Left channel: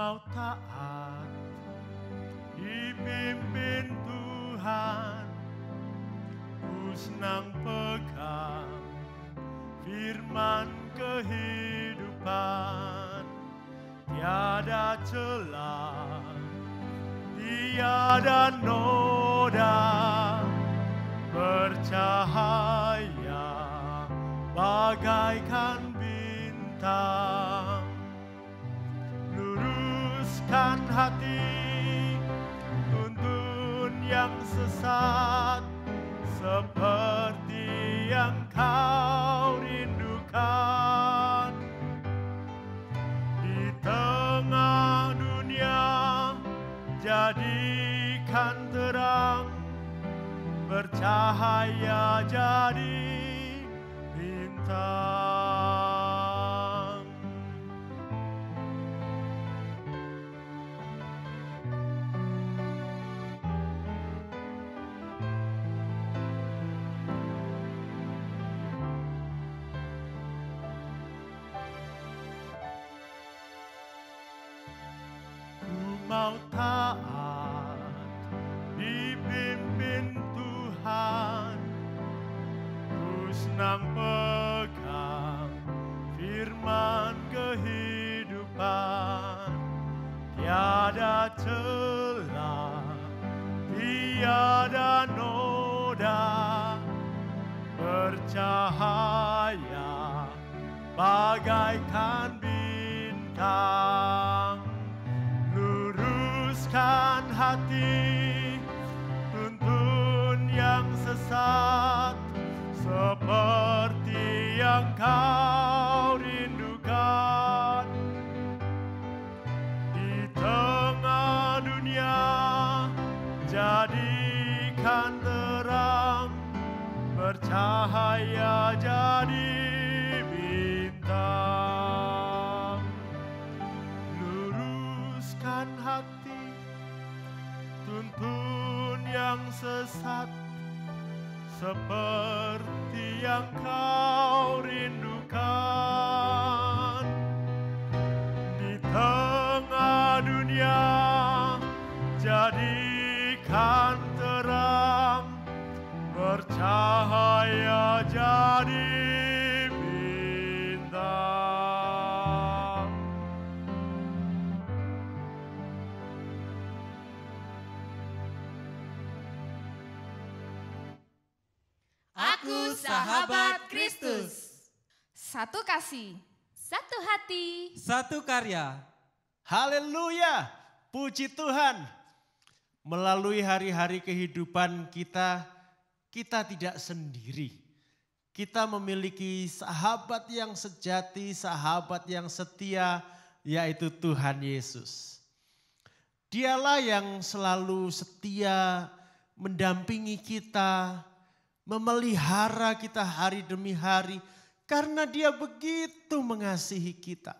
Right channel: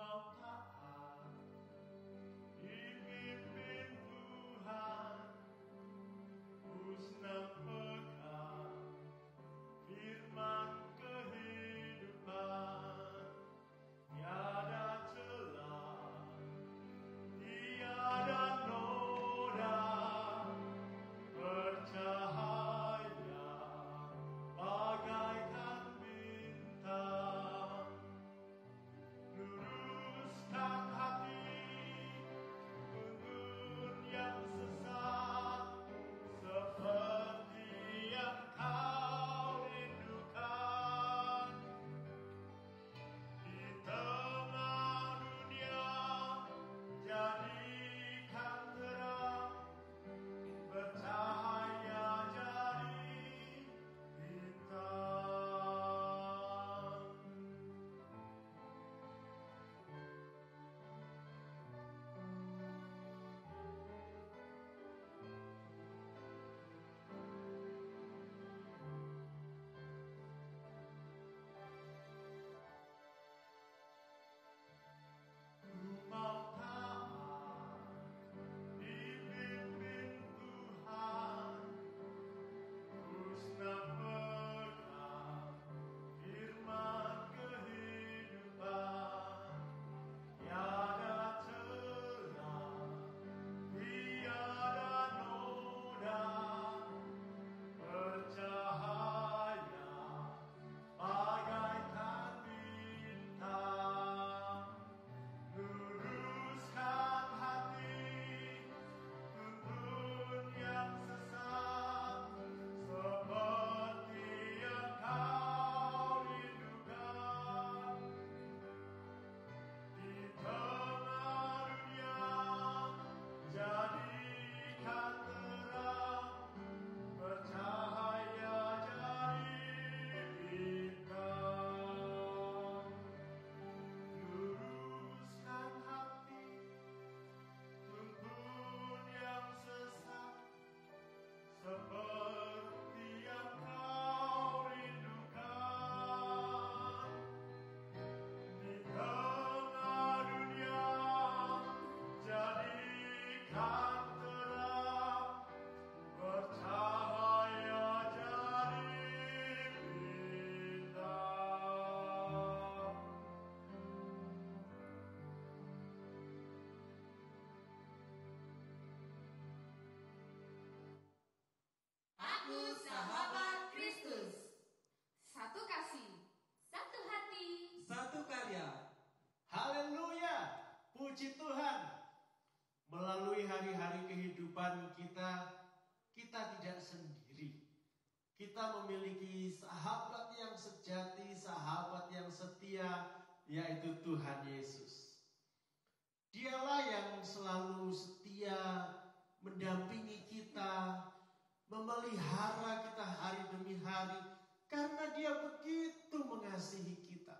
mau taat, dipimpin Tuhan, ku senang pegang firman kehidupan, tiada celah, tiada noda, bercahaya bagaikan bintang, luruskan hati, tuntun yang sesat, seperti yang kau rindukan. Di tengah dunia jadikan terang, bercahaya jadi bintang. Ku mau taat, dipimpin Tuhan, ku senang pegang firman kehidupan, tiada celah, tiada noda, bercahaya bagaikan bintang, luruskan hati, tuntun yang sesat, seperti yang kau rindukan. Di tengah dunia jadikan terang, bercahaya jadi bintang, luruskan hati, tuntun yang sesat, seperti yang kau rindukan. Di tengah dunia jadikan terang, bercahaya jadi bintang. Aku sahabat Kristus. Satu kasih, Satu hati. Satu karya. Haleluya, puji Tuhan. Melalui hari-hari kehidupan kita, kita tidak sendiri. Kita memiliki sahabat yang sejati, sahabat yang setia, yaitu Tuhan Yesus. Dialah yang selalu setia mendampingi kita, memelihara kita hari demi hari, karena Dia begitu mengasihi kita.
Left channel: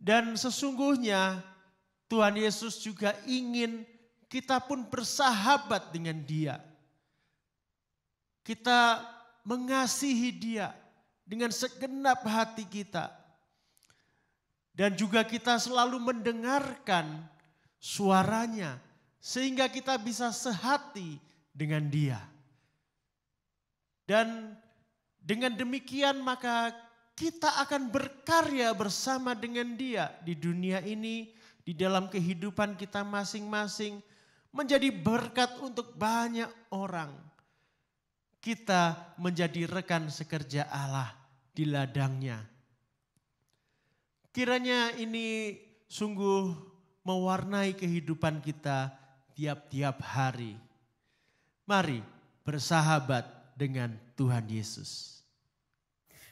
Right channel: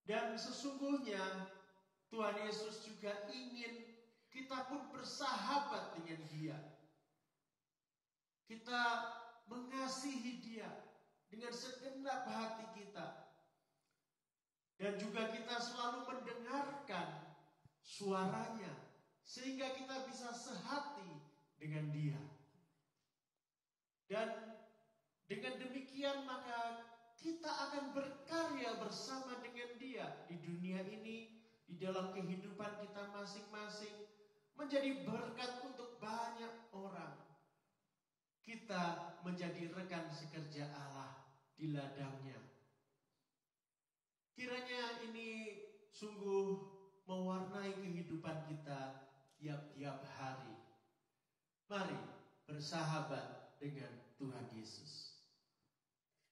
Dan sesungguhnya Tuhan Yesus juga ingin kita pun bersahabat dengan Dia. Kita mengasihi Dia dengan segenap hati kita. Dan juga kita selalu mendengarkan suaranya sehingga kita bisa sehati dengan Dia. Dan dengan demikian maka kita akan berkarya bersama dengan Dia di dunia ini, di dalam kehidupan kita masing-masing, menjadi berkat untuk banyak orang. Kita menjadi rekan sekerja Allah di ladangnya. Kiranya ini sungguh mewarnai kehidupan kita tiap-tiap hari. Mari bersahabat dengan Tuhan Yesus.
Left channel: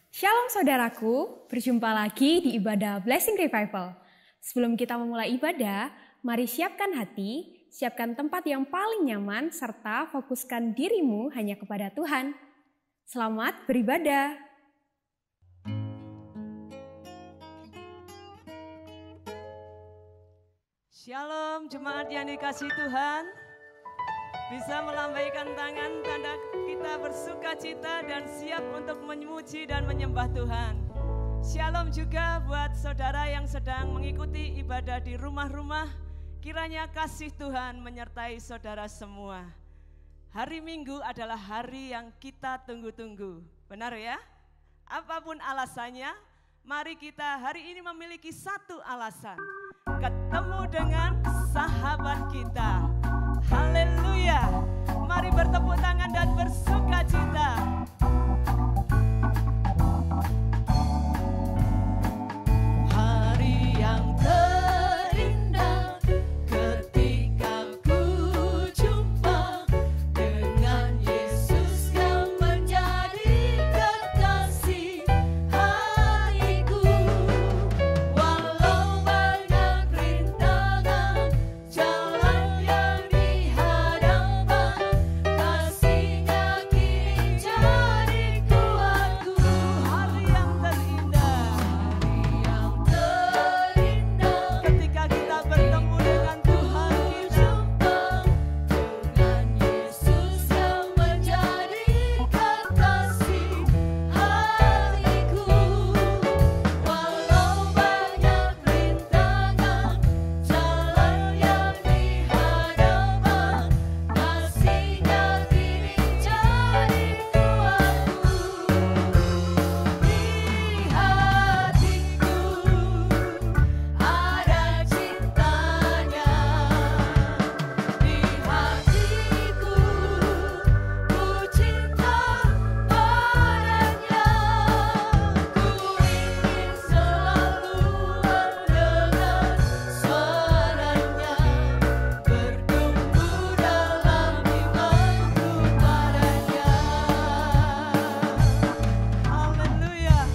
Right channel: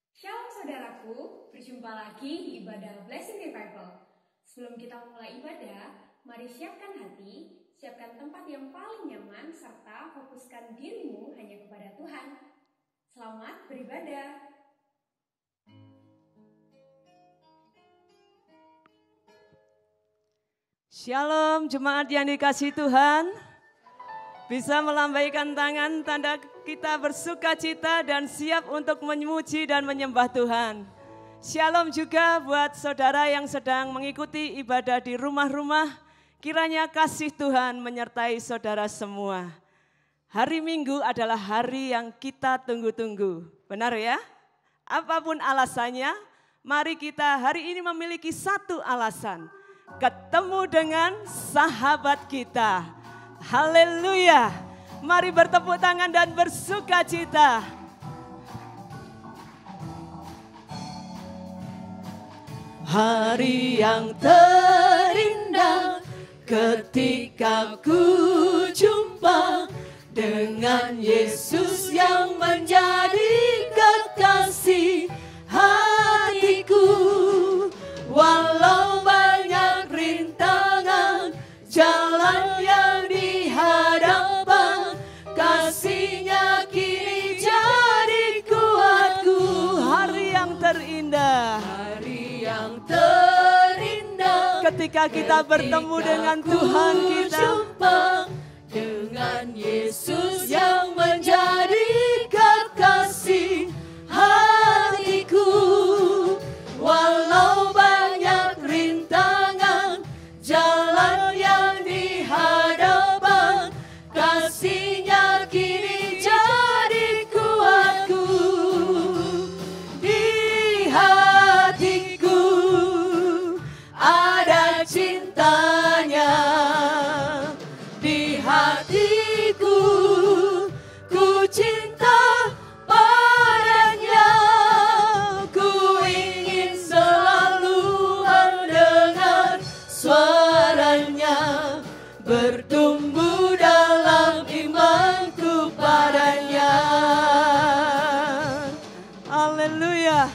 Shalom saudaraku, berjumpa lagi di ibadah Blessing Revival. Sebelum kita memulai ibadah, mari siapkan hati, siapkan tempat yang paling nyaman, serta fokuskan dirimu hanya kepada Tuhan. Selamat beribadah. Shalom jemaat yang dikasihi Tuhan. Bisa melambaikan tangan tanda kita bersuka cita dan siap untuk memuji dan menyembah Tuhan. Shalom juga buat saudara yang sedang mengikuti ibadah di rumah-rumah. Kiranya kasih Tuhan menyertai saudara semua. Hari Minggu adalah hari yang kita tunggu-tunggu. Benar ya? Apapun alasannya, mari kita hari ini memiliki satu alasan. Ketemu dengan sahabat kita. Haleluya. Mari bertepuk tangan dan bersuka cita. Hari yang terindah ketika ku jumpa dengan Yesus yang menjadi kekasih hatiku. Walau banyak rintangan jalan yang dihadapkan, kasih-Nya kini jadi kuatku. Hari yang terindah, ketika kita bertemu dengan Tuhan kita, dengan Yesus yang menjadi kekasih hatiku. Walau banyak rintangan jalan yang dihadapkan, kasih-Nya kini jadi kuatku. Di hatiku ada cintanya, di hatiku ku cinta padanya. Ku ingin selalu mendengar suaranya, bertumbuh dalam imanku padanya. Haleluya.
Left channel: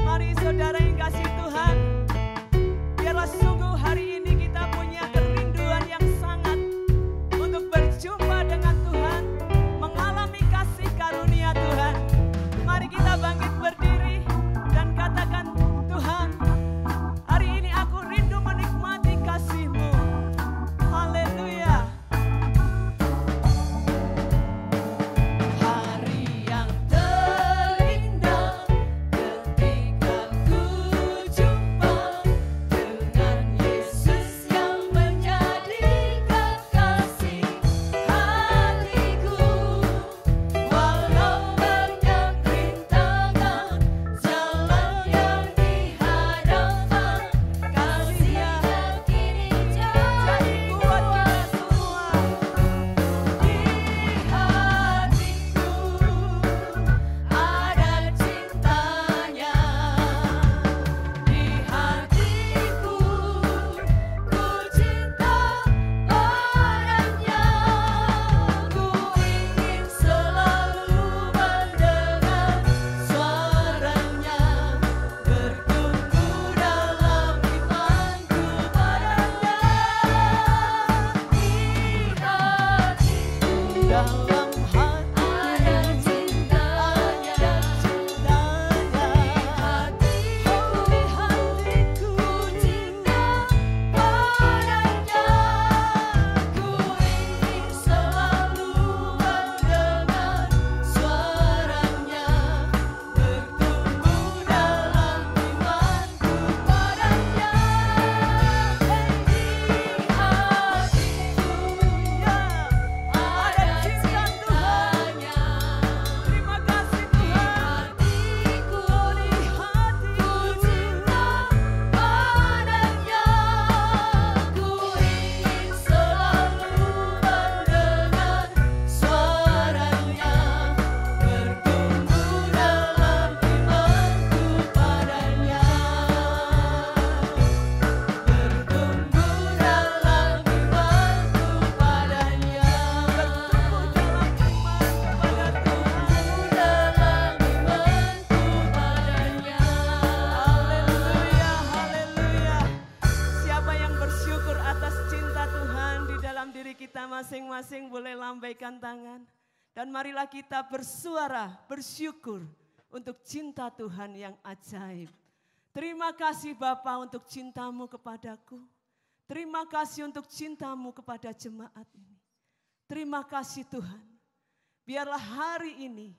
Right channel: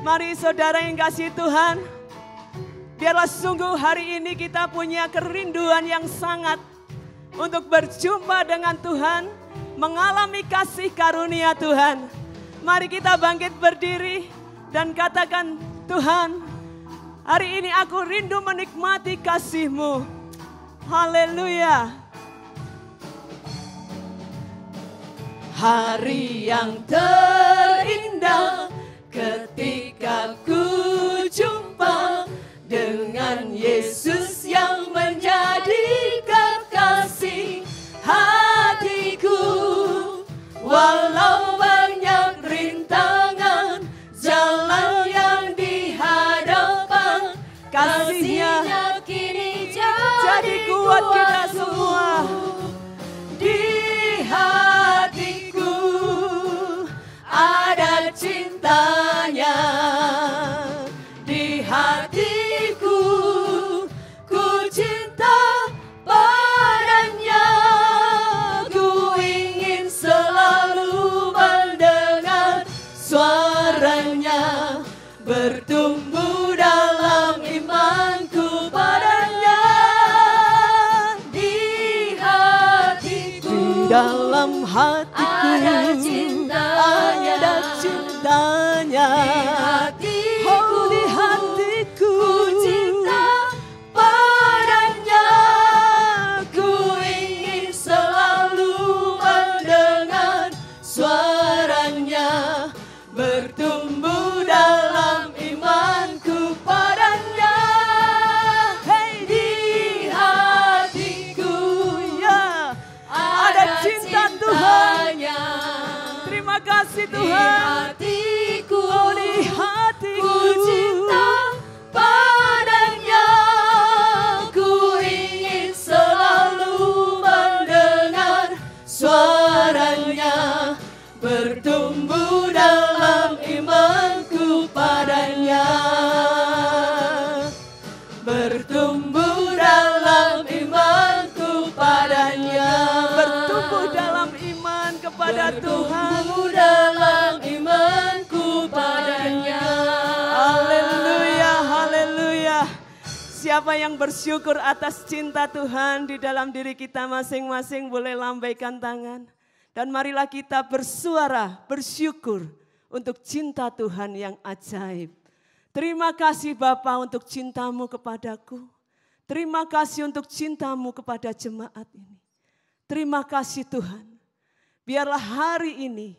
Mari saudara yang kasih Tuhan, biarlah sungguh hari ini kita punya kerinduan yang sangat untuk berjumpa dengan Tuhan, mengalami kasih karunia Tuhan. Mari kita bangkit berdiri dan katakan, Tuhan, hari ini aku rindu menikmati kasih-Mu. Haleluya. Hari yang terindah ketika ku jumpa dengan Yesus yang menjadi kekasih hatiku. Walau banyak rintangan jalan yang dihadapkan, kasih-Nya kini jadi kuat kita semua. Di hatiku ada cintanya, di hatiku ku cinta padanya. Ku ingin selalu mendengar suaranya, bertumbuh dalam imanku padanya. Di hatiku, dalam hatiku ada cintanya, ada cintanya. Di hatiku ku cinta padanya. Ku ingin selalu mendengar suaranya, bertumbuh dalam imanku padanya. Hey, di hatiku ya ada cinta Tuhan. Terima kasih Tuhan. Oh, di hatiku ku cinta padanya. Ku ingin selalu mendengar suaranya, bertumbuh dalam imanku padanya, bertumbuh dalam imanku padanya, bertumbuh dalam iman kepada Tuhan, dalam imanku padanya. Haleluya, haleluya. Siapa yang bersyukur atas cinta Tuhan di dalam diri kita masing-masing boleh lambaikan tangan. Dan marilah kita bersuara, bersyukur untuk cinta Tuhan yang ajaib. Terima kasih Bapa untuk cinta-Mu kepadaku. Terima kasih untuk cinta-Mu kepada jemaat ini. Terima kasih Tuhan. Biarlah hari ini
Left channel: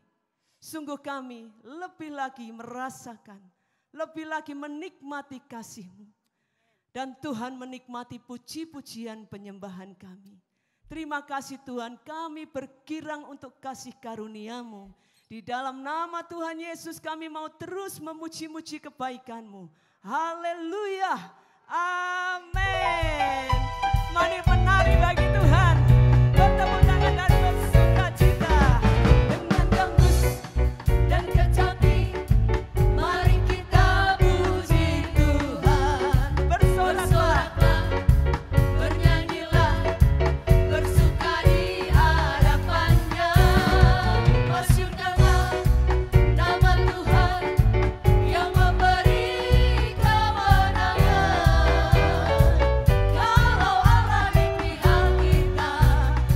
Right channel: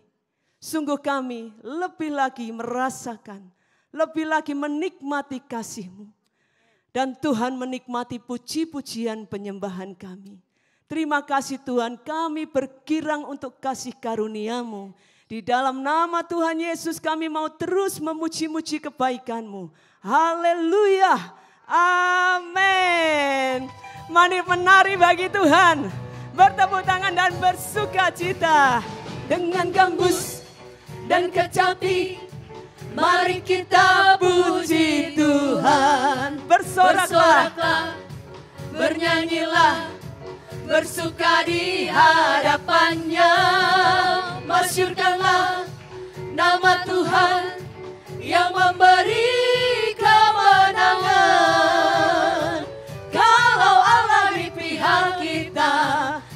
sungguh kami lebih lagi merasakan, lebih lagi menikmati kasih-Mu. Dan Tuhan menikmati puji-pujian penyembahan kami. Terima kasih Tuhan, kami bergirang untuk kasih karunia-Mu. Di dalam nama Tuhan Yesus kami mau terus memuji-muji kebaikan-Mu. Haleluya, amin. Mari menari bagi Tuhan, bertepuk tangan dan bersuka cita. Dengan gambus dan kecapi, mari kita puji Tuhan. Bersoraklah, bernyanyilah, bersuka di hadapannya. Masyurkanlah nama Tuhan yang memberi kemenangan. Kalau Allah di pihak kita,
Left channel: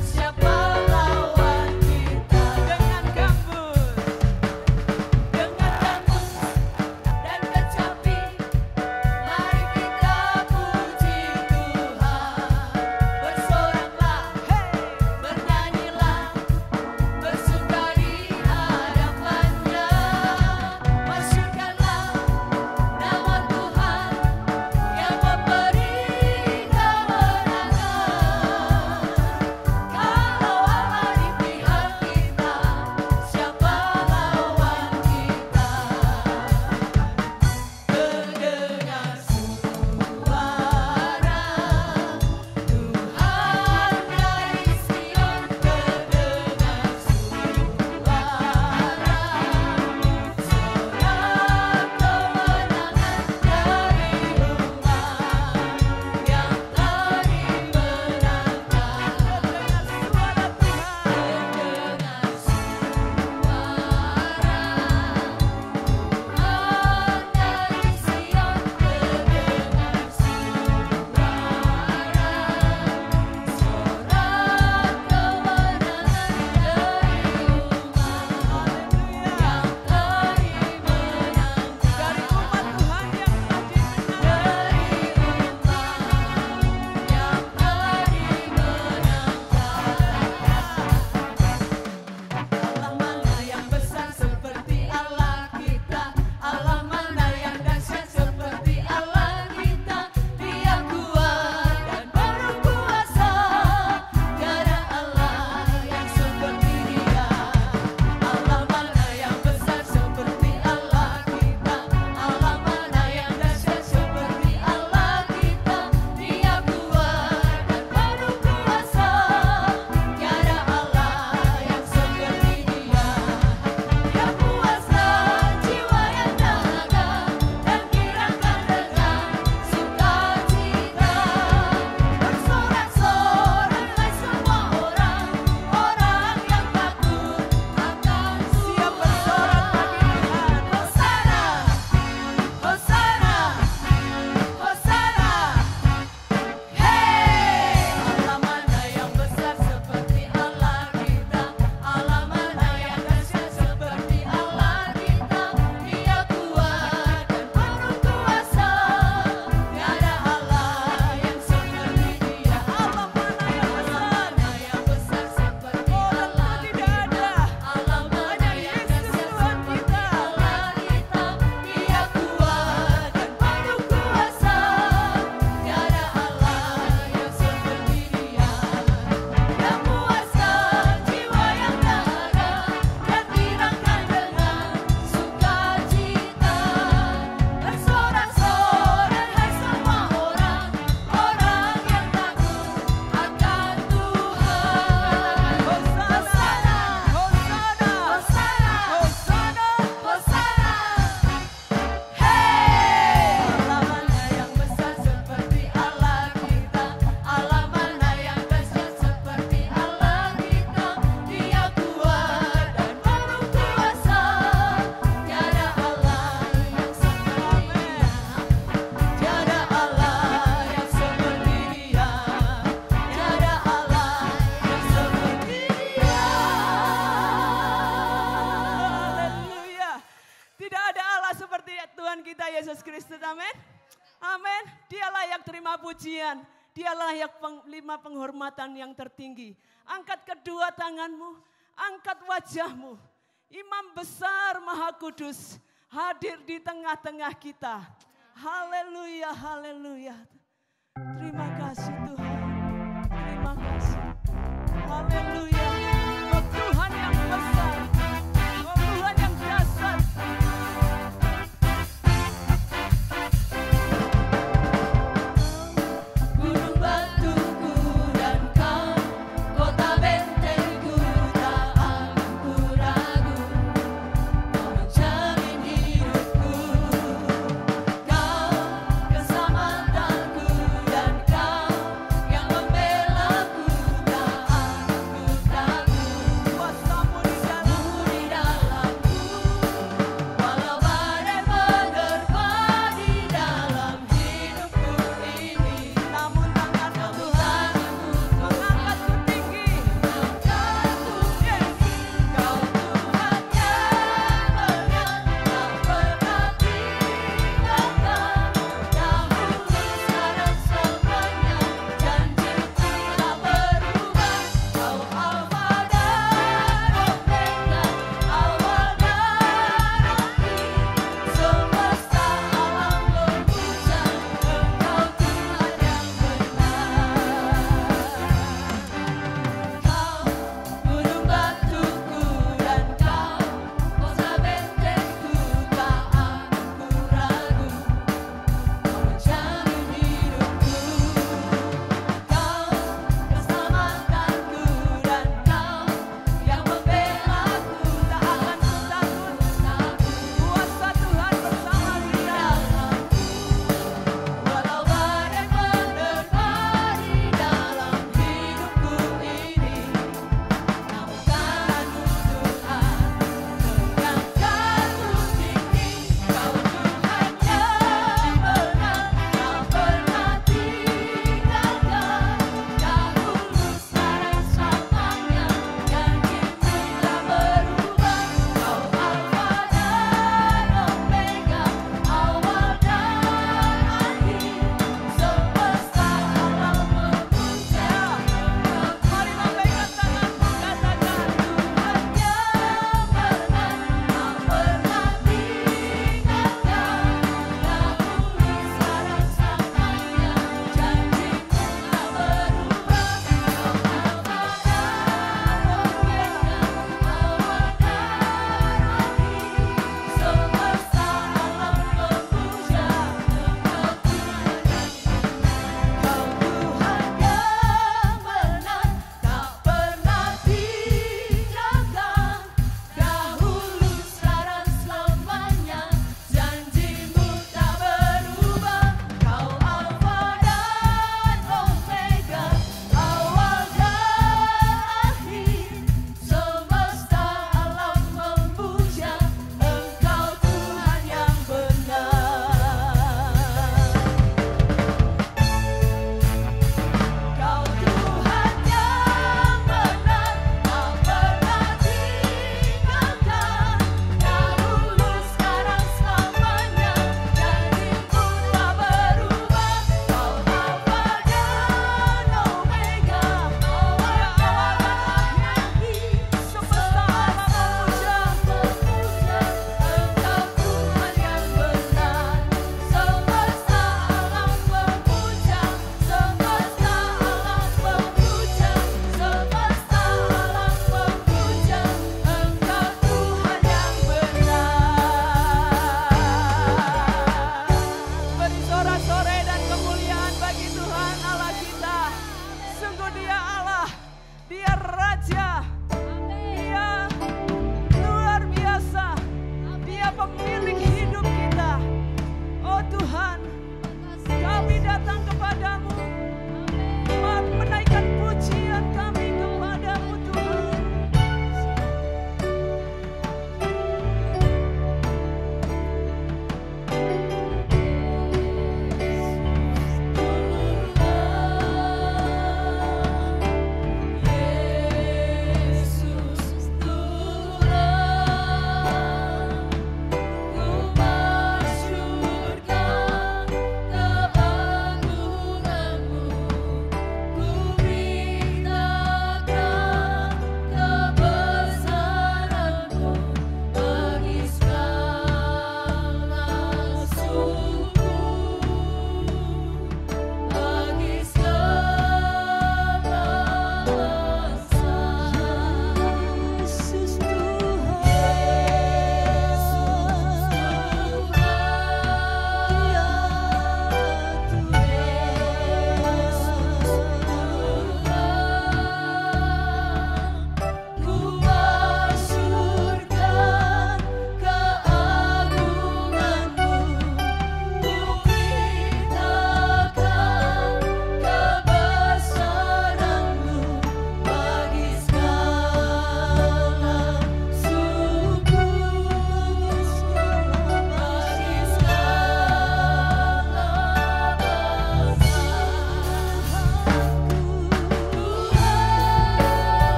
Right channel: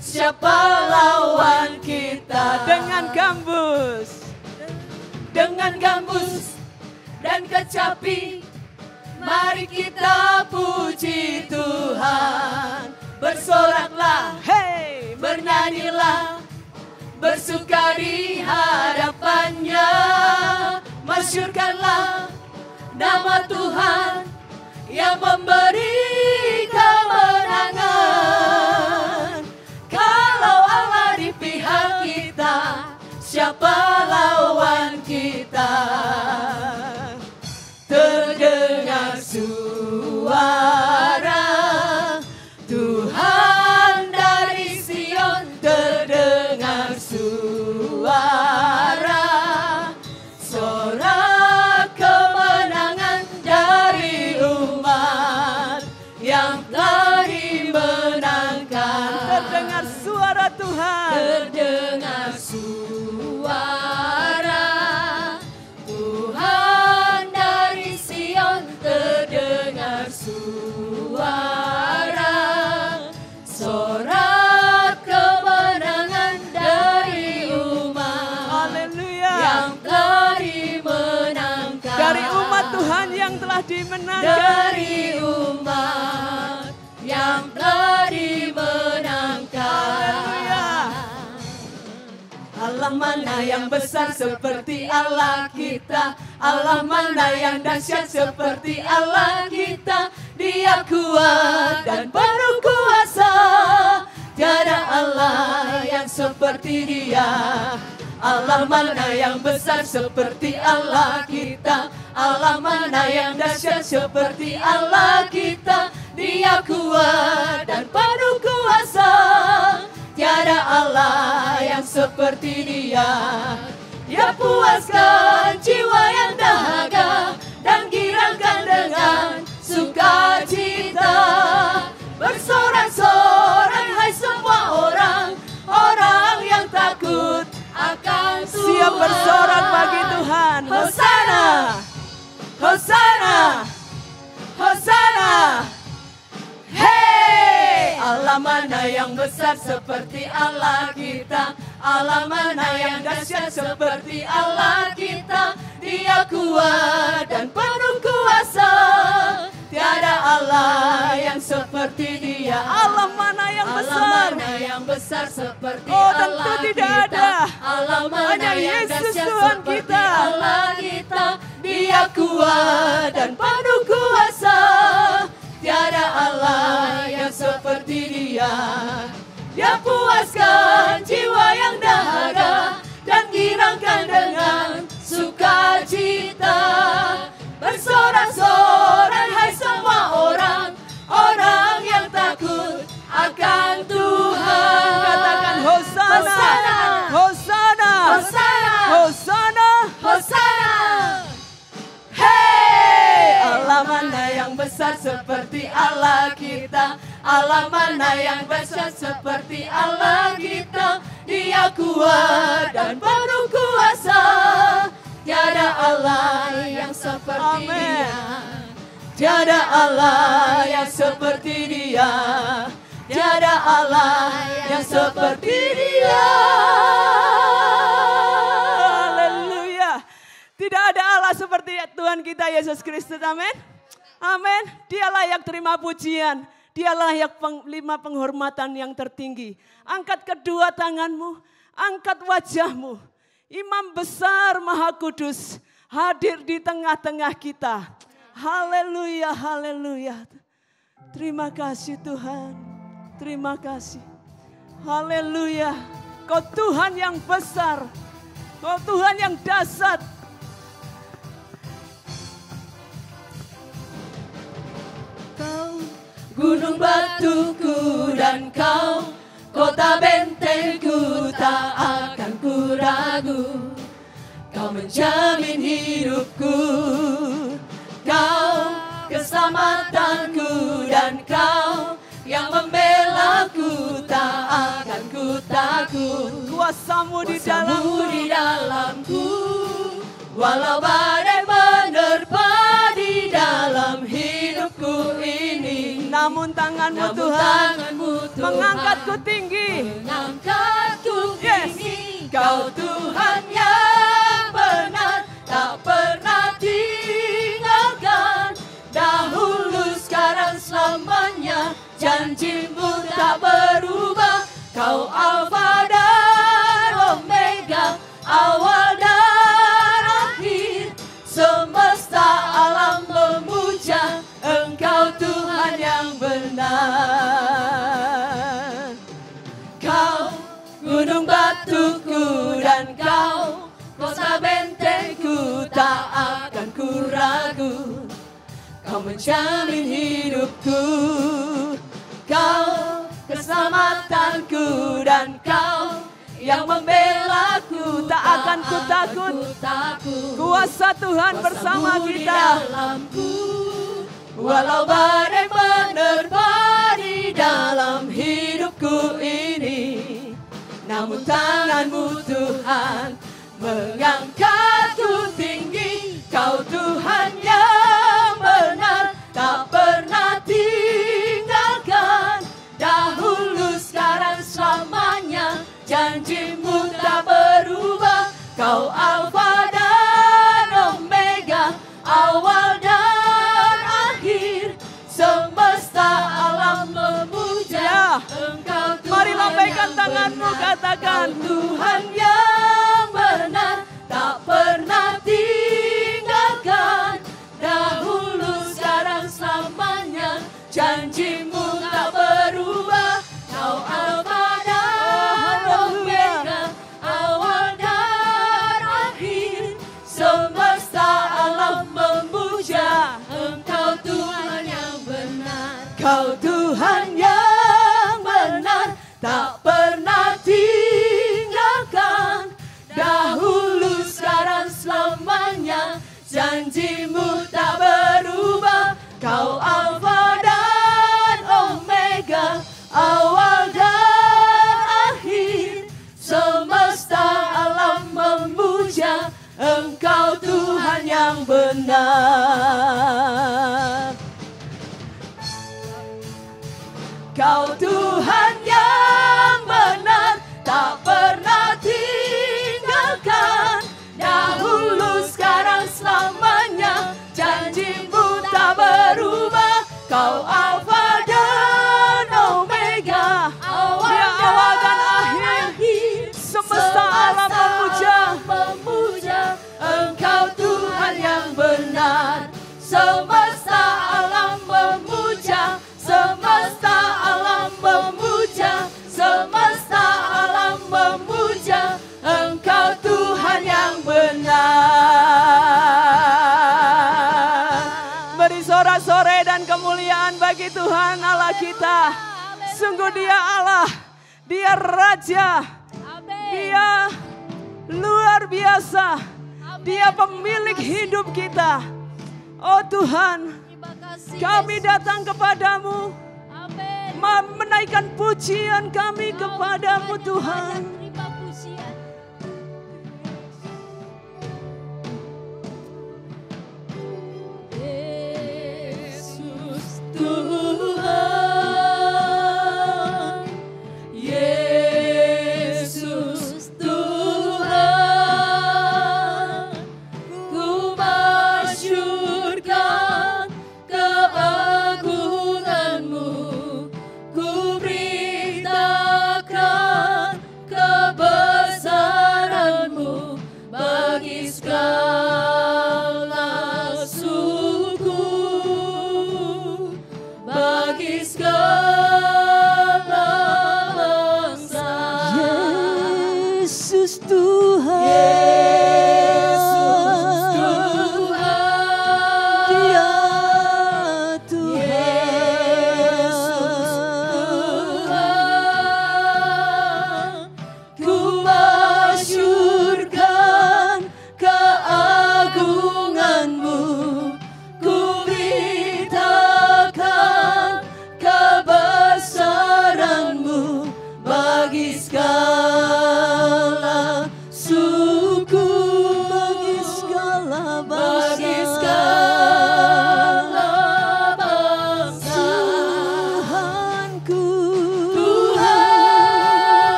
siapa lawan kita? Dengan gambus dan kecapi, mari kita puji Tuhan. Bersoraklah, hey, bernyanyilah, bersuka di hadapannya. Masyurkanlah nama Tuhan yang memberi kemenangan. Kalau Allah di pihak kita, siapa lawan kita? Terdengar suara Tuhan dari Sion, terdengar suara sorak kemenangan dari umat yang telah dimenangkan. Terdengar suara Tuhan, terdengar suara Tuhan dari Sion, terdengar suara sorak kemenangan dari umat yang telah dimenangkan. Dari umat Tuhan yang telah dimenangkan. Dari umat yang telah dimenangkan. Allah mana yang besar seperti Allah kita? Allah mana yang dahsyat seperti Allah kita? Dia kuat dan penuh kuasa, tiada Allah yang seperti Dia. Allah mana yang besar seperti Allah kita? Allah mana yang dahsyat seperti Allah kita? Dia kuat dan penuh kuasa, tiada Allah yang seperti Dia. Dia puaskan jiwa yang dahaga dan girangkan dengan sukacita. Bersorak-sorai hai semua orang yang takut akan Tuhan. Siap bersorak bagi Tuhan. Hosana, Hosana, Hosana. Hey, Allah mana yang besar seperti Allah kita? Allah mana yang dahsyat seperti Allah kita? Dia kuat dan penuh kuasa, tiada Allah yang seperti Dia. Allah mana yang besar? Allah mana yang besar seperti Allah kita? Tidak ada. Allah mana yang dahsyat seperti Allah kita? Dia kuat dan penuh kuasa, tiada Allah yang seperti Dia. Dia puaskan jiwa yang dahaga dan girangkan dengan sukacita. Bersorak-sorai hai semua orang yang takut akan Tuhan. Katakan Hosana, Hosana, Hosana, Hosana, Hosana. Hey, Allah mana yang besar seperti Allah kita? Allah mana yang besar seperti Allah kita? Dia kuat dan penuh kuasa, tiada Allah yang seperti Dia. Tiada Allah yang seperti Dia. Tiada Allah yang seperti Dia. Haleluya. Tidak ada Allah seperti Tuhan kita Yesus Kristus. Amin. Amin. Dia layak terima pujian. Dia layak lima penghormatan yang tertinggi. Angkat kedua tanganmu, angkat wajahmu. Imam besar Maha Kudus, hadir di tengah-tengah kita. Haleluya, haleluya. Terima kasih Tuhan, terima kasih. Haleluya, Kau Tuhan yang besar, Kau Tuhan yang dahsyat. Gunung batuku dan Kau, kota bentengku, tak akan ku ragu. Kau menjamin hidupku, Kau keselamatanku, dan Kau yang membelaku, tak akan ku takut. Kuasamu di dalamku, walau badai menerpa di dalam hidupku ini. Namun tanganmu Tuhan mengangkatku tinggi. Kau Tuhan yang benar, tak pernah tinggalkan. Dahulu, sekarang, selamanya, janjimu tak berubah. Kau Alfa dan Omega, awal dan akhir. Semesta alam memuja Engkau Tuhan yang benar. Kau gunung batuku dan Kau kota bentengku, tak akan ku ragu. Kau menjamin hidupku, Kau keselamatanku, dan Kau yang membelaku, Tak akan ku takut. Kuasa Tuhan bersama kita. Walau badai menerpa di dalam hidupku ini, namun tanganmu Tuhan mengangkatku tinggi. Kau Tuhan yang benar, tak pernah tinggalkan. Dahulu, sekarang, selamanya, janjimu tak berubah. Kau Alfa dan Omega, awal dan akhir. Semesta alam memuja Engkau Tuhan. Mari lambaikan tanganmu, katakan Tuhan yang benar, tak pernah tinggalkan. Dahulu, sekarang, selamanya, janjimu tak berubah. Kau Alfa dan Omega, awal dan akhir. Semesta alam memuja Engkau Tuhan yang benar. Kau Tuhan yang benar, tak pernah tinggalkan. Dahulu, sekarang, selamanya, janjimu tak berubah. Kau Alfa dan Omega, awal dan akhir. Semesta alam memuja Engkau Tuhan yang benar. Kau Tuhan yang benar, tak pernah tinggalkan. Dahulu, sekarang, selamanya, janjimu tak berubah. Kau Alfa dan Omega, awal dan akhir. semesta alam memuja. Engkau Tuhan yang benar. Semesta alam memuja, semesta alam memuja, semesta alam memuja Engkau Tuhan yang benar. Beri sorak-sorai dan kemuliaan bagi Tuhan Allah kita. Sungguh Dia Allah, Dia Raja, Dia luar biasa, Dia pemilik hidup kita. Oh Tuhan, kami datang kepadamu, menaikkan pujian kami kepadamu Tuhan. Yesus Tuhan, ku masyurkan keagungan-Mu, ku beritakan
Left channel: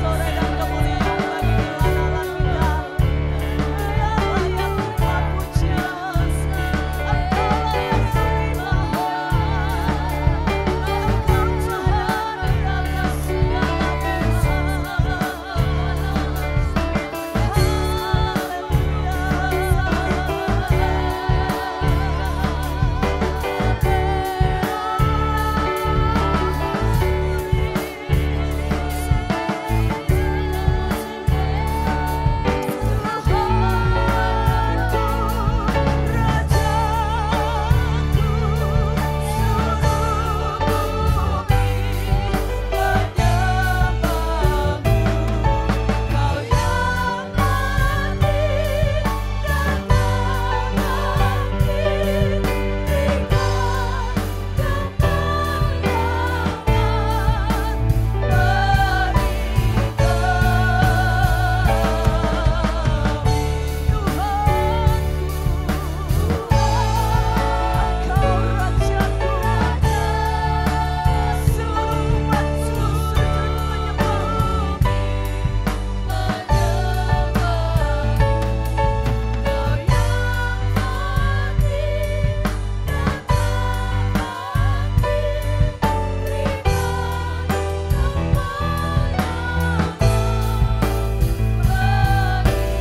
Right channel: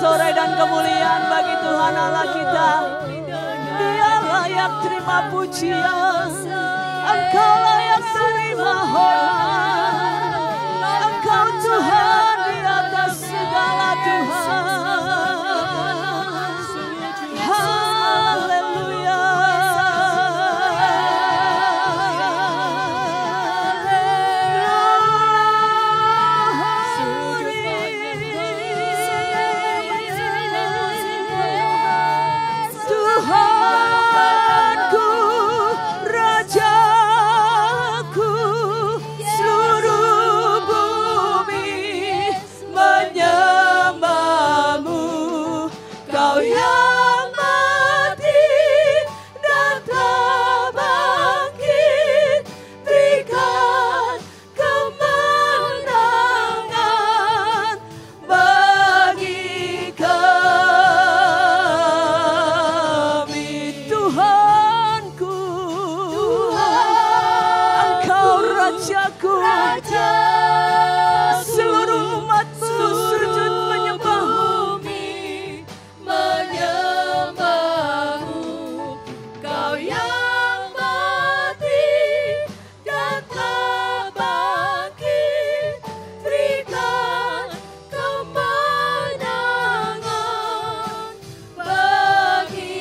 sore dan kemuliaan bagi Tuhan Allah kita. Dia layak terima pujian, Engkau layak terima hormat. Engkau Tuhan di atas segala Tuhan. Haleluya. Tuhanku, Rajaku, seluruh bumi menyembahmu. Kau yang mati dan tak bangkit, berikan kemenangan bagi kami. Tuhanku, Engkau Rajaku, seluruh umatmu sujud menyembahmu. Kau yang mati dan tak bangkit, berikan kemenangan bagi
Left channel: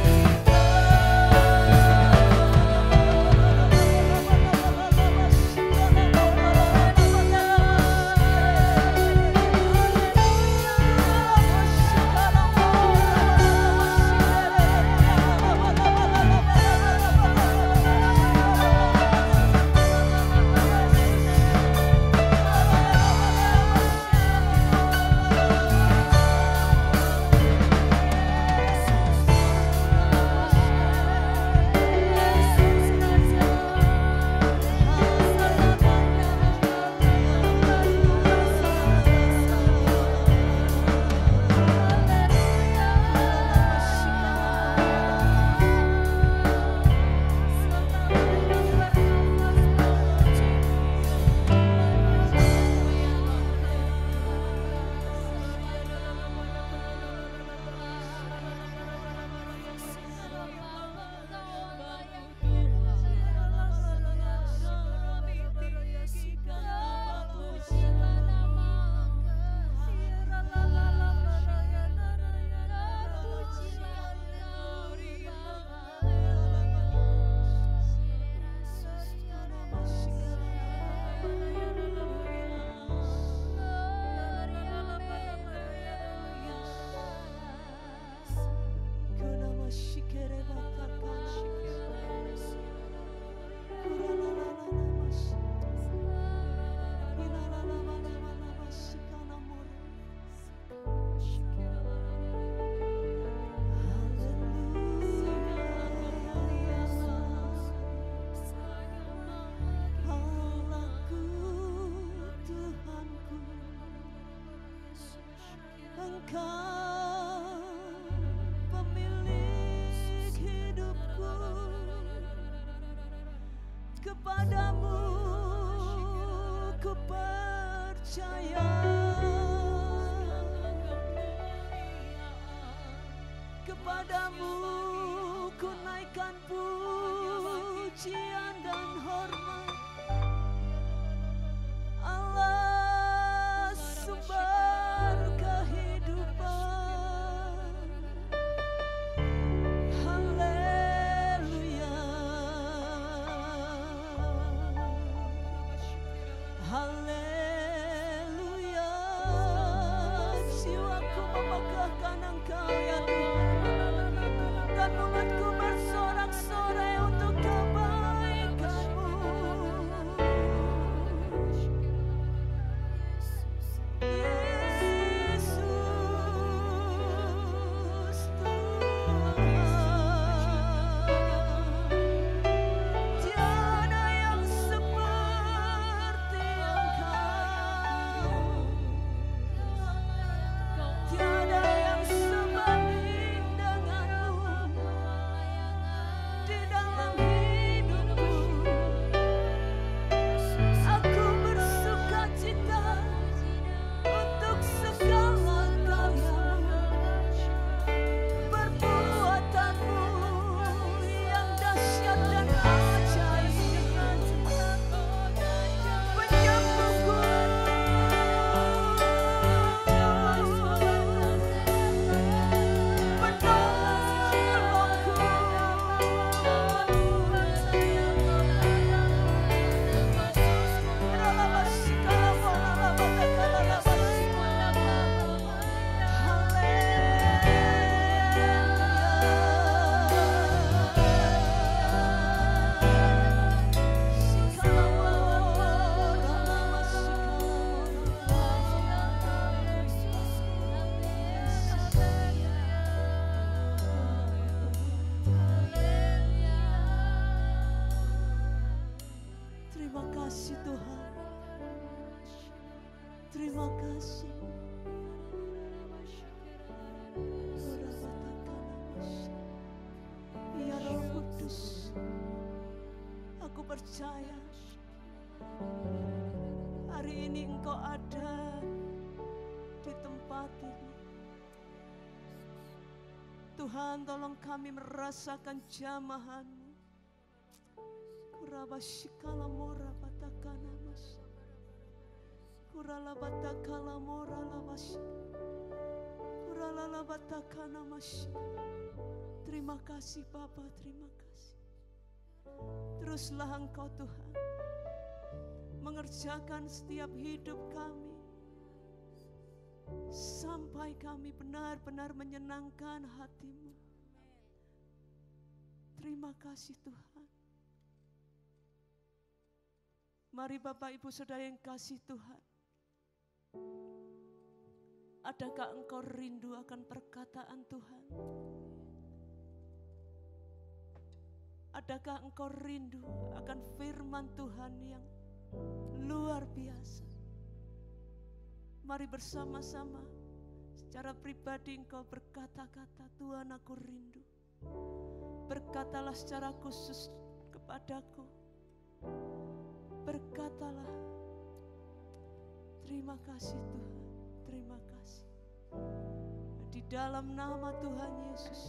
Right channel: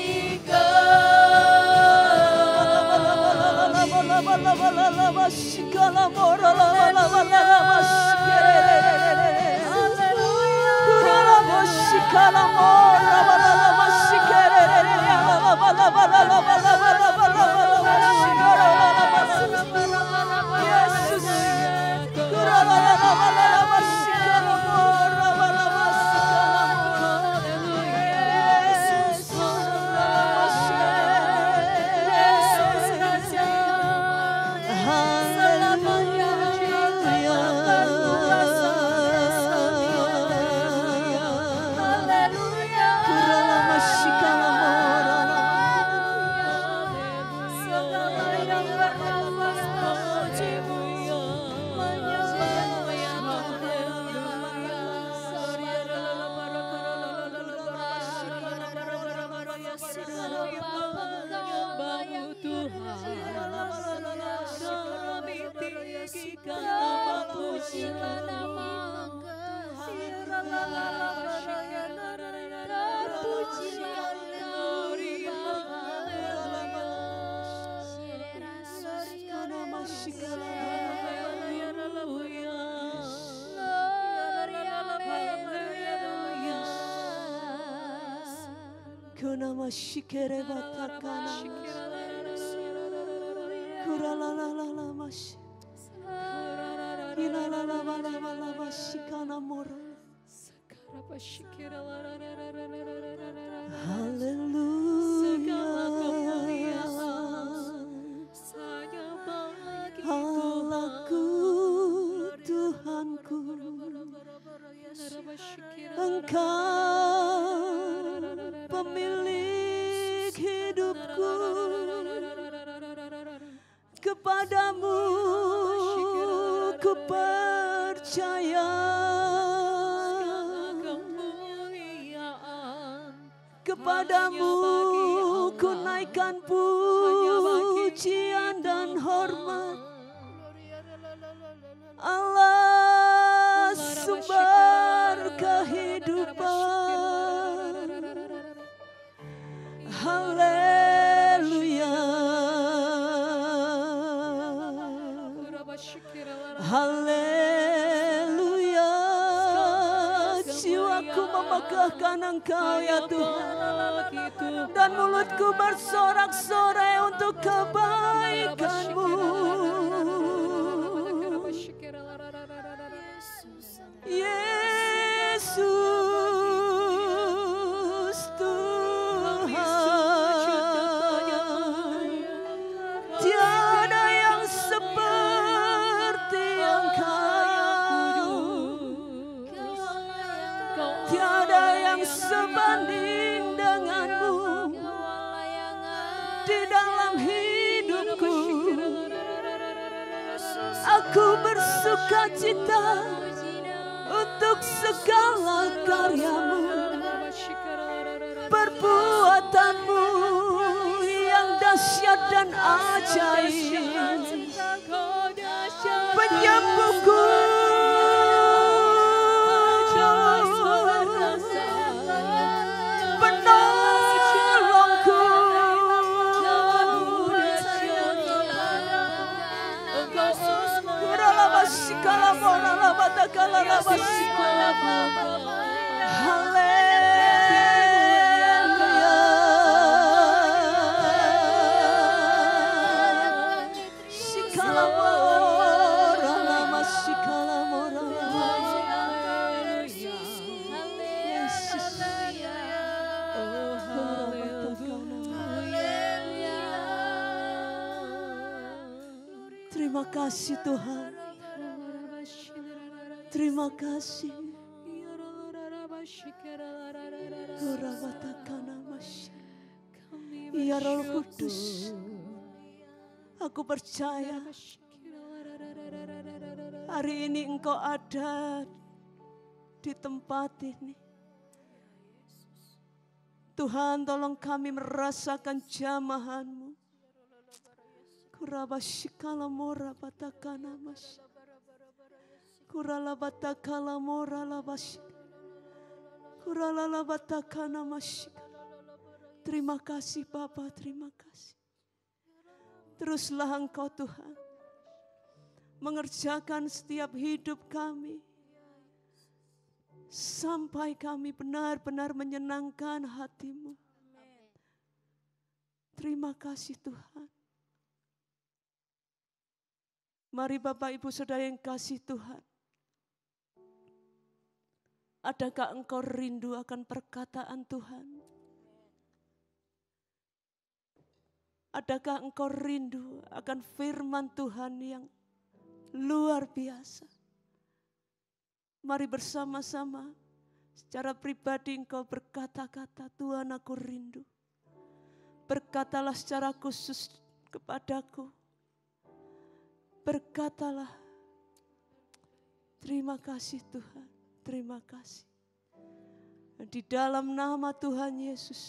Shikere batakana, kuralalalala mash, ilalalala mashikana mora. Haleluya, Allahku, Tuhanku, Engkau pemilik hidupku, kepadamu ku percaya, kepadamu ku naikkan pujian dan hormat. Allah sumber kehidupan. Haleluya, haleluya. Jiwaku memegahkan Engkau ya Tuhan, dan mulutku bersorak-sorai untuk kebaikan-Mu. Yesus Tuhan, tiada yang seperti Engkau, tiada yang sebanding denganmu di dalam hidupku. Aku bersuka cita untuk segala karya-Mu. kekuatan-Mu yang dahsyat dan ajaib, penyembuhku, penolongku, terima kasih Tuhan. Terima kasih. Ya Roh Kudus, aku percaya hari ini Engkau ada di tempat ini. Tuhan, tolong kami merasakan jamahan-Mu. Kurabashikala mora batakana mas. Kurala batakala mora labas. Kurala batakana mas. Terima kasih Bapa, terima kasih. Teruslah Engkau Tuhan mengerjakan setiap hidup kami sampai kami benar-benar menyenangkan hati-Mu. Terima kasih Tuhan. Mari Bapak Ibu Saudara yang kasih Tuhan. Adakah engkau rindu akan perkataan Tuhan? Adakah engkau rindu akan firman Tuhan yang luar biasa? Mari bersama-sama secara pribadi engkau berkata-kata, Tuhan aku rindu. Berkatalah secara khusus kepadaku. Berkatalah, terima kasih Tuhan, terima kasih. Di dalam nama Tuhan Yesus,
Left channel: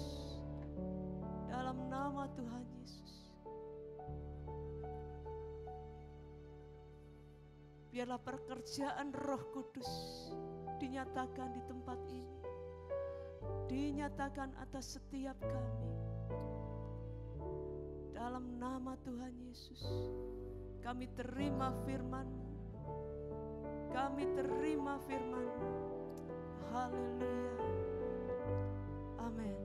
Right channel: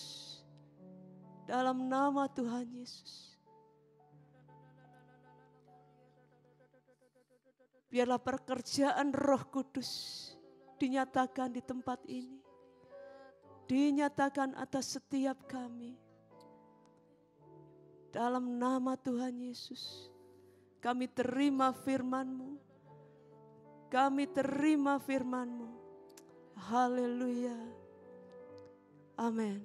dalam nama Tuhan Yesus. Biarlah pekerjaan Roh Kudus dinyatakan di tempat ini. Dinyatakan atas setiap kami. Dalam nama Tuhan Yesus, kami terima firman-Mu. Kami terima firman-Mu. Haleluya. Amin.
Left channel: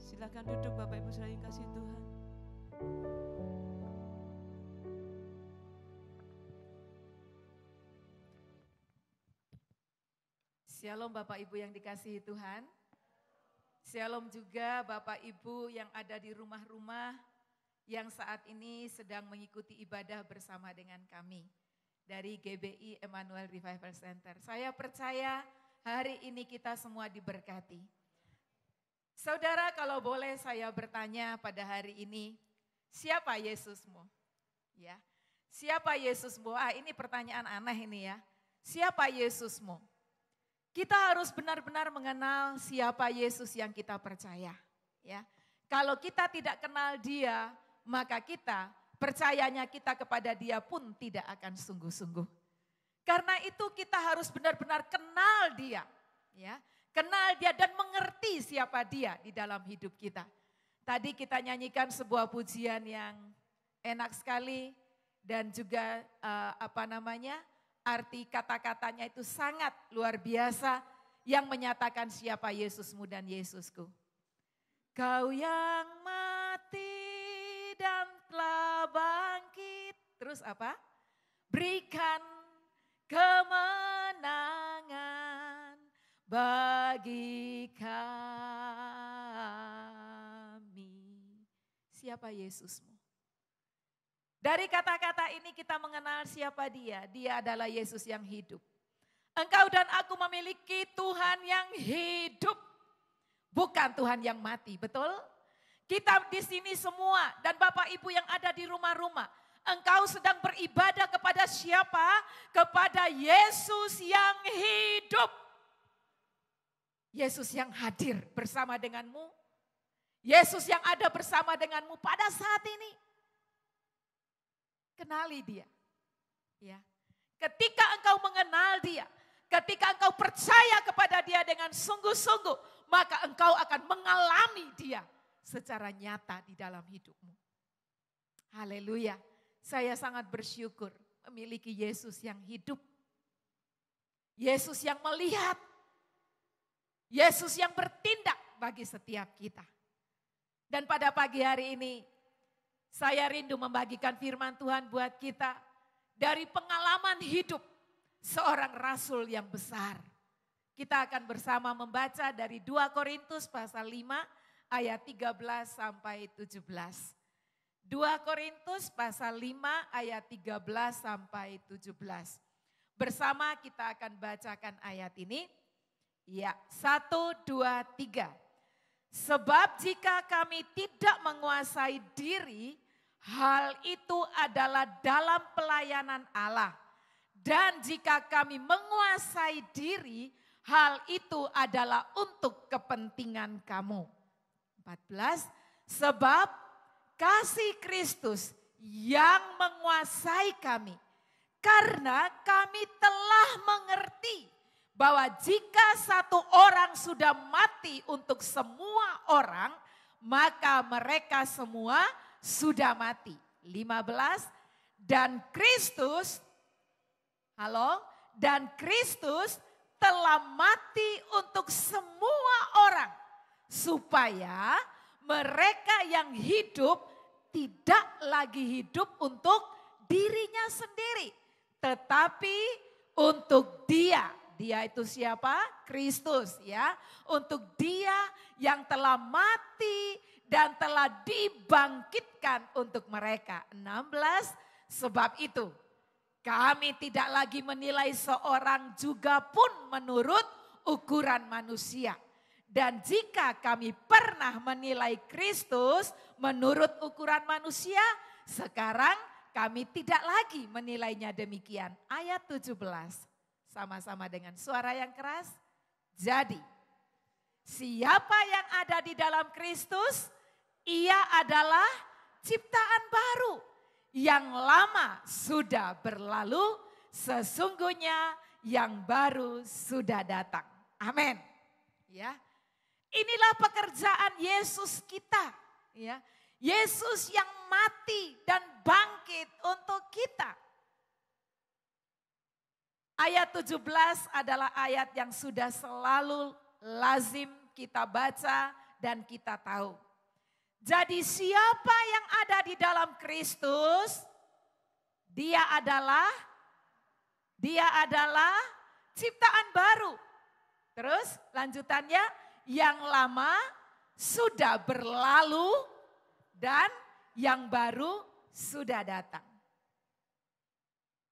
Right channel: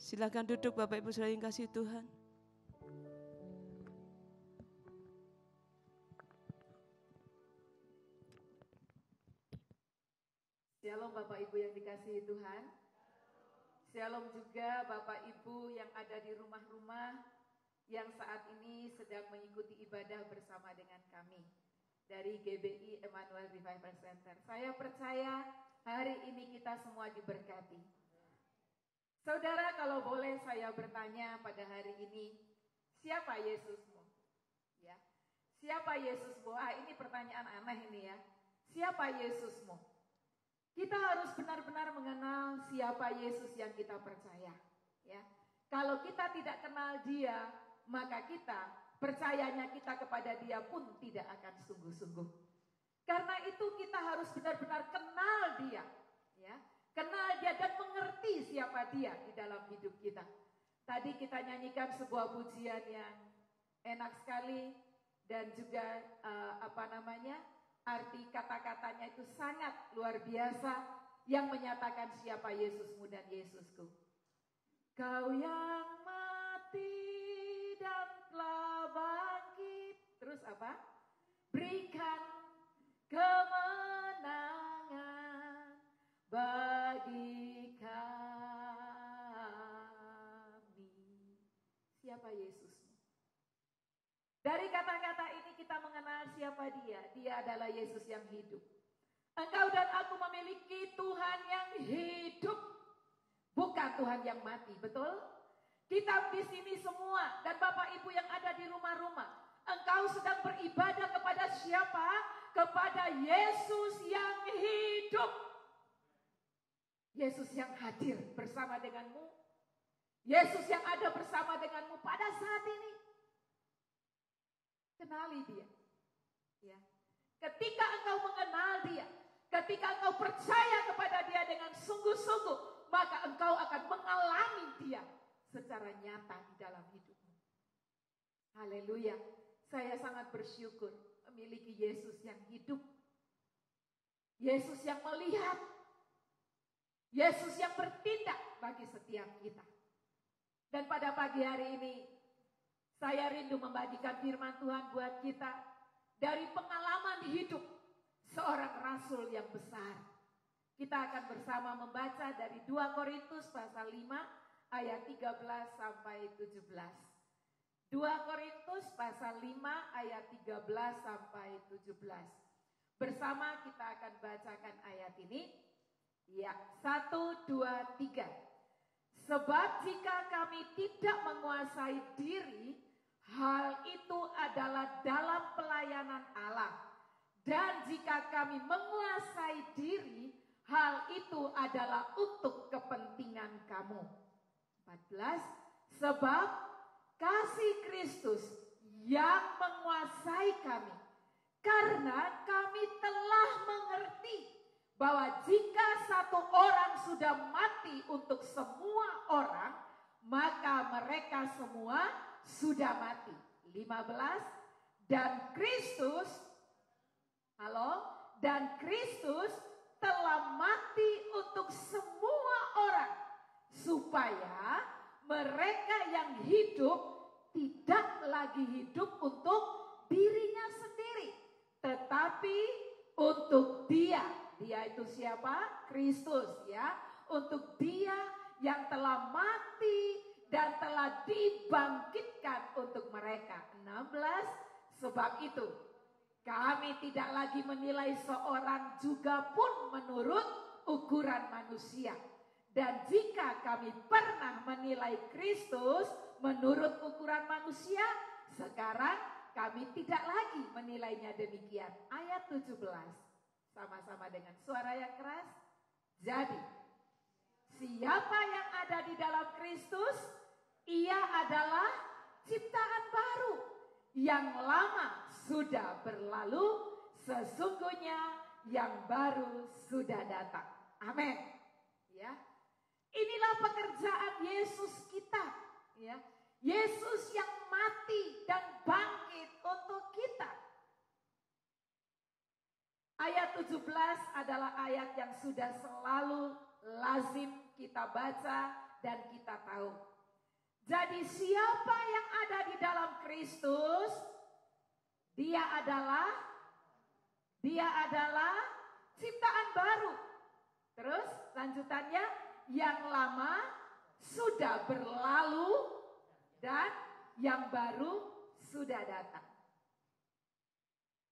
Silakan duduk Bapak Ibu Saudara yang kasih Tuhan. Shalom Bapak Ibu yang dikasihi Tuhan. Shalom juga Bapak Ibu yang ada di rumah-rumah yang saat ini sedang mengikuti ibadah bersama dengan kami dari GBI Emmanuel Revival Center. Saya percaya hari ini kita semua diberkati. Saudara, kalau boleh saya bertanya pada hari ini, siapa Yesusmu? Ya, siapa Yesusmu? Ini pertanyaan aneh ini ya. Siapa Yesusmu? Kita harus benar-benar mengenal siapa Yesus yang kita percaya. Ya, kalau kita tidak kenal Dia, maka kita percayanya kita kepada Dia pun tidak akan sungguh-sungguh. Karena itu kita harus benar-benar kenal Dia, ya, kenal Dia dan mengerti siapa Dia di dalam hidup kita. Tadi kita nyanyikan sebuah pujian yang enak sekali dan juga arti kata-katanya itu sangat luar biasa yang menyatakan siapa Yesusmu dan Yesusku. Kau yang mati dan telah bangkit. Terus apa? Berikan kemenangan bagi kami. Siapa Yesusmu? Dari kata-kata ini kita mengenal siapa Dia. Dia adalah Yesus yang hidup. Engkau dan aku memiliki Tuhan yang hidup. Bukan Tuhan yang mati, betul? Kita di sini semua dan Bapak Ibu yang ada di rumah-rumah. Engkau sedang beribadah kepada siapa? Kepada Yesus yang hidup. Yesus yang hadir bersama denganmu. Yesus yang ada bersama denganmu pada saat ini. Kenali dia. Ya. Ketika engkau mengenal dia, ketika engkau percaya kepada dia dengan sungguh-sungguh, maka engkau akan mengalami dia secara nyata di dalam hidupmu. Haleluya. Saya sangat bersyukur memiliki Yesus yang hidup. Yesus yang melihat. Yesus yang bertindak bagi setiap kita. Dan pada pagi hari ini, saya rindu membagikan firman Tuhan buat kita dari pengalaman hidup seorang rasul yang besar. Kita akan bersama membaca dari 2 Korintus pasal 5 ayat 13 sampai 17. 2 Korintus pasal 5 ayat 13 sampai 17. Bersama kita akan bacakan ayat ini. Ya, 1, 2, 3. Sebab jika kami tidak menguasai diri, hal itu adalah dalam pelayanan Allah. Dan jika kami menguasai diri, hal itu adalah untuk kepentingan kamu. 14. Sebab kasih Kristus yang menguasai kami. Karena kami telah mengerti bahwa jika satu orang sudah mati untuk semua orang, maka mereka semua sudah mati. 15. Dan Kristus, dan Kristus telah mati untuk semua orang, supaya mereka yang hidup tidak lagi hidup untuk dirinya sendiri, tetapi untuk Dia. Dia itu siapa? Kristus, ya. Untuk Dia yang telah mati dan telah dibangkitkan untuk mereka. 16. Sebab itu kami tidak lagi menilai seorang juga pun menurut ukuran manusia. Dan jika kami pernah menilai Kristus menurut ukuran manusia, sekarang kami tidak lagi menilainya demikian. Ayat 17. Sama-sama dengan suara yang keras. Jadi, siapa yang ada di dalam Kristus, ia adalah ciptaan baru. Yang lama sudah berlalu, sesungguhnya yang baru sudah datang. Amin. Ya. Inilah pekerjaan Yesus kita, ya. Yesus yang mati dan bangkit untuk kita. Ayat 17 adalah ayat yang sudah selalu lazim kita baca dan kita tahu. Jadi siapa yang ada di dalam Kristus, dia adalah ciptaan baru. Terus lanjutannya, yang lama sudah berlalu dan yang baru sudah datang.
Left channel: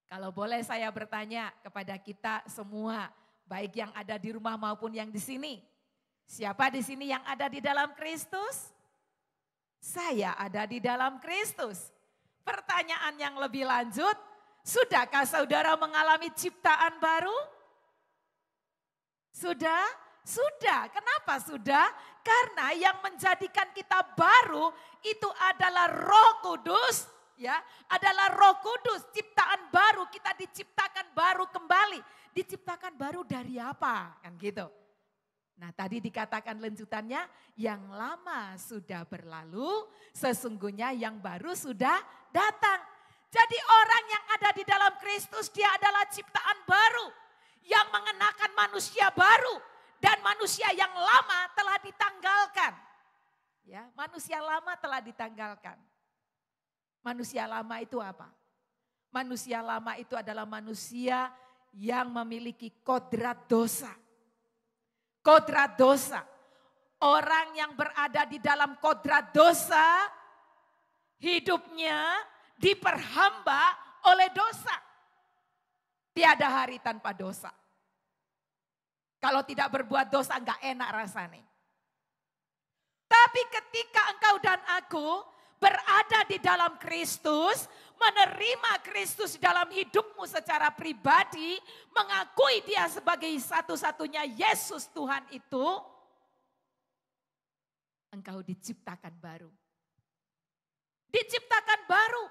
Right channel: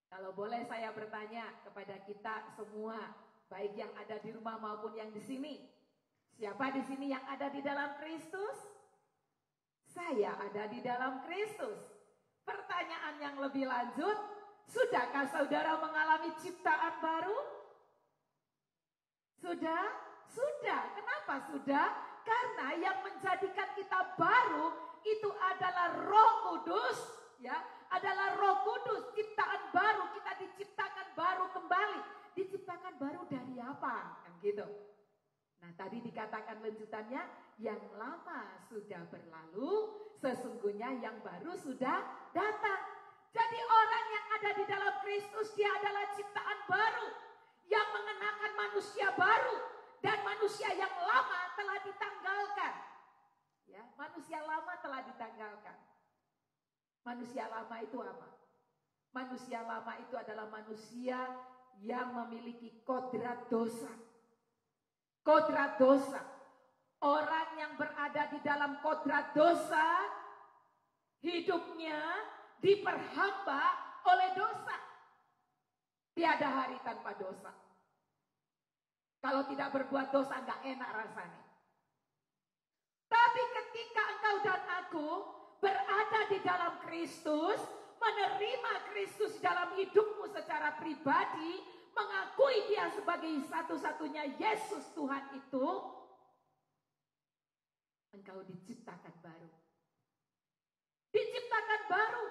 Kalau boleh saya bertanya kepada kita semua, baik yang ada di rumah maupun yang di sini. Siapa di sini yang ada di dalam Kristus? Saya ada di dalam Kristus. Pertanyaan yang lebih lanjut, sudahkah saudara mengalami ciptaan baru? Sudah? Sudah. Kenapa sudah? Karena yang menjadikan kita baru itu adalah Roh Kudus, ya, adalah Roh Kudus, ciptaan baru, kita diciptakan baru kembali. Diciptakan baru dari apa? Kan gitu. Nah, tadi dikatakan lanjutannya, yang lama sudah berlalu, sesungguhnya yang baru sudah datang. Jadi orang yang ada di dalam Kristus, dia adalah ciptaan baru yang mengenakan manusia baru. Dan manusia yang lama telah ditanggalkan. Ya, manusia lama telah ditanggalkan. Manusia lama itu apa? Manusia lama itu adalah manusia yang memiliki kodrat dosa. Kodrat dosa. Orang yang berada di dalam kodrat dosa, hidupnya diperhamba oleh dosa. Tiada hari tanpa dosa. Kalau tidak berbuat dosa enggak enak rasanya. Tapi ketika engkau dan aku berada di dalam Kristus, menerima Kristus dalam hidupmu secara pribadi, mengakui Dia sebagai satu-satunya Yesus Tuhan itu, engkau diciptakan baru. Diciptakan baru.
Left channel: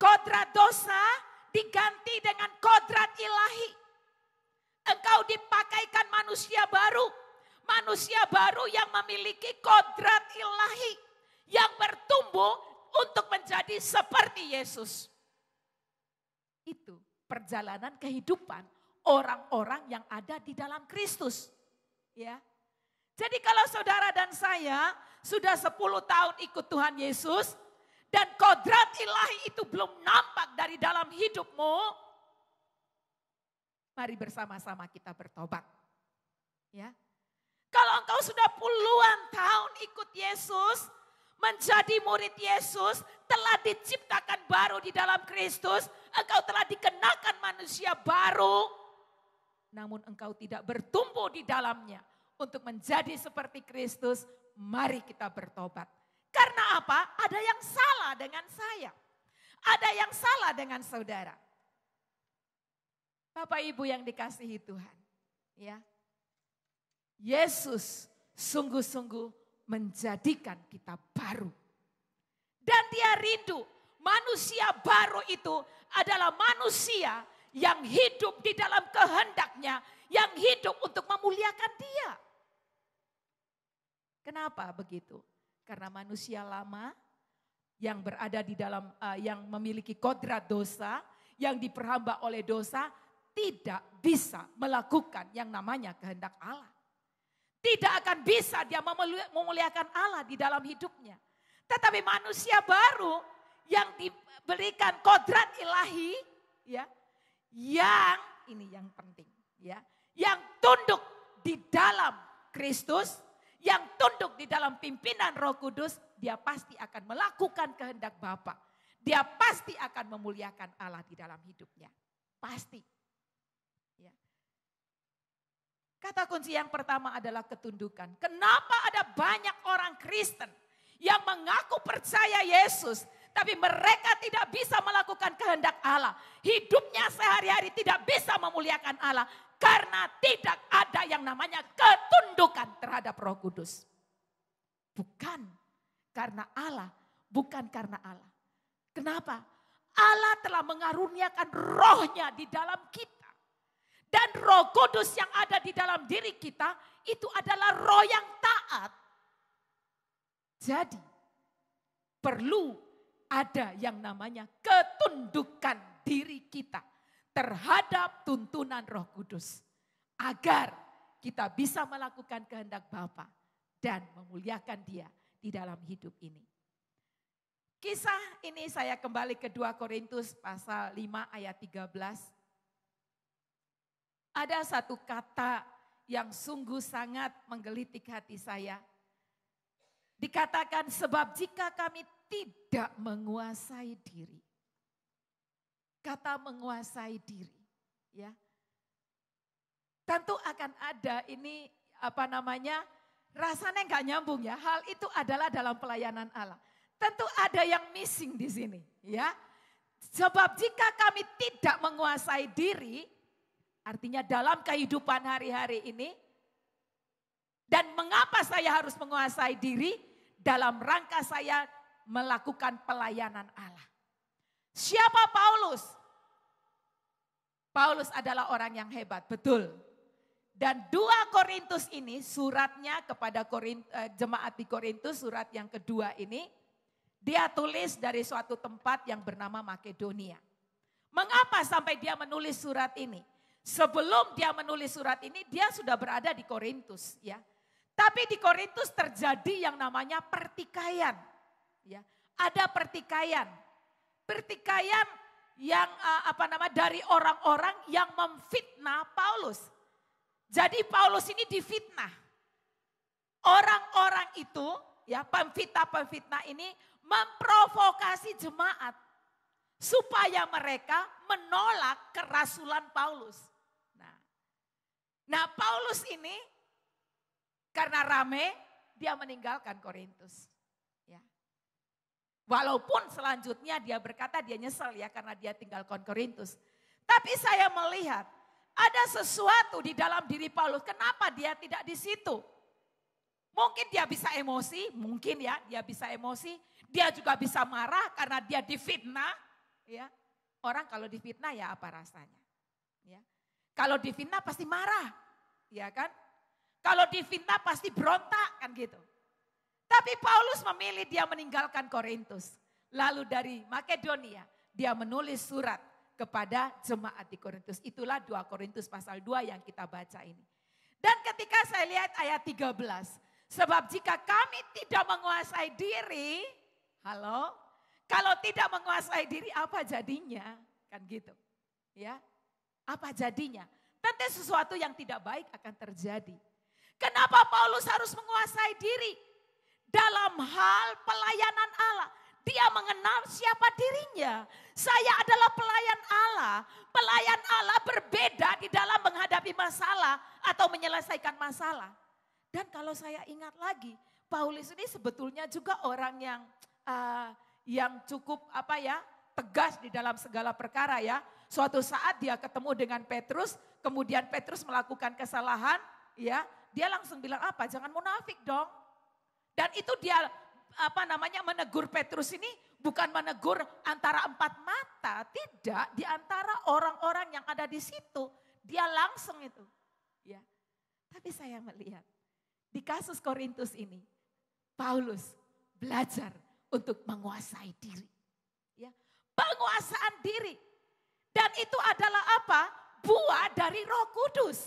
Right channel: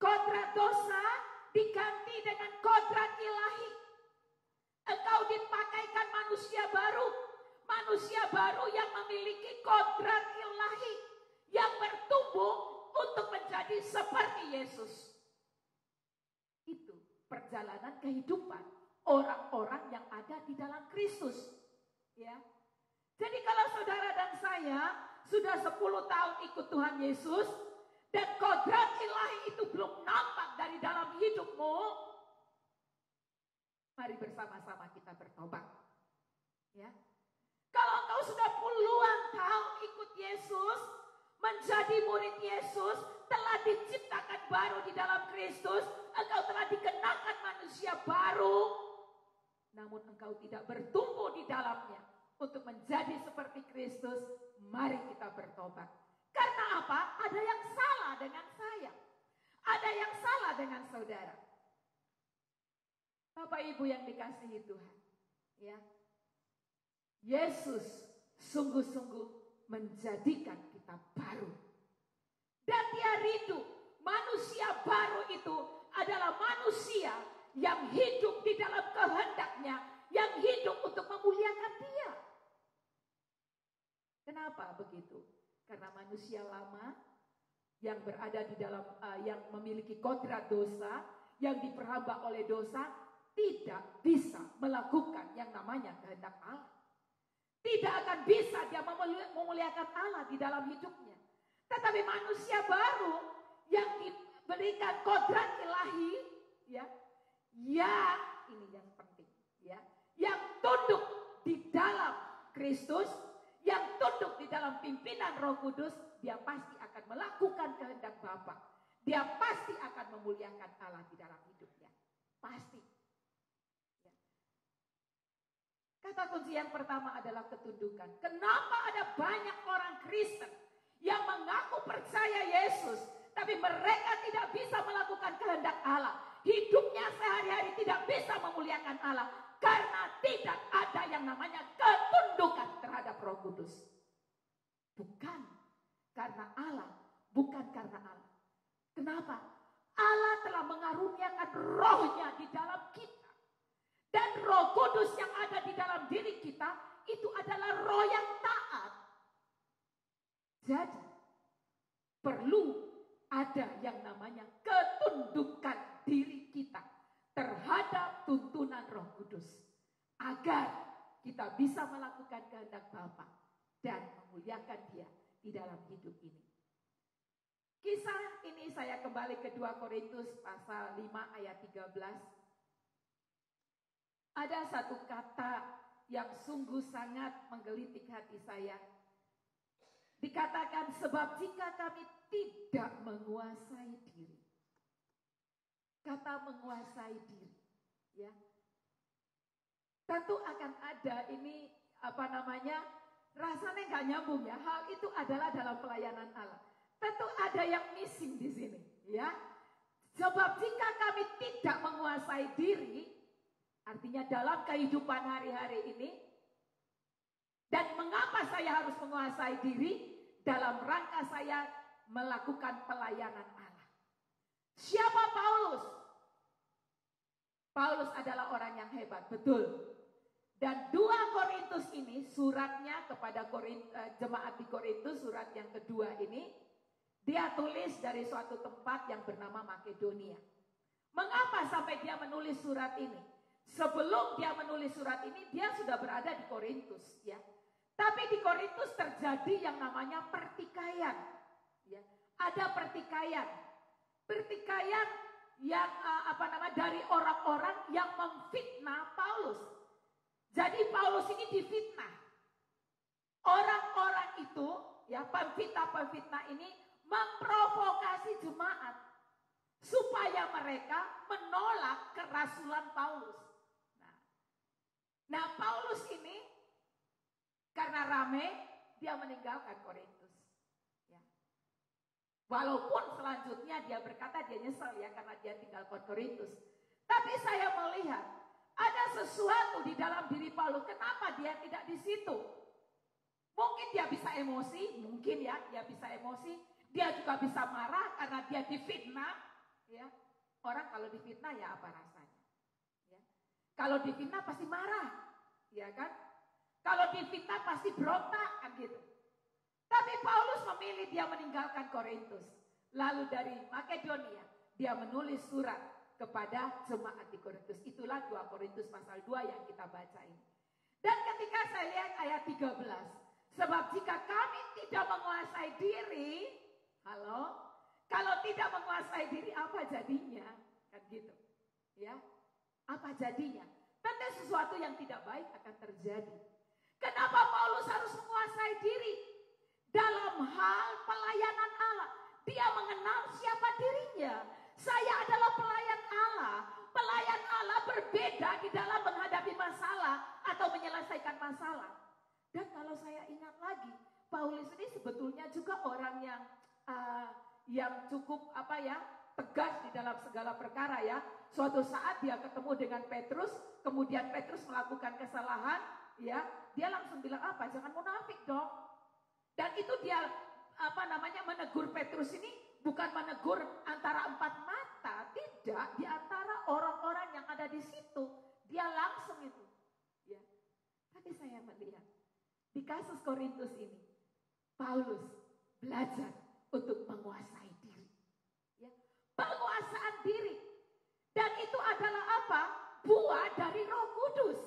Kodrat dosa diganti dengan kodrat ilahi. Engkau dipakaikan manusia baru. Manusia baru yang memiliki kodrat ilahi. Yang bertumbuh untuk menjadi seperti Yesus. Itu perjalanan kehidupan orang-orang yang ada di dalam Kristus. Ya. Jadi kalau saudara dan saya sudah 10 tahun ikut Tuhan Yesus dan kodrat ilahi itu belum nampak dari dalam hidupmu, mari bersama-sama kita bertobat. Ya. Kalau engkau sudah puluhan tahun ikut Yesus, menjadi murid Yesus, telah diciptakan baru di dalam Kristus, engkau telah dikenakan manusia baru, namun engkau tidak bertumbuh di dalamnya untuk menjadi seperti Kristus, mari kita bertobat. Karena apa? Ada yang salah dengan saya. Ada yang salah dengan saudara. Bapak Ibu yang dikasihi Tuhan. Ya. Yesus sungguh-sungguh menjadikan kita baru. Dan dia rindu manusia baru itu adalah manusia yang hidup di dalam kehendaknya, yang hidup untuk memuliakan dia. Kenapa begitu? Karena manusia lama yang berada di dalam, yang memiliki kodrat dosa, yang diperhamba oleh dosa, tidak bisa melakukan yang namanya kehendak Allah. Tidak akan bisa dia memuliakan Allah di dalam hidupnya. Tetapi manusia baru yang diberikan kodrat ilahi, ya, yang ini yang penting, ya, yang tunduk di dalam Kristus, yang tunduk di dalam pimpinan Roh Kudus, dia pasti akan melakukan kehendak Bapa. Dia pasti akan memuliakan Allah di dalam hidupnya. Pasti. Ya. Kata kunci yang pertama adalah ketundukan. Kenapa ada banyak orang Kristen yang mengaku percaya Yesus, tapi mereka tidak bisa melakukan kehendak Allah. Hidupnya sehari-hari tidak bisa memuliakan Allah. Karena tidak ada yang namanya ketundukan terhadap Roh Kudus. Bukan karena Allah, bukan karena Allah. Kenapa? Allah telah mengaruniakan rohnya di dalam kita. Dan Roh Kudus yang ada di dalam diri kita, itu adalah roh yang taat. Jadi, perlu ada yang namanya ketundukan diri kita terhadap tuntunan Roh Kudus, agar kita bisa melakukan kehendak Bapa dan memuliakan Dia di dalam hidup ini. Kisah ini saya kembali ke 2 Korintus pasal 5 ayat 13. Ada satu kata yang sungguh sangat menggelitik hati saya. Dikatakan, sebab jika kami tidak menguasai diri. Kata menguasai diri, ya. Tentu akan ada ini rasanya nggak nyambung ya. Hal itu adalah dalam pelayanan Allah. Tentu ada yang missing di sini, ya. Sebab jika kami tidak menguasai diri, artinya dalam kehidupan hari-hari ini, dan mengapa saya harus menguasai diri? Dalam rangka saya melakukan pelayanan Allah. Siapa Paulus? Paulus adalah orang yang hebat, betul. Dan 2 Korintus ini, suratnya kepada jemaat di Korintus, surat yang kedua ini, dia tulis dari suatu tempat yang bernama Makedonia. Mengapa sampai dia menulis surat ini? Sebelum dia menulis surat ini, dia sudah berada di Korintus, ya. Tapi di Korintus terjadi yang namanya pertikaian, ya. Ada pertikaian yang dari orang-orang yang memfitnah Paulus. Jadi Paulus ini difitnah. Orang-orang itu, ya, pemfitnah ini memprovokasi jemaat supaya mereka menolak kerasulan Paulus. Nah, Paulus ini karena rame, dia meninggalkan Korintus. Ya. Walaupun selanjutnya dia berkata dia nyesel ya karena dia tinggalkan Korintus. Tapi saya melihat ada sesuatu di dalam diri Paulus. Kenapa dia tidak di situ? Mungkin dia bisa emosi, mungkin ya dia bisa emosi. Dia juga bisa marah karena dia difitnah. Ya. Orang kalau difitnah ya apa rasanya. Ya. Kalau difitnah pasti marah, ya kan? Kalau difitnah pasti berontak kan gitu. Tapi Paulus memilih dia meninggalkan Korintus. Lalu dari Makedonia dia menulis surat kepada jemaat di Korintus. Itulah 2 Korintus pasal 2 yang kita baca ini. Dan ketika saya lihat ayat 13. Sebab jika kami tidak menguasai diri, halo, kalau tidak menguasai diri apa jadinya? Kan gitu. Ya. Apa jadinya? Tentu sesuatu yang tidak baik akan terjadi. Kenapa Paulus harus menguasai diri? Dalam hal pelayanan Allah. Dia mengenal siapa dirinya. Saya adalah pelayan Allah. Pelayan Allah berbeda di dalam menghadapi masalah atau menyelesaikan masalah. Dan kalau saya ingat lagi, Paulus ini sebetulnya juga orang yang cukup tegas di dalam segala perkara ya. Suatu saat dia ketemu dengan Petrus, kemudian Petrus melakukan kesalahan, ya, dia langsung bilang apa? Jangan munafik dong. Dan itu dia menegur Petrus ini bukan menegur antara empat mata, tidak, di antara orang-orang yang ada di situ, dia langsung itu, ya. Tapi saya melihat di kasus Korintus ini, Paulus belajar untuk menguasai diri, ya, penguasaan diri, dan itu adalah apa? Buah dari Roh Kudus.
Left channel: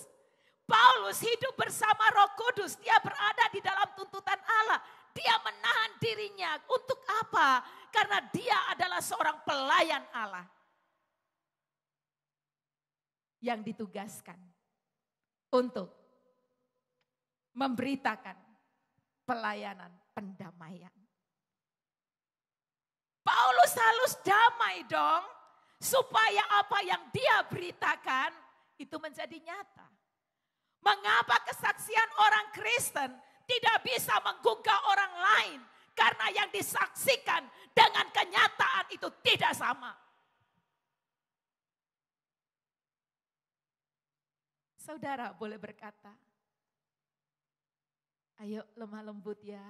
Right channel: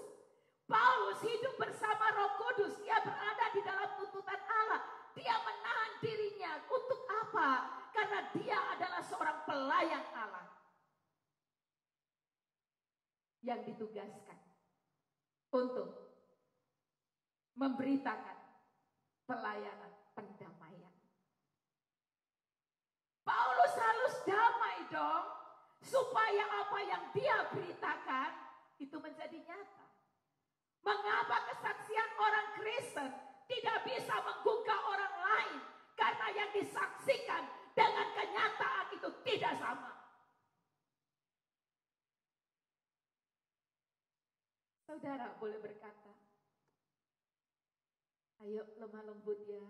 Paulus hidup bersama Roh Kudus, dia berada di dalam tuntutan Allah. Dia menahan dirinya untuk apa? Karena dia adalah seorang pelayan Allah yang ditugaskan untuk memberitakan pelayanan pendamaian. Paulus harus damai dong, supaya apa yang dia beritakan itu menjadi nyata. Mengapa kesaksian orang Kristen tidak bisa menggugah orang lain? Karena yang disaksikan dengan kenyataan itu tidak sama. Saudara boleh berkata, ayo lemah lembut ya,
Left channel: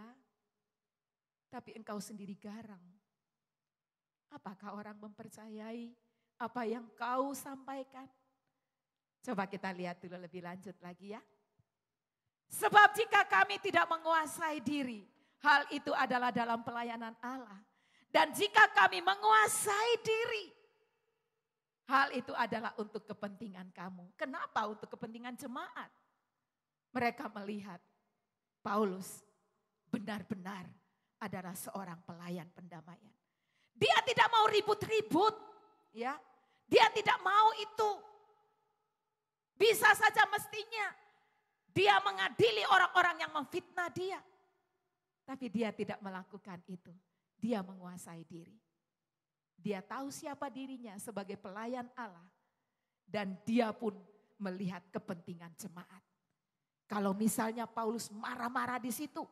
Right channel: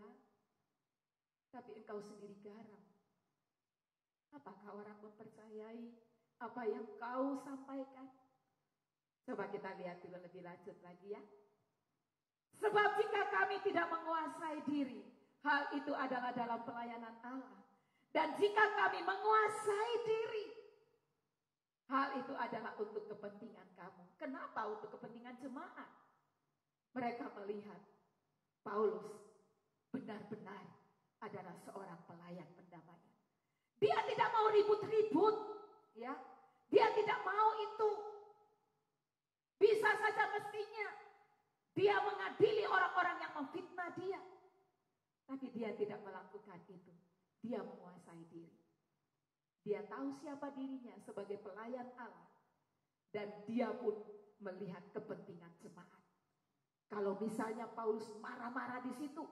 tapi engkau sendiri garang. Apakah orang mempercayai apa yang kau sampaikan? Coba kita lihat dulu lebih lanjut lagi ya. Sebab jika kami tidak menguasai diri, hal itu adalah dalam pelayanan Allah. Dan jika kami menguasai diri, hal itu adalah untuk kepentingan kamu. Kenapa untuk kepentingan jemaat? Mereka melihat Paulus benar-benar adalah seorang pelayan pendamaian. Dia tidak mau ribut-ribut, ya. Dia tidak mau itu. Bisa saja mestinya dia mengadili orang-orang yang memfitnah dia. Tapi dia tidak melakukan itu. Dia menguasai diri. Dia tahu siapa dirinya sebagai pelayan Allah. Dan dia pun melihat kepentingan jemaat. Kalau misalnya Paulus marah-marah di situ,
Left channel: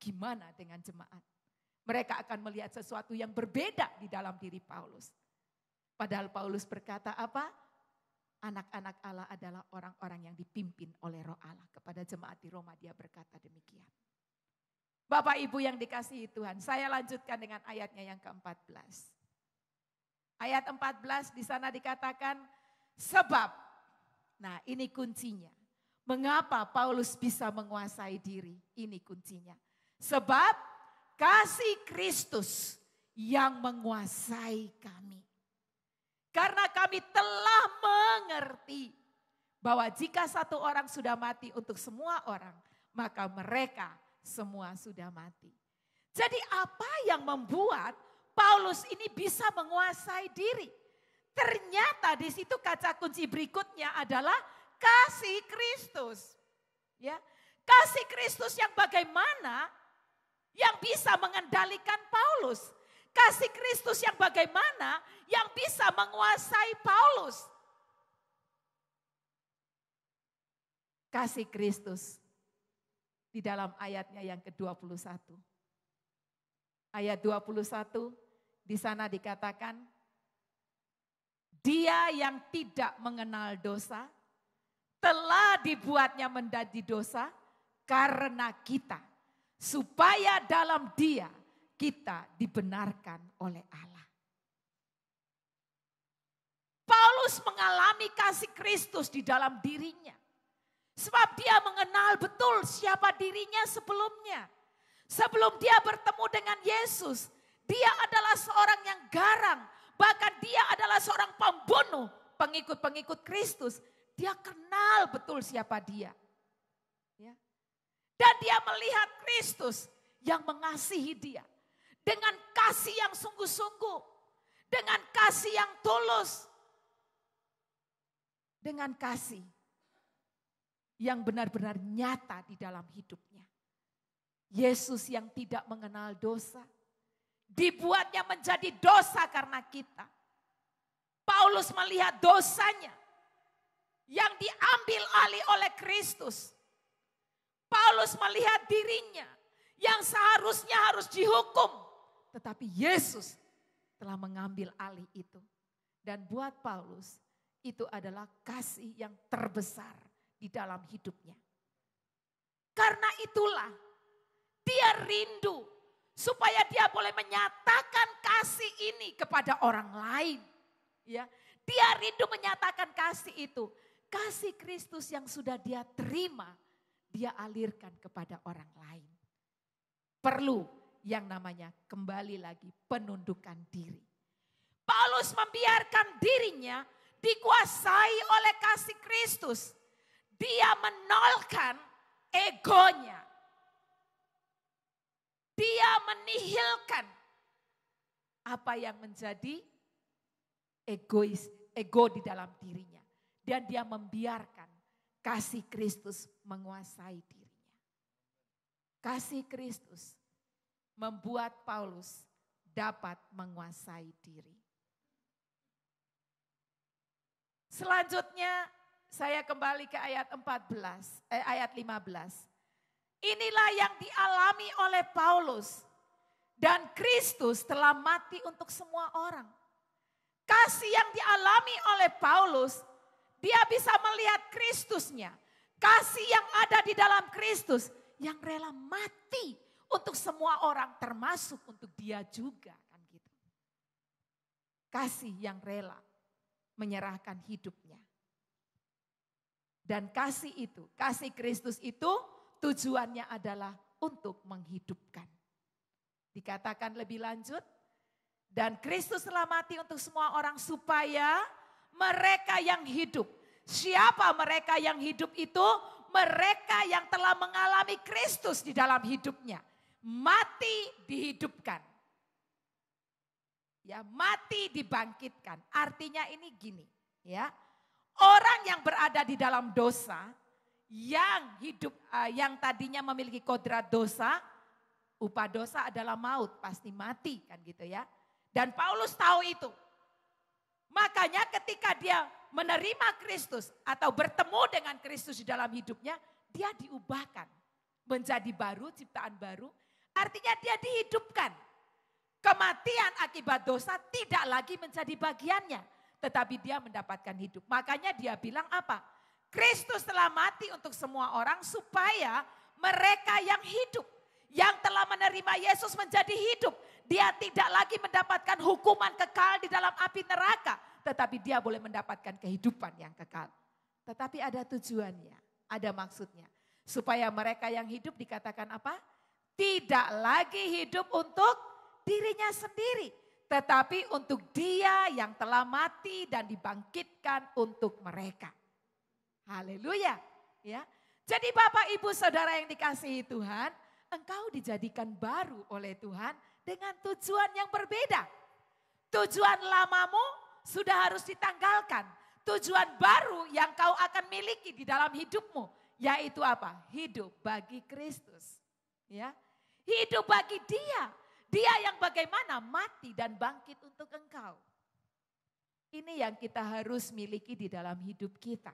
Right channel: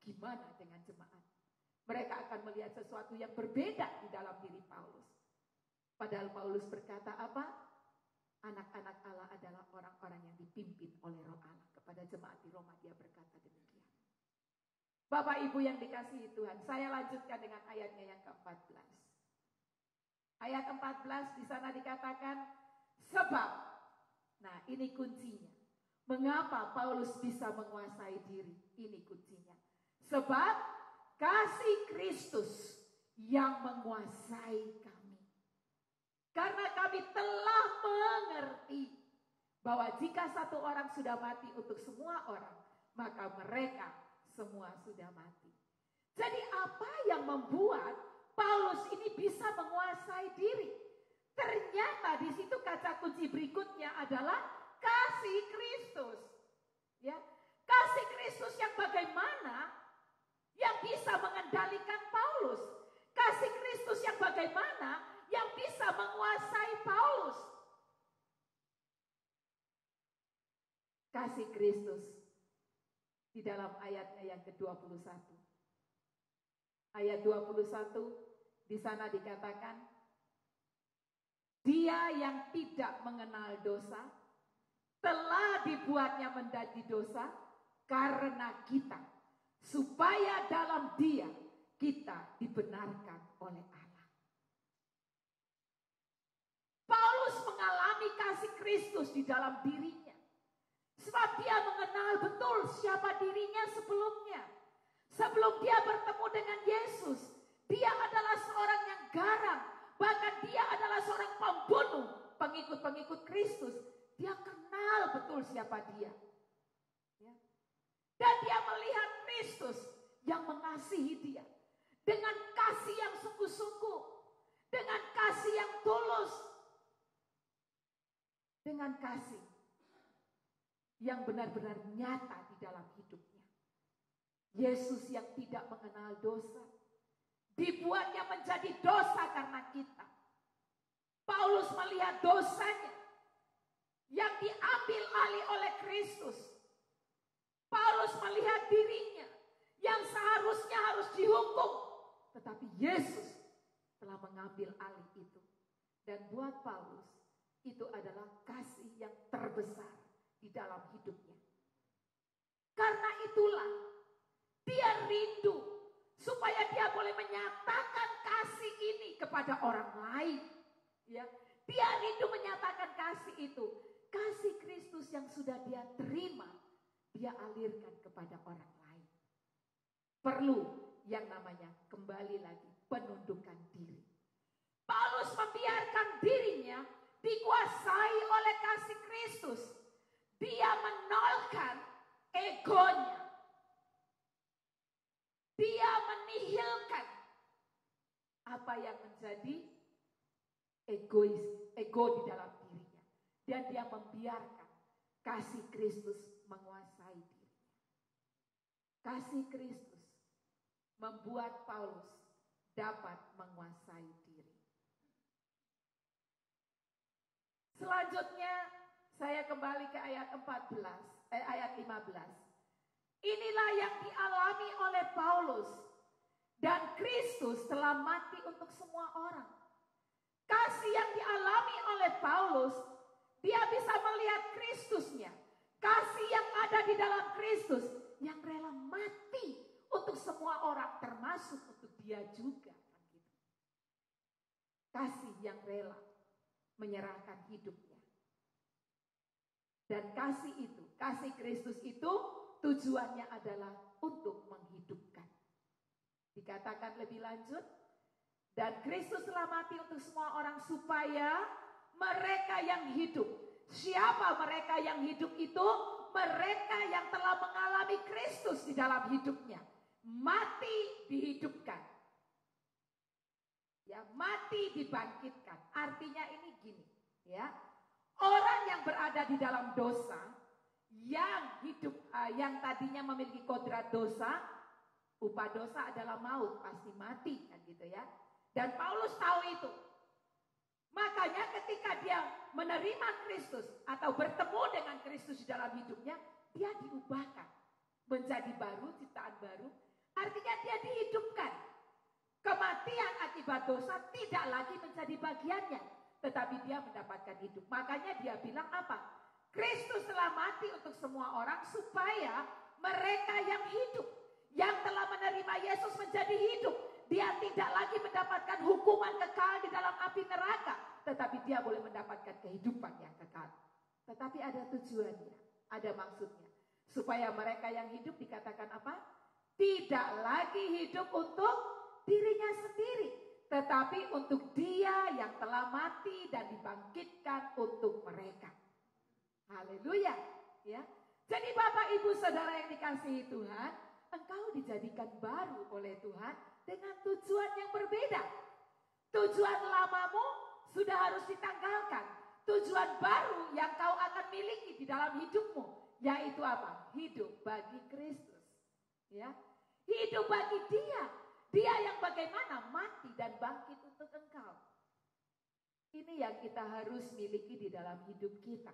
gimana dengan jemaat? Mereka akan melihat sesuatu yang berbeda di dalam diri Paulus. Padahal Paulus berkata apa? Anak-anak Allah adalah orang-orang yang dipimpin oleh Roh Allah. Kepada jemaat di Roma dia berkata demikian. Bapak Ibu yang dikasihi Tuhan, saya lanjutkan dengan ayatnya yang ke-14. Ayat 14 di sana dikatakan sebab, nah ini kuncinya. Mengapa Paulus bisa menguasai diri? Ini kuncinya. Sebab kasih Kristus yang menguasai kami. Karena kami telah mengerti bahwa jika satu orang sudah mati untuk semua orang, maka mereka semua sudah mati. Jadi apa yang membuat Paulus ini bisa menguasai diri? Ternyata di situ kata kunci berikutnya adalah kasih Kristus. Ya, kasih Kristus yang bagaimana yang bisa mengendalikan Paulus. Kasih Kristus yang bagaimana yang bisa menguasai Paulus. Kasih Kristus di dalam ayatnya yang ke-21. Ayat 21 di sana dikatakan, dia yang tidak mengenal dosa telah dibuatnya menjadi dosa karena kita. supaya dalam Dia kita dibenarkan oleh Allah. Paulus mengalami kasih Kristus di dalam dirinya. Sebab dia mengenal betul siapa dirinya sebelumnya. Sebelum dia bertemu dengan Yesus, dia adalah seorang yang garang. Bahkan dia adalah seorang pembunuh pengikut-pengikut Kristus. Dia kenal betul siapa dia. Ya. Dan dia melihat Kristus yang mengasihi dia. Dengan kasih yang sungguh-sungguh. Dengan kasih yang tulus. Dengan kasih yang benar-benar nyata di dalam hidupnya. Yesus yang tidak mengenal dosa, dibuatnya menjadi dosa karena kita. Paulus melihat dosanya yang diambil alih oleh Kristus. Paulus melihat dirinya yang seharusnya harus dihukum. Tetapi Yesus telah mengambil alih itu. Dan buat Paulus itu adalah kasih yang terbesar di dalam hidupnya. Karena itulah dia rindu supaya dia boleh menyatakan kasih ini kepada orang lain. Ya, dia rindu menyatakan kasih itu. Kasih Kristus yang sudah dia terima, dia alirkan kepada orang lain. Perlu yang namanya kembali lagi penundukan diri. Paulus membiarkan dirinya dikuasai oleh kasih Kristus. Dia menolkan egonya. Dia menihilkan apa yang menjadi ego di dalam dirinya. Dan dia membiarkan kasih Kristus menguasai dirinya. Kasih Kristus membuat Paulus dapat menguasai diri. Selanjutnya saya kembali ke ayat 15. Inilah yang dialami oleh Paulus. Dan Kristus telah mati untuk semua orang. Kasih yang dialami oleh Paulus, dia bisa melihat Kristusnya. Kasih yang ada di dalam Kristus yang rela mati untuk semua orang, termasuk untuk dia juga. Kan gitu. Kasih yang rela menyerahkan hidupnya. Dan kasih itu, kasih Kristus itu tujuannya adalah untuk menghidupkan. Dikatakan lebih lanjut, dan Kristus telah mati untuk semua orang supaya mereka yang hidup. Siapa mereka yang hidup itu? Mereka yang telah mengalami Kristus di dalam hidupnya. Mati dihidupkan. Ya, mati dibangkitkan. Artinya ini gini, ya. Orang yang berada di dalam dosa, yang hidup, yang tadinya memiliki kodrat dosa, upah dosa adalah maut, pasti mati kan gitu ya. Dan Paulus tahu itu. Makanya ketika dia menerima Kristus atau bertemu dengan Kristus di dalam hidupnya, dia diubahkan menjadi baru, ciptaan baru. Artinya dia dihidupkan. Kematian akibat dosa tidak lagi menjadi bagiannya, tetapi dia mendapatkan hidup. Makanya dia bilang apa? Kristus telah mati untuk semua orang supaya mereka yang hidup, yang telah menerima Yesus menjadi hidup. Dia tidak lagi mendapatkan hukuman kekal di dalam api neraka, tetapi dia boleh mendapatkan kehidupan yang kekal. Tetapi ada tujuannya, ada maksudnya. Supaya mereka yang hidup dikatakan apa? Tidak lagi hidup untuk dirinya sendiri, tetapi untuk dia yang telah mati dan dibangkitkan untuk mereka. Haleluya. Ya. Jadi Bapak Ibu Saudara yang dikasihi Tuhan, engkau dijadikan baru oleh Tuhan dengan tujuan yang berbeda. Tujuan lamamu sudah harus ditanggalkan. Tujuan baru yang kau akan miliki di dalam hidupmu, yaitu apa? Hidup bagi Kristus. Ya. Hidup bagi Dia. Dia yang bagaimana mati dan bangkit untuk engkau. Ini yang kita harus miliki di dalam hidup kita.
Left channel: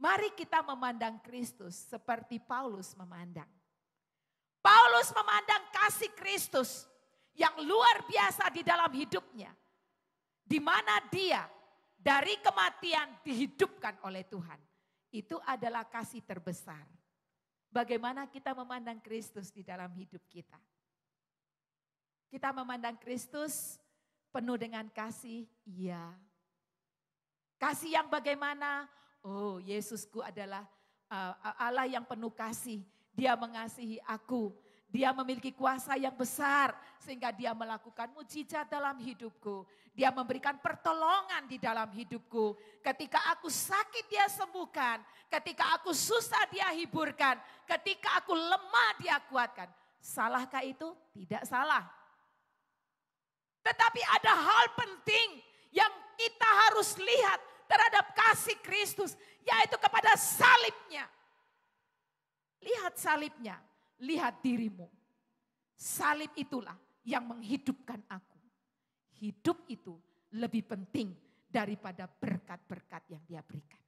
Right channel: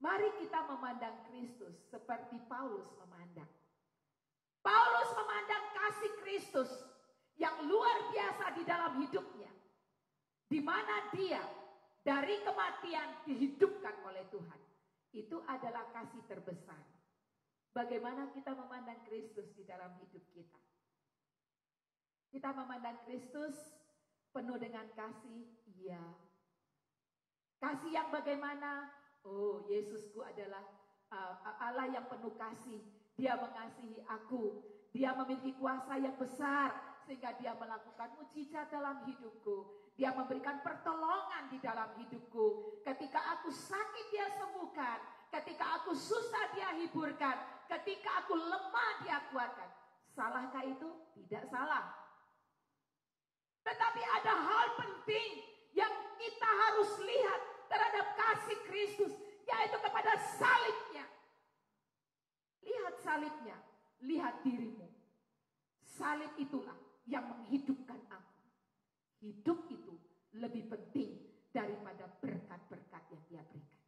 Mari kita memandang Kristus seperti Paulus memandang. Paulus memandang kasih Kristus yang luar biasa di dalam hidupnya. Di mana dia dari kematian dihidupkan oleh Tuhan. Itu adalah kasih terbesar. Bagaimana kita memandang Kristus di dalam hidup kita? Kita memandang Kristus penuh dengan kasih, iya. Kasih yang bagaimana? Oh, Yesusku adalah Allah yang penuh kasih. Dia mengasihi aku. Dia memiliki kuasa yang besar sehingga dia melakukan mujizat dalam hidupku. Dia memberikan pertolongan di dalam hidupku. Ketika aku sakit dia sembuhkan. Ketika aku susah dia hiburkan. Ketika aku lemah dia kuatkan. Salahkah itu? Tidak salah. Tetapi ada hal penting yang kita harus lihat terhadap kasih Kristus, yaitu kepada salibnya. Lihat salibnya, lihat dirimu. Salib itulah yang menghidupkan aku. Hidup itu lebih penting daripada berkat-berkat yang dia berikan.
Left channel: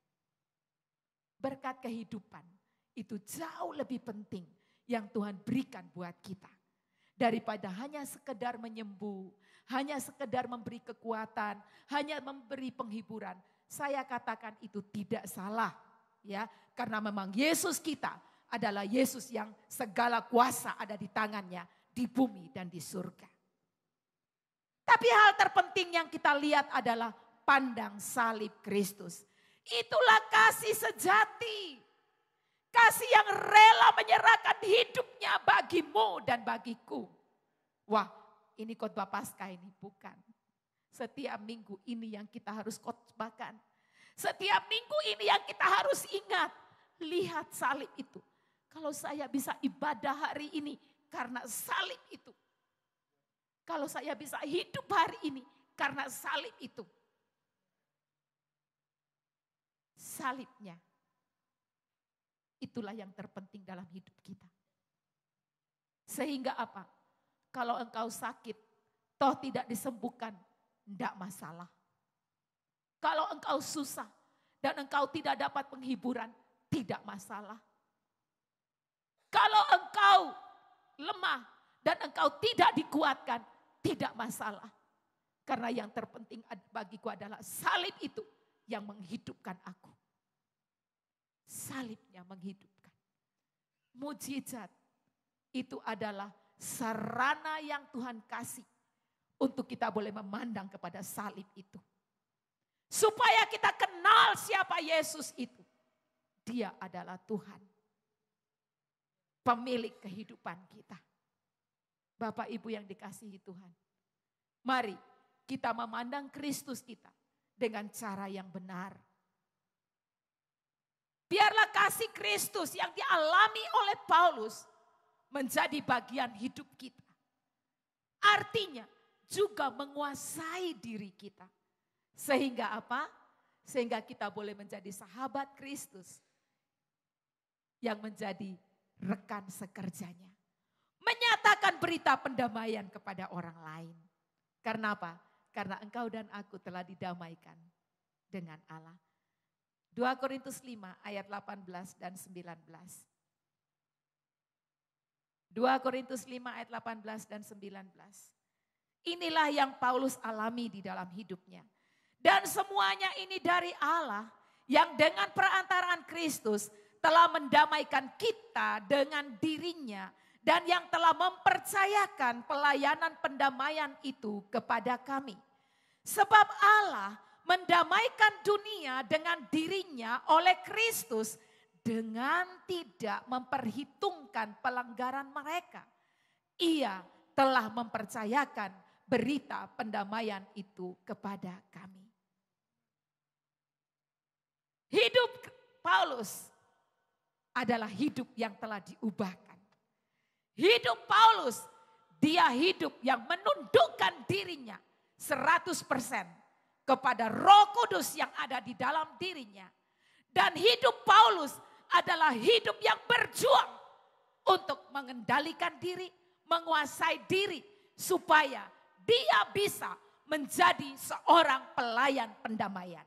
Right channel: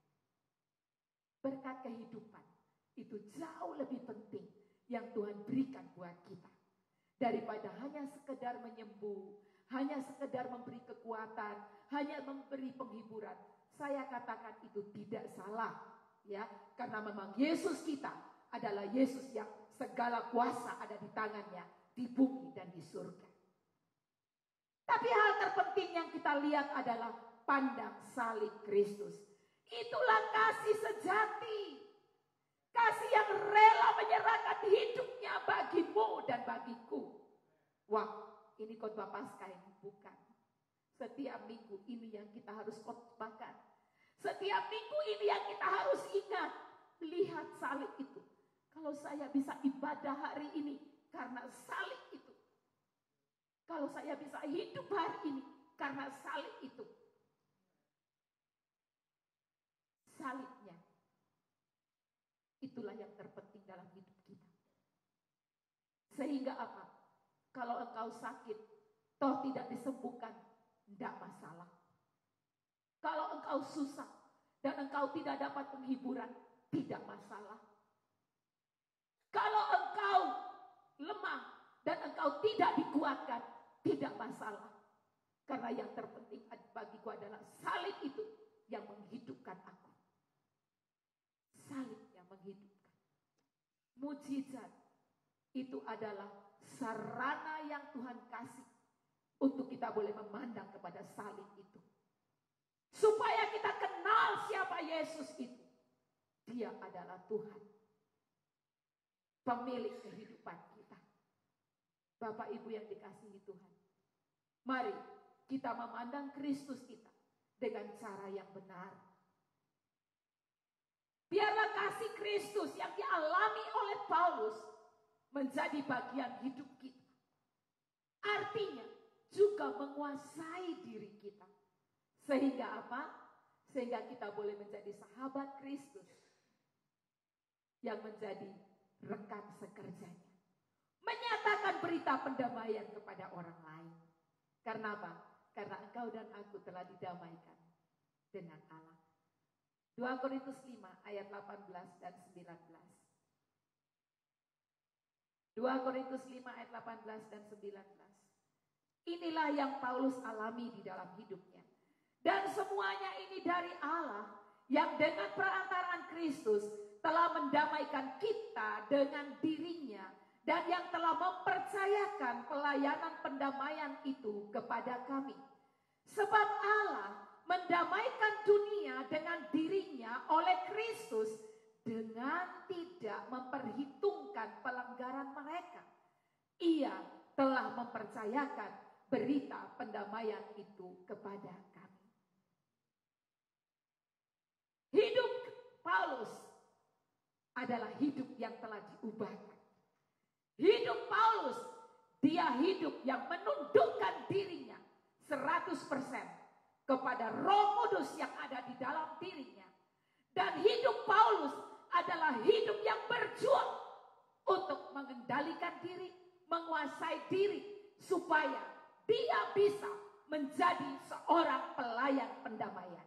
Berkat kehidupan itu jauh lebih penting yang Tuhan berikan buat kita. Daripada hanya sekedar menyembuh, hanya sekedar memberi kekuatan, hanya memberi penghiburan. Saya katakan itu tidak salah, ya, karena memang Yesus kita adalah Yesus yang segala kuasa ada di tangannya di bumi dan di surga. Tapi hal terpenting yang kita lihat adalah pandang salib Kristus. Itulah kasih sejati. Kasih yang rela menyerahkan hidupnya bagimu dan bagiku. Wah, ini khotbah Paskah ini bukan. Setiap minggu ini yang kita harus khotbahkan. Setiap minggu ini yang kita harus ingat. Lihat salib itu. Kalau saya bisa ibadah hari ini karena salib itu. Kalau saya bisa hidup hari ini karena salib itu. Salibnya. Itulah yang terpenting dalam hidup kita. Sehingga apa? Kalau engkau sakit, toh tidak disembuhkan, tidak masalah. Kalau engkau susah dan engkau tidak dapat penghiburan, tidak masalah. Kalau engkau lemah dan engkau tidak dikuatkan, tidak masalah. Karena yang terpenting bagiku adalah salib itu yang menghidupkan aku. Salibnya menghidupkan. Mujizat itu adalah sarana yang Tuhan kasih untuk kita boleh memandang kepada salib itu. Supaya kita kenal siapa Yesus itu. Dia adalah Tuhan. Pemilik kehidupan kita. Bapak Ibu yang dikasihi Tuhan. Mari kita memandang Kristus kita dengan cara yang benar. Biarlah kasih Kristus yang dialami oleh Paulus menjadi bagian hidup kita. Artinya juga menguasai diri kita. Sehingga apa? Sehingga kita boleh menjadi sahabat Kristus yang menjadi rekan sekerjanya. Menyatakan berita pendamaian kepada orang lain. Karena apa? Karena engkau dan aku telah didamaikan dengan Allah. 2 Korintus 5 ayat 18 dan 19. 2 Korintus 5 ayat 18 dan 19. Inilah yang Paulus alami di dalam hidupnya. Dan semuanya ini dari Allah yang dengan perantaraan Kristus telah mendamaikan kita dengan dirinya dan yang telah mempercayakan pelayanan pendamaian itu kepada kami. Sebab Allah mendamaikan dunia dengan dirinya oleh Kristus dengan tidak memperhitungkan pelanggaran mereka. Ia telah mempercayakan berita pendamaian itu kepada kami. Hidup Paulus adalah hidup yang telah diubahkan. Hidup Paulus, dia hidup yang menundukkan dirinya 100% kepada Roh Kudus yang ada di dalam dirinya. Dan hidup Paulus adalah hidup yang berjuang untuk mengendalikan diri, menguasai diri, supaya dia bisa menjadi seorang pelayan pendamaian.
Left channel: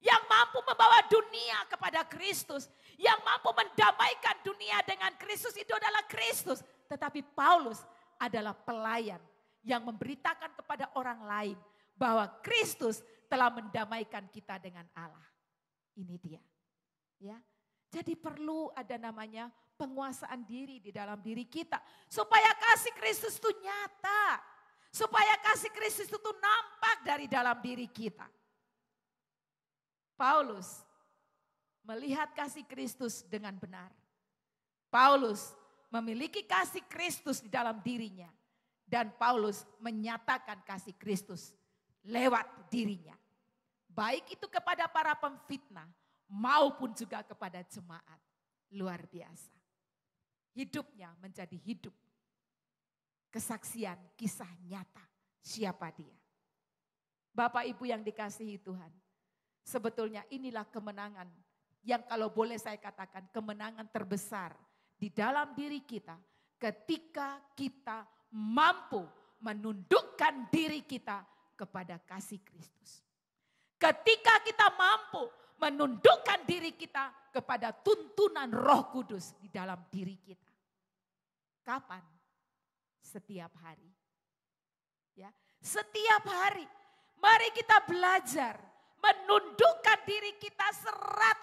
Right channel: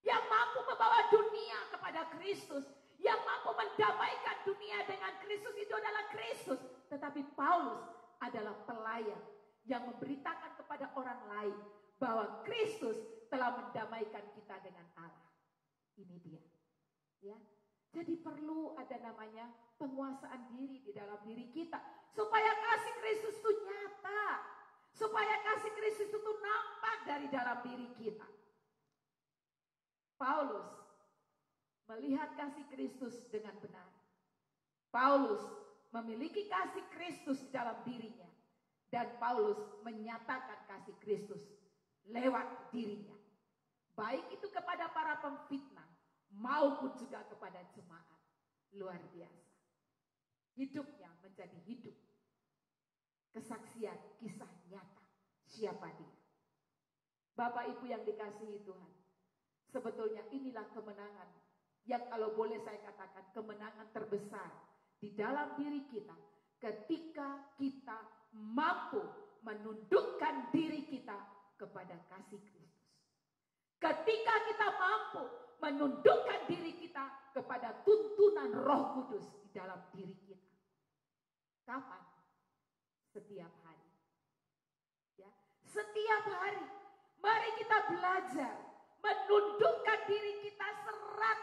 Yang mampu membawa dunia kepada Kristus, yang mampu mendamaikan dunia dengan Kristus itu adalah Kristus. Tetapi Paulus adalah pelayan yang memberitakan kepada orang lain bahwa Kristus telah mendamaikan kita dengan Allah. Ini dia. Ya. Jadi perlu ada namanya penguasaan diri di dalam diri kita. Supaya kasih Kristus itu nyata. Supaya kasih Kristus itu nampak dari dalam diri kita. Paulus melihat kasih Kristus dengan benar. Paulus memiliki kasih Kristus di dalam dirinya. Dan Paulus menyatakan kasih Kristus lewat dirinya. Baik itu kepada para pemfitnah maupun juga kepada jemaat. Luar biasa. Hidupnya menjadi hidup. Kesaksian, kisah nyata. Siapa dia? Bapak Ibu yang dikasihi Tuhan. Sebetulnya inilah kemenangan yang kalau boleh saya katakan kemenangan terbesar di dalam diri kita. Ketika kita mampu menundukkan diri kita kepada kasih Kristus. Ketika kita mampu menundukkan diri kita kepada tuntunan Roh Kudus di dalam diri kita. Kapan? Setiap hari. Ya, setiap hari. Mari kita belajar menundukkan diri kita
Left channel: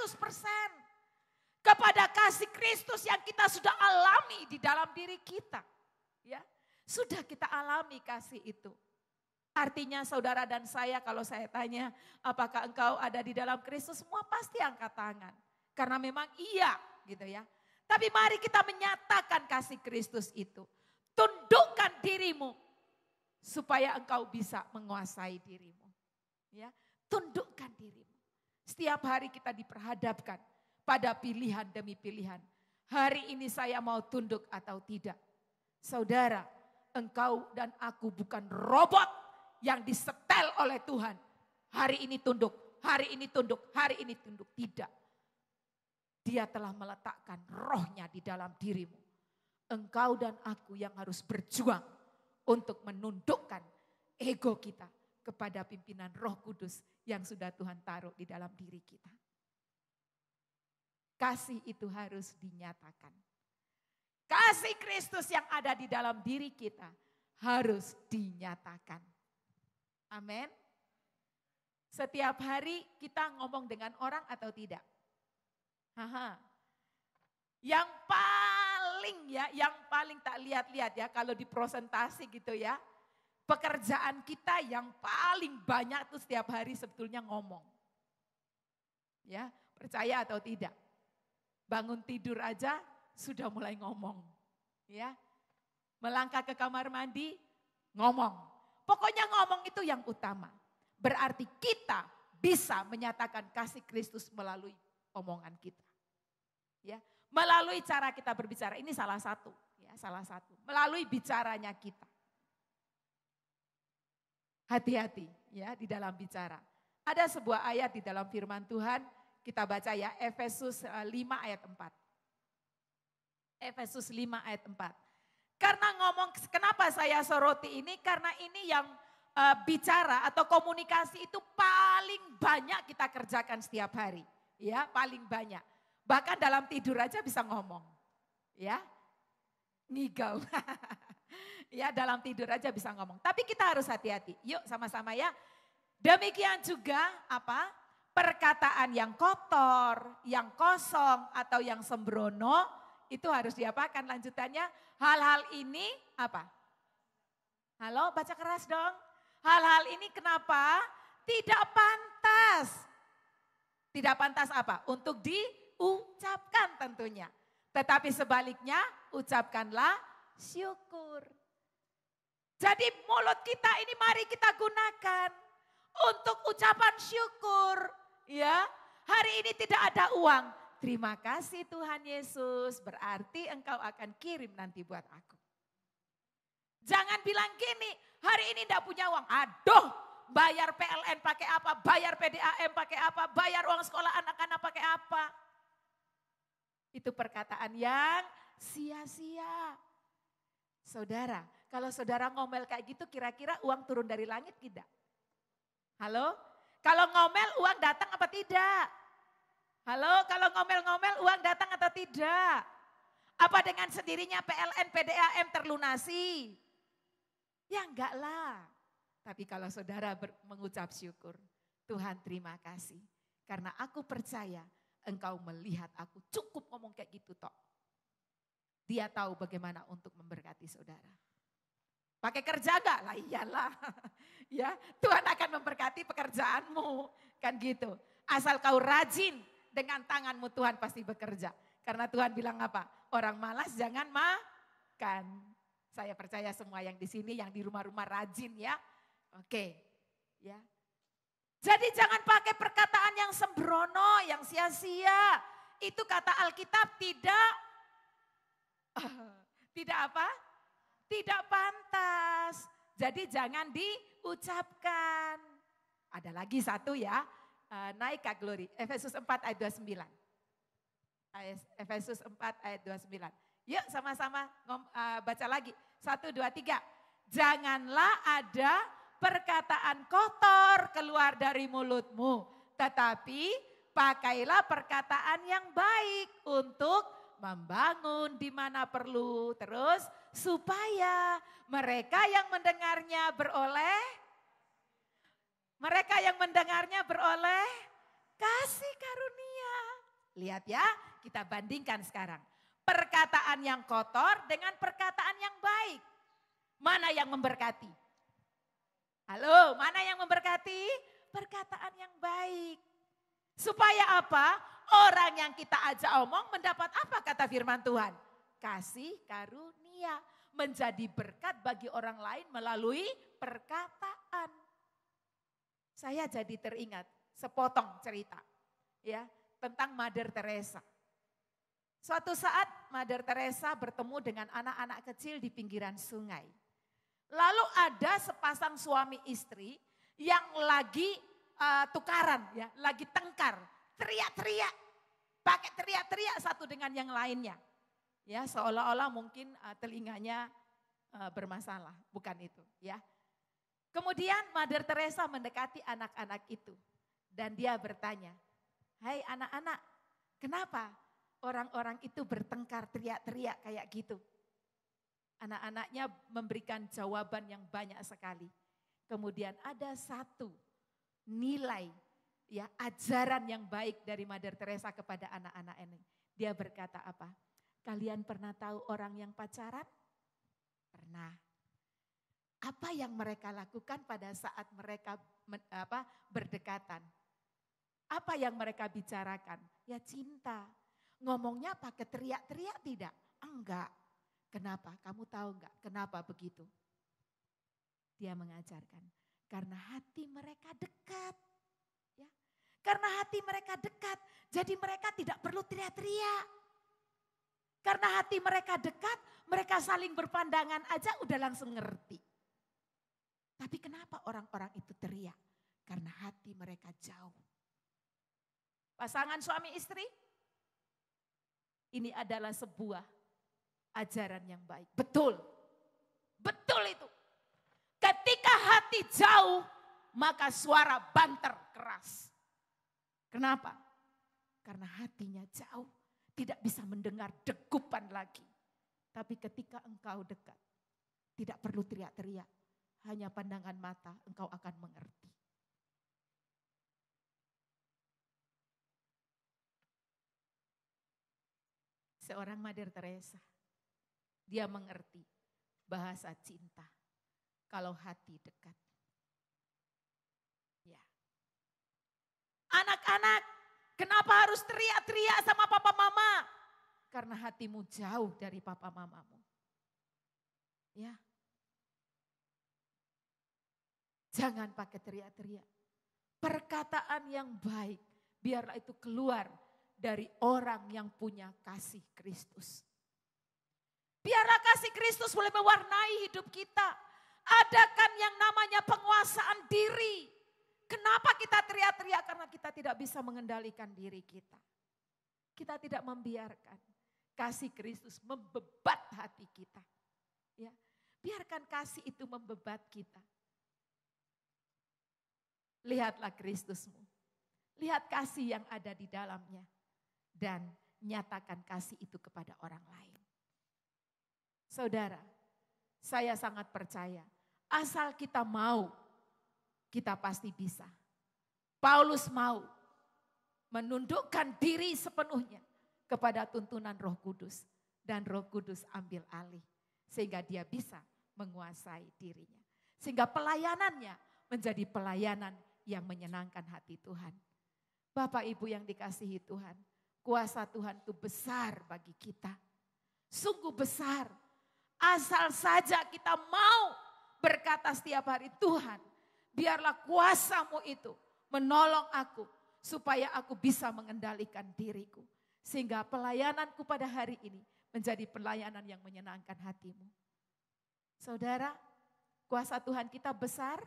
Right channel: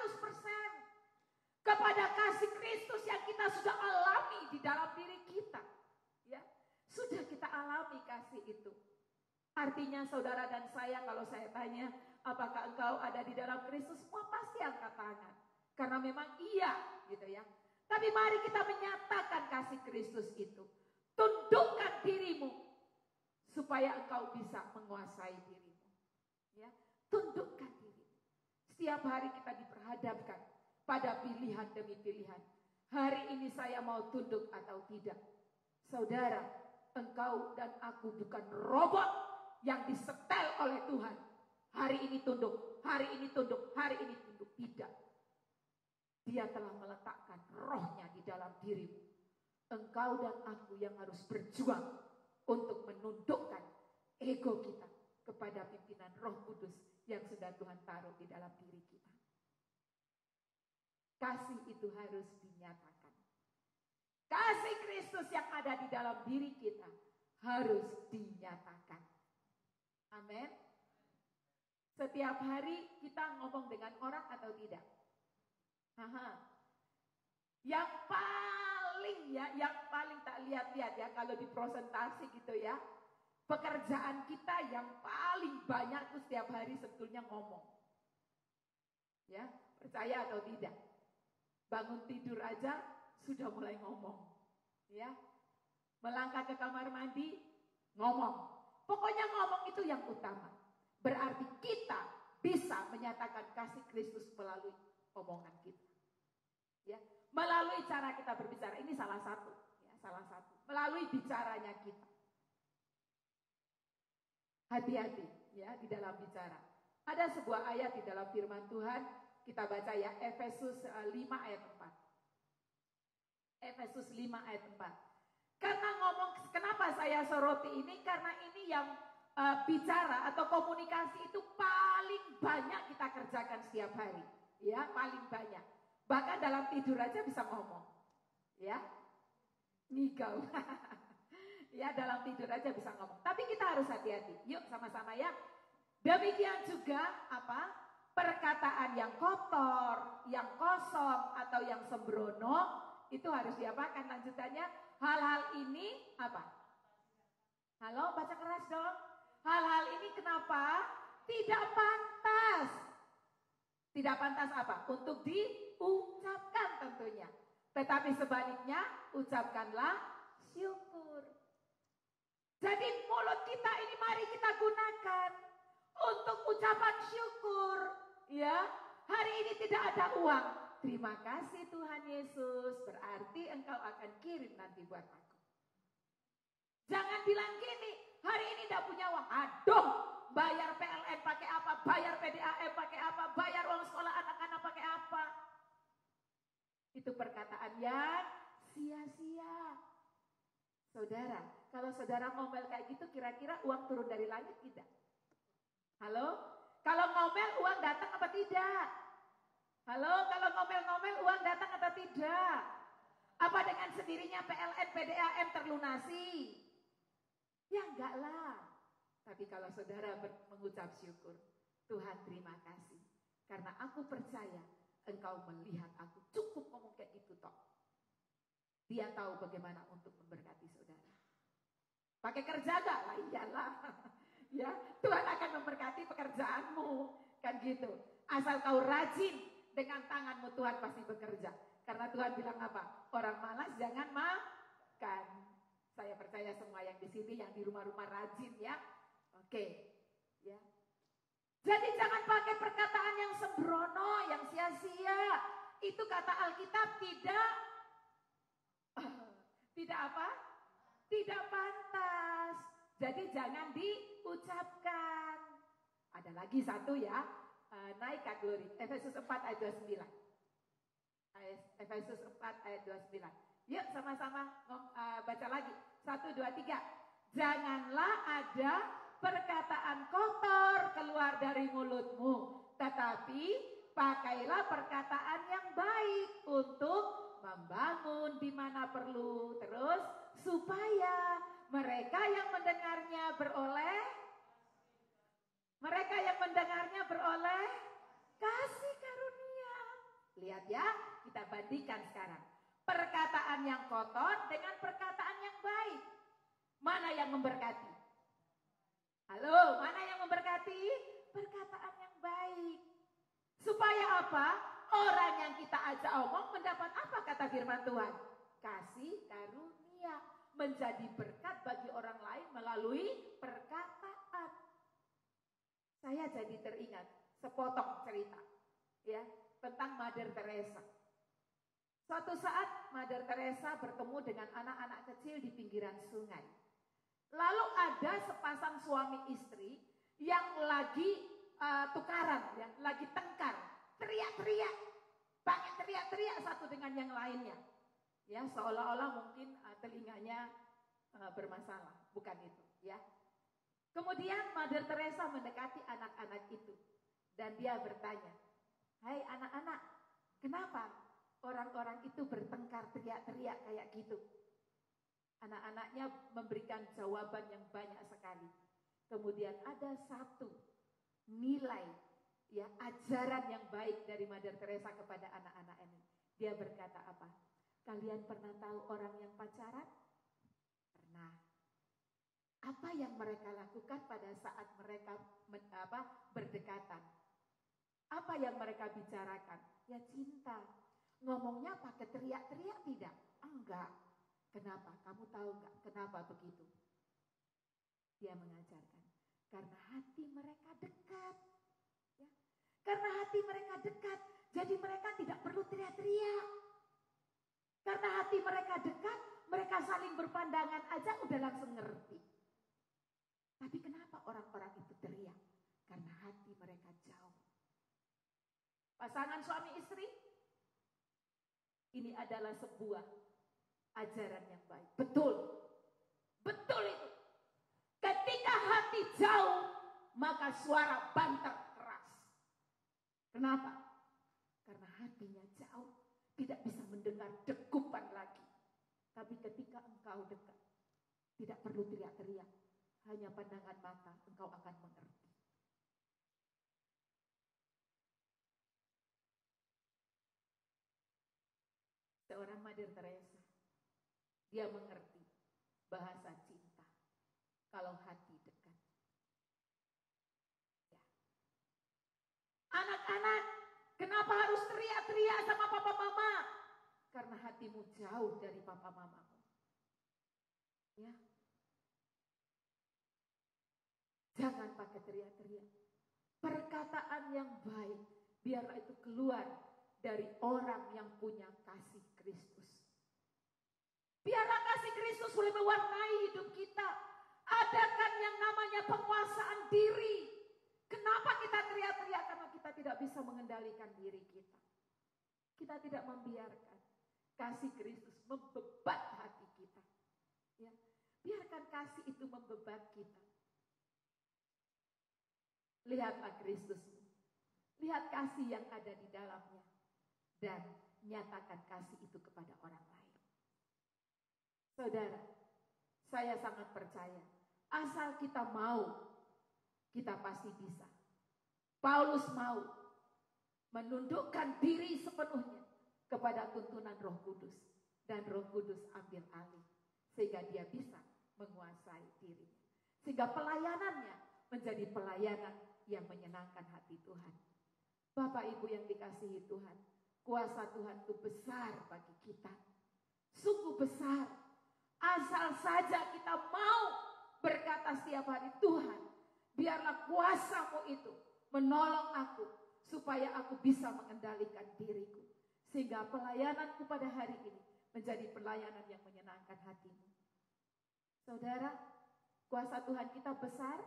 100% kepada kasih Kristus yang kita sudah alami di dalam diri kita. Ya, sudah kita alami kasih itu. Artinya saudara dan saya kalau saya tanya apakah engkau ada di dalam Kristus, semua pasti angkat tangan. Karena memang iya gitu ya. Tapi mari kita menyatakan kasih Kristus itu. Tundukkan dirimu supaya engkau bisa menguasai dirimu. Ya, tundukkan dirimu. Setiap hari kita diperhadapkan pada pilihan demi pilihan. Hari ini saya mau tunduk atau tidak. Saudara, engkau dan aku bukan robot yang disetel oleh Tuhan. Hari ini tunduk, hari ini tunduk, hari ini tunduk. Tidak. Dia telah meletakkan rohnya di dalam dirimu. Engkau dan aku yang harus berjuang untuk menundukkan ego kita kepada pimpinan Roh Kudus yang sudah Tuhan taruh di dalam diri kita. Kasih itu harus dinyatakan. Kasih Kristus yang ada di dalam diri kita harus dinyatakan. Amin. Setiap hari kita ngomong dengan orang atau tidak? Yang paling tak lihat-lihat ya kalau di presentasi gitu ya. Pekerjaan kita yang paling banyak tuh setiap hari sebetulnya ngomong. Ya, percaya atau tidak? Bangun tidur aja sudah mulai ngomong. Ya. Melangkah ke kamar mandi ngomong. Pokoknya ngomong itu yang utama. Berarti kita bisa menyatakan kasih Kristus melalui omongan kita. Ya, melalui cara kita berbicara. Ini salah satu, ya, salah satu. Melalui bicaranya kita. Hati-hati ya di dalam bicara. Ada sebuah ayat di dalam firman Tuhan, kita baca ya Efesus 5 ayat 4. Efesus 5 ayat 4. Karena kenapa saya soroti ini? Karena ini yang bicara atau komunikasi itu paling banyak kita kerjakan setiap hari. Ya, paling banyak. Bahkan dalam tidur aja bisa ngomong. Ya, ngigau. Ya, dalam tidur aja bisa ngomong. Tapi kita harus hati-hati. Yuk sama-sama ya. Demikian juga apa? Perkataan yang kotor, yang kosong atau yang sembrono itu harus diapakan lanjutannya? Hal-hal ini apa? Halo, baca keras dong. Hal-hal ini kenapa? Tidak pantas. Tidak pantas apa? Untuk diucapkan tentunya. Tetapi sebaliknya ucapkanlah syukur. Jadi mulut kita ini mari kita gunakan untuk ucapan syukur. Ya, hari ini tidak ada uang. Terima kasih Tuhan Yesus, berarti engkau akan kirim nanti buat aku. Jangan bilang gini, hari ini tidak punya uang. Aduh, bayar PLN pakai apa, bayar PDAM pakai apa, bayar uang sekolah anak-anak pakai apa. Itu perkataan yang sia-sia. Saudara, kalau saudara ngomel kayak gitu kira-kira uang turun dari langit tidak? Halo? Kalau ngomel uang datang apa tidak? Halo, kalau ngomel-ngomel uang datang atau tidak? Apa dengan sendirinya PLN, PDAM terlunasi? Ya enggak lah. Tapi kalau saudara mengucap syukur, Tuhan terima kasih. Karena aku percaya engkau melihat aku. Cukup ngomong kayak gitu toh. Dia tahu bagaimana untuk memberkati saudara. Pakai kerja gak? Lah iyalah. Ya, Tuhan akan memberkati pekerjaanmu. Kan gitu. Asal kau rajin dengan tanganmu, Tuhan pasti bekerja. Karena Tuhan bilang apa? Orang malas jangan makan. Saya percaya semua yang di sini, yang di rumah-rumah rajin ya. Oke. Ya. Jadi jangan pakai perkataan yang sembrono, yang sia-sia. Itu kata Alkitab tidak apa? Tidak pantas. Jadi jangan diucapkan. Ada lagi satu ya. Naik Kak Glory. Efesus 4 ayat 29. Efesus 4 ayat 29. Yuk sama-sama baca lagi. 1, 2, 3. Janganlah ada perkataan kotor keluar dari mulutmu. Tetapi pakailah perkataan yang baik untuk membangun di mana perlu. Terus supaya mereka yang mendengarnya beroleh kasih karunia. Lihat ya, kita bandingkan sekarang. Perkataan yang kotor dengan perkataan yang baik. Mana yang memberkati? Halo, mana yang memberkati? Perkataan yang baik. Supaya apa? Orang yang kita ajak omong mendapat apa kata firman Tuhan? Kasih karunia. Menjadi berkat bagi orang lain melalui perkataan. Saya jadi teringat sepotong cerita ya tentang Mother Teresa. Suatu saat Mother Teresa bertemu dengan anak-anak kecil di pinggiran sungai. Lalu ada sepasang suami istri yang lagi tukaran ya, lagi tengkar, teriak-teriak, pakai teriak-teriak satu dengan yang lainnya. Ya, seolah-olah mungkin telinganya bermasalah, bukan itu ya. Kemudian Mother Teresa mendekati anak-anak itu dan dia bertanya, "Hai anak-anak, kenapa orang-orang itu bertengkar teriak-teriak kayak gitu?" Anak-anaknya memberikan jawaban yang banyak sekali. Kemudian ada satu nilai ya, ajaran yang baik dari Mother Teresa kepada anak-anak ini. Dia berkata apa? Kalian pernah tahu orang yang pacaran? Pernah. Apa yang mereka lakukan pada saat mereka berdekatan? Apa yang mereka bicarakan? Ya cinta. Ngomongnya pakai teriak-teriak tidak? Enggak. Kenapa? Kamu tahu enggak kenapa begitu? Dia mengajarkan. Karena hati mereka dekat. Ya. Karena hati mereka dekat. Jadi mereka tidak perlu teriak-teriak. Karena hati mereka dekat, mereka saling berpandangan aja udah langsung ngerti. Tapi kenapa orang-orang itu teriak? Karena hati mereka jauh. Pasangan suami istri, ini adalah sebuah ajaran yang baik. Betul, betul itu. Ketika hati jauh, maka suara banter keras. Kenapa? Karena hatinya jauh. Tidak bisa mendengar degupan lagi. Tapi ketika engkau dekat, tidak perlu teriak-teriak. Hanya pandangan mata engkau akan mengerti. Seorang Mother Teresa, dia mengerti bahasa cinta kalau hati dekat. Ya. Anak-anak, kenapa harus teriak-teriak sama papa mama? Karena hatimu jauh dari papa mamamu. Ya. Jangan pakai teriak-teriak. Perkataan yang baik, biarlah itu keluar dari orang yang punya kasih Kristus. Biarlah kasih Kristus boleh mewarnai hidup kita. Adakan yang namanya penguasaan diri. Kenapa kita teriak-teriak? Karena kita tidak bisa mengendalikan diri kita. Kita tidak membiarkan kasih Kristus membebat hati kita. Ya, biarkan kasih itu membebat kita. Lihatlah Kristusmu. Lihat kasih yang ada di dalamnya. Dan nyatakan kasih itu kepada orang lain. Saudara, saya sangat percaya. Asal kita mau, kita pasti bisa. Paulus mau. menundukkan diri sepenuhnya kepada tuntunan Roh Kudus. Dan Roh Kudus ambil alih sehingga dia bisa menguasai dirinya. Sehingga pelayanannya menjadi pelayanan yang menyenangkan hati Tuhan. Bapak Ibu yang dikasihi Tuhan, kuasa Tuhan itu besar bagi kita. Sungguh besar. Asal saja kita mau berkata setiap hari, Tuhan, biarlah kuasa-Mu itu menolong aku supaya aku bisa mengendalikan diriku. Sehingga pelayananku pada hari ini menjadi pelayanan yang menyenangkan hati-Mu. Saudara, kuasa Tuhan kita besar?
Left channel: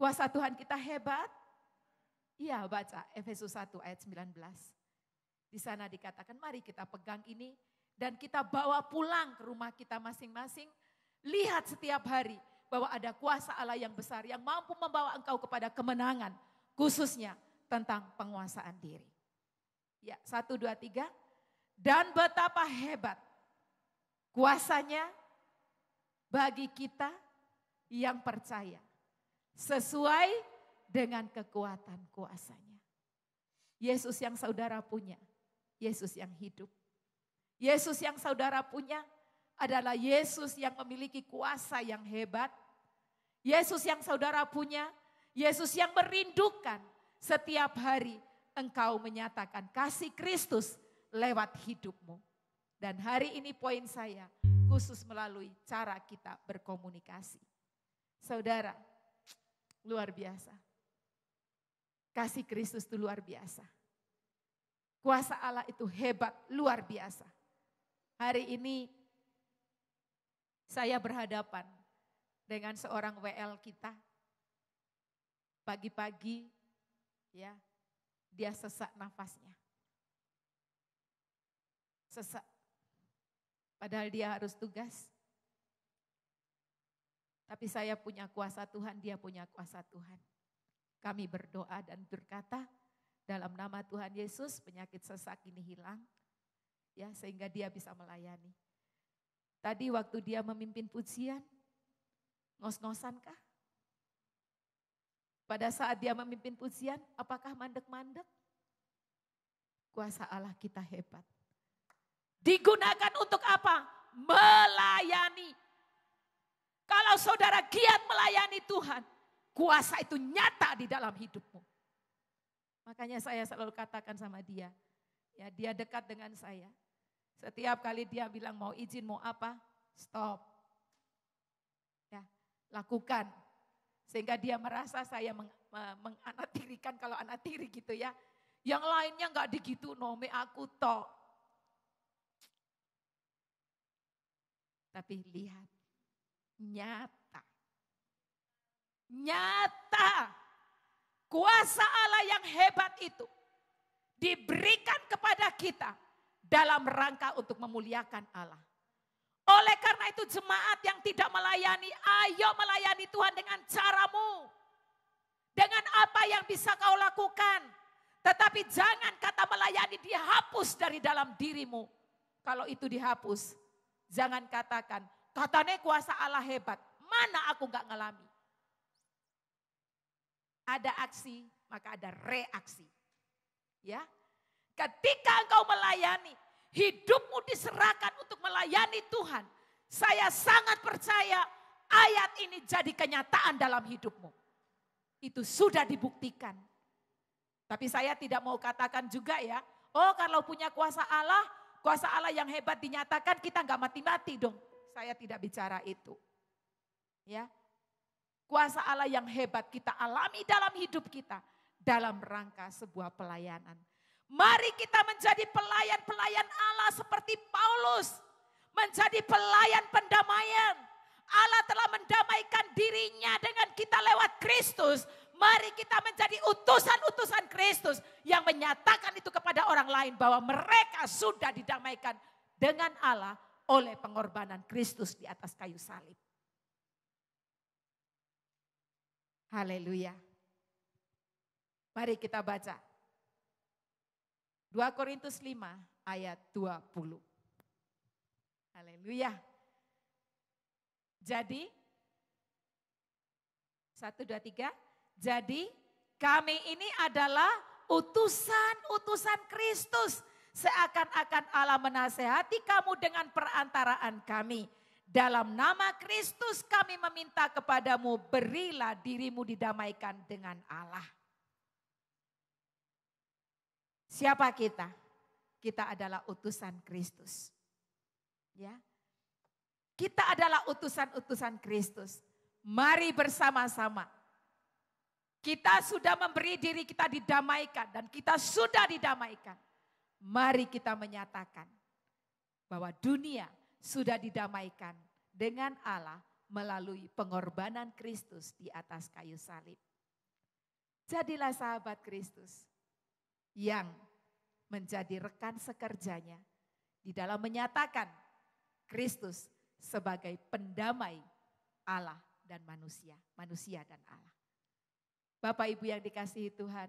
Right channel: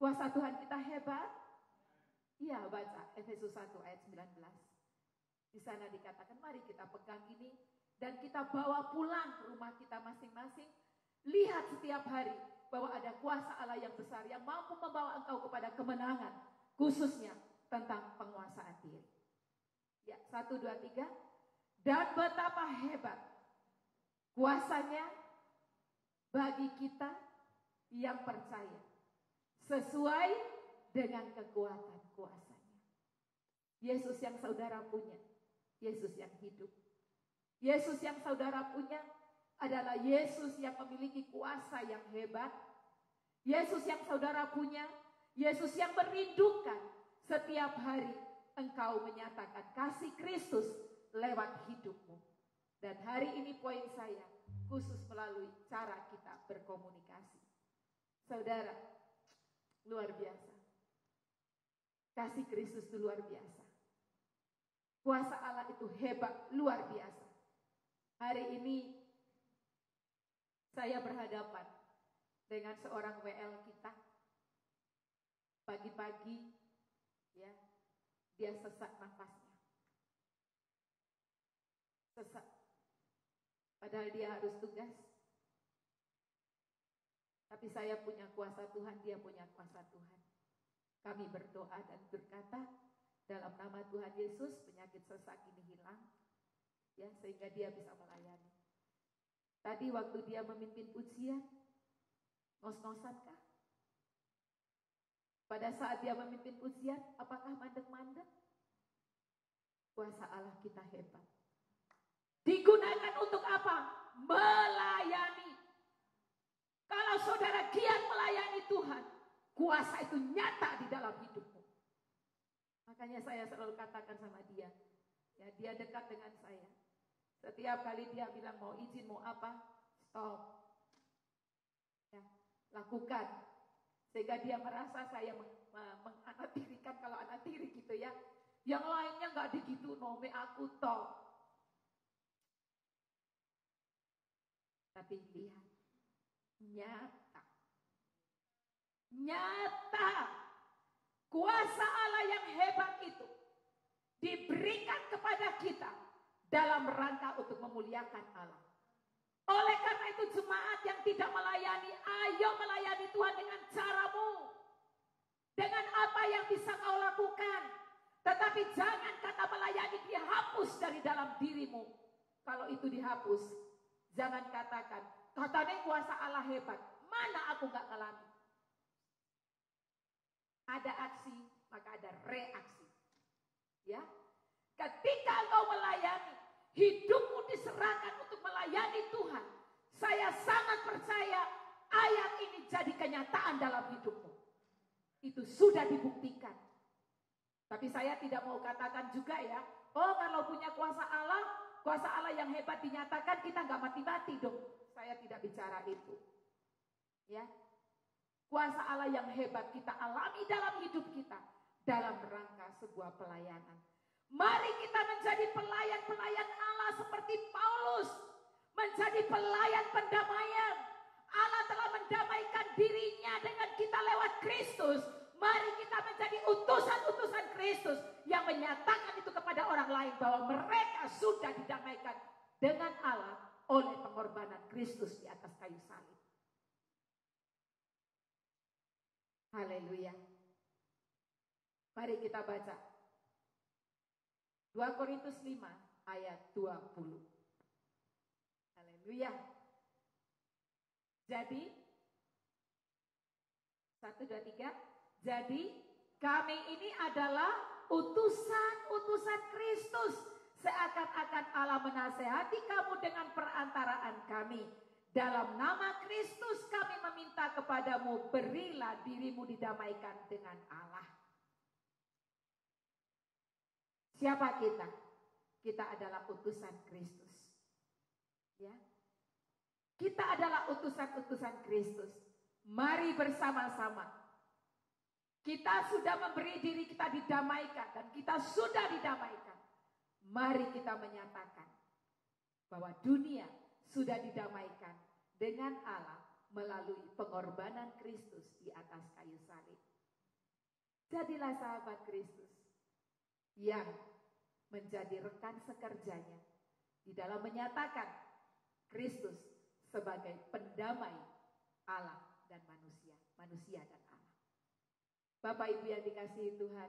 Kuasa Tuhan kita hebat? Iya, baca Efesus 1 ayat 19. Di sana dikatakan, mari kita pegang ini dan kita bawa pulang ke rumah kita masing-masing. Lihat setiap hari bahwa ada kuasa Allah yang besar yang mampu membawa engkau kepada kemenangan, khususnya tentang penguasaan diri. Ya, 1, 2, 3. Dan betapa hebat kuasanya bagi kita yang percaya sesuai dengan kekuatan kuasanya. Yesus yang saudara punya, Yesus yang hidup. Yesus yang saudara punya adalah Yesus yang memiliki kuasa yang hebat. Yesus yang saudara punya, Yesus yang merindukan setiap hari engkau menyatakan kasih Kristus lewat hidupmu. Dan hari ini poin saya khusus melalui cara kita berkomunikasi. Saudara, luar biasa. Kasih Kristus itu luar biasa. Kuasa Allah itu hebat, luar biasa. Hari ini saya berhadapan dengan seorang WL kita. Pagi-pagi ya, dia sesak nafasnya. Sesak. Padahal dia harus tugas. Tapi saya punya kuasa Tuhan, dia punya kuasa Tuhan. Kami berdoa dan berkata, dalam nama Tuhan Yesus penyakit sesak ini hilang. Ya, sehingga dia bisa melayani. Tadi waktu dia memimpin pujian, ngos-ngosankah? Pada saat dia memimpin pujian, apakah mandek-mandek? Kuasa Allah kita hebat. Digunakan untuk apa? Melayani. Kalau saudara giat melayani Tuhan, kuasa itu nyata di dalam hidupmu. Makanya saya selalu katakan sama dia, ya dia dekat dengan saya. Setiap kali dia bilang mau izin, mau apa, stop. Ya, lakukan. Sehingga dia merasa saya menganak tirikan, kalau anak tiri gitu ya. Yang lainnya gak digitu, nome aku toh. Tapi lihat, nyata. Nyata. Kuasa Allah yang hebat itu diberikan kepada kita dalam rangka untuk memuliakan Allah. Oleh karena itu jemaat yang tidak melayani, ayo melayani Tuhan dengan caramu. Dengan apa yang bisa kau lakukan. Tetapi jangan kata melayani dihapus dari dalam dirimu. Kalau itu dihapus, jangan katakan, katanya kuasa Allah hebat. Mana aku gak ngalami. Ada aksi, maka ada reaksi. Ya, ketika engkau melayani, hidupmu diserahkan untuk melayani Tuhan. Saya sangat percaya ayat ini jadi kenyataan dalam hidupmu. Itu sudah dibuktikan. Tapi saya tidak mau katakan juga ya, oh kalau punya kuasa Allah yang hebat dinyatakan kita gak mati-mati dong. Saya tidak bicara itu. Ya. Kuasa Allah yang hebat kita alami dalam hidup kita. Dalam rangka sebuah pelayanan. Mari kita menjadi pelayan-pelayan Allah seperti Paulus. Menjadi pelayan pendamaian. Allah telah mendamaikan dirinya dengan kita lewat Kristus. Mari kita menjadi utusan-utusan Kristus. Yang menyatakan itu kepada orang lain bahwa mereka sudah didamaikan dengan Allah oleh pengorbanan Kristus di atas kayu salib. Haleluya. Mari kita baca. 2 Korintus 5 ayat 20. Haleluya. Jadi, 1, 2, 3. Jadi kami ini adalah utusan Kristus. Seakan-akan Allah menasehati kamu dengan perantaraan kami. Dalam nama Kristus kami meminta kepadamu, berilah dirimu didamaikan dengan Allah. Siapa kita? Kita adalah utusan Kristus. Ya. Kita adalah utusan-utusan Kristus. Mari bersama-sama. Kita sudah memberi diri kita didamaikan dan kita sudah didamaikan. Mari kita menyatakan bahwa dunia sudah didamaikan dengan Allah melalui pengorbanan Kristus di atas kayu salib. Jadilah sahabat Kristus yang menjadi rekan sekerjanya di dalam menyatakan Kristus sebagai pendamai Allah dan manusia dan Allah. Bapak Ibu yang dikasihi Tuhan,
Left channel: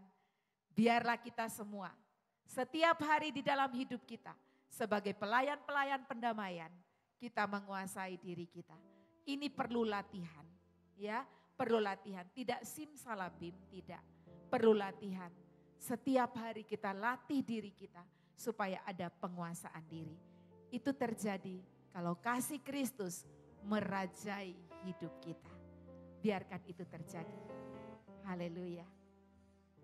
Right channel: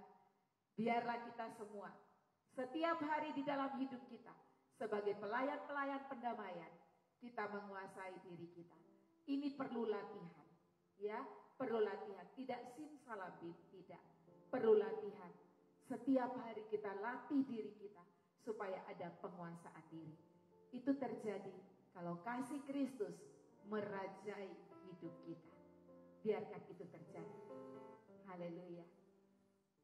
biarlah kita semua setiap hari di dalam hidup kita sebagai pelayan-pelayan pendamaian, kita menguasai diri kita. Ini perlu latihan, ya, perlu latihan. Tidak simsalabim, tidak. Perlu latihan. Setiap hari kita latih diri kita supaya ada penguasaan diri. Itu terjadi kalau kasih Kristus merajai hidup kita. Biarkan itu terjadi. Haleluya.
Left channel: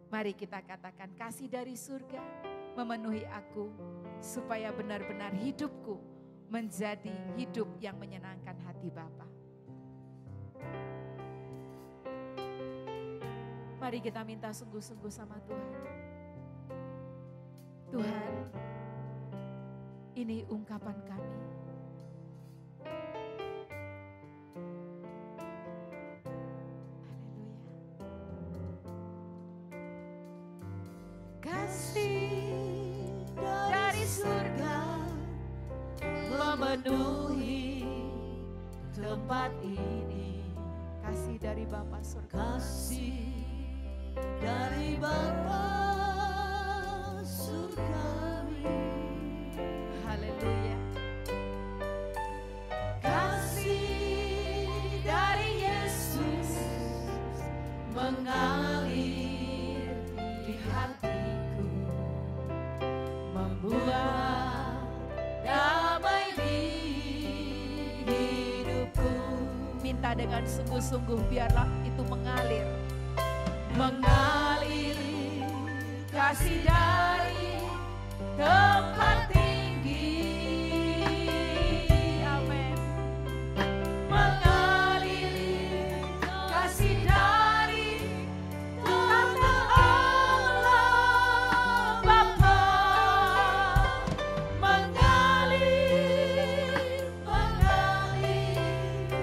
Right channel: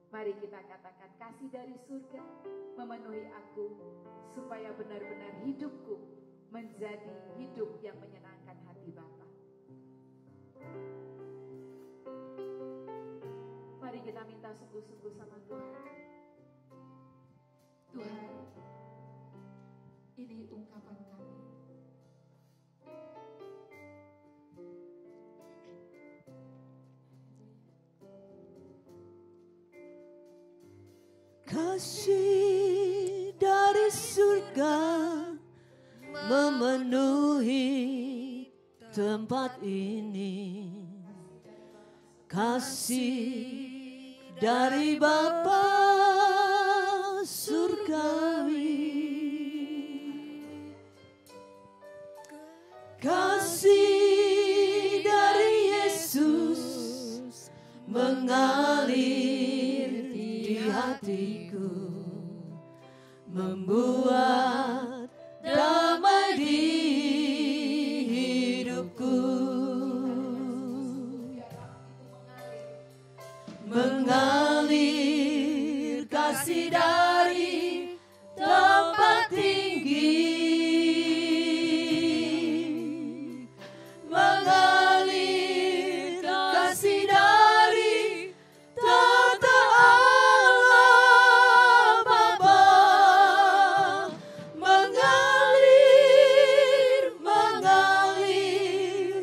Mari kita katakan, kasih dari surga memenuhi aku supaya benar-benar hidupku menjadi hidup yang menyenangkan hati Bapa. Mari kita minta sungguh-sungguh sama Tuhan. Tuhan, ini ungkapan kami. Kasih dari surga memenuhi tempat ini. Kasih dari Bapa surga. Kasih dari Bapa surgawi. Haleluya. Kasih dari Yesus mengalir di hatiku, membuat damai di hidupku. Minta dengan sungguh-sungguh biarlah itu mengalir. Mengalir kasih dari tempat tinggi. Mengalir kasih dari tata Allah Bapa. Mengalir, mengalir,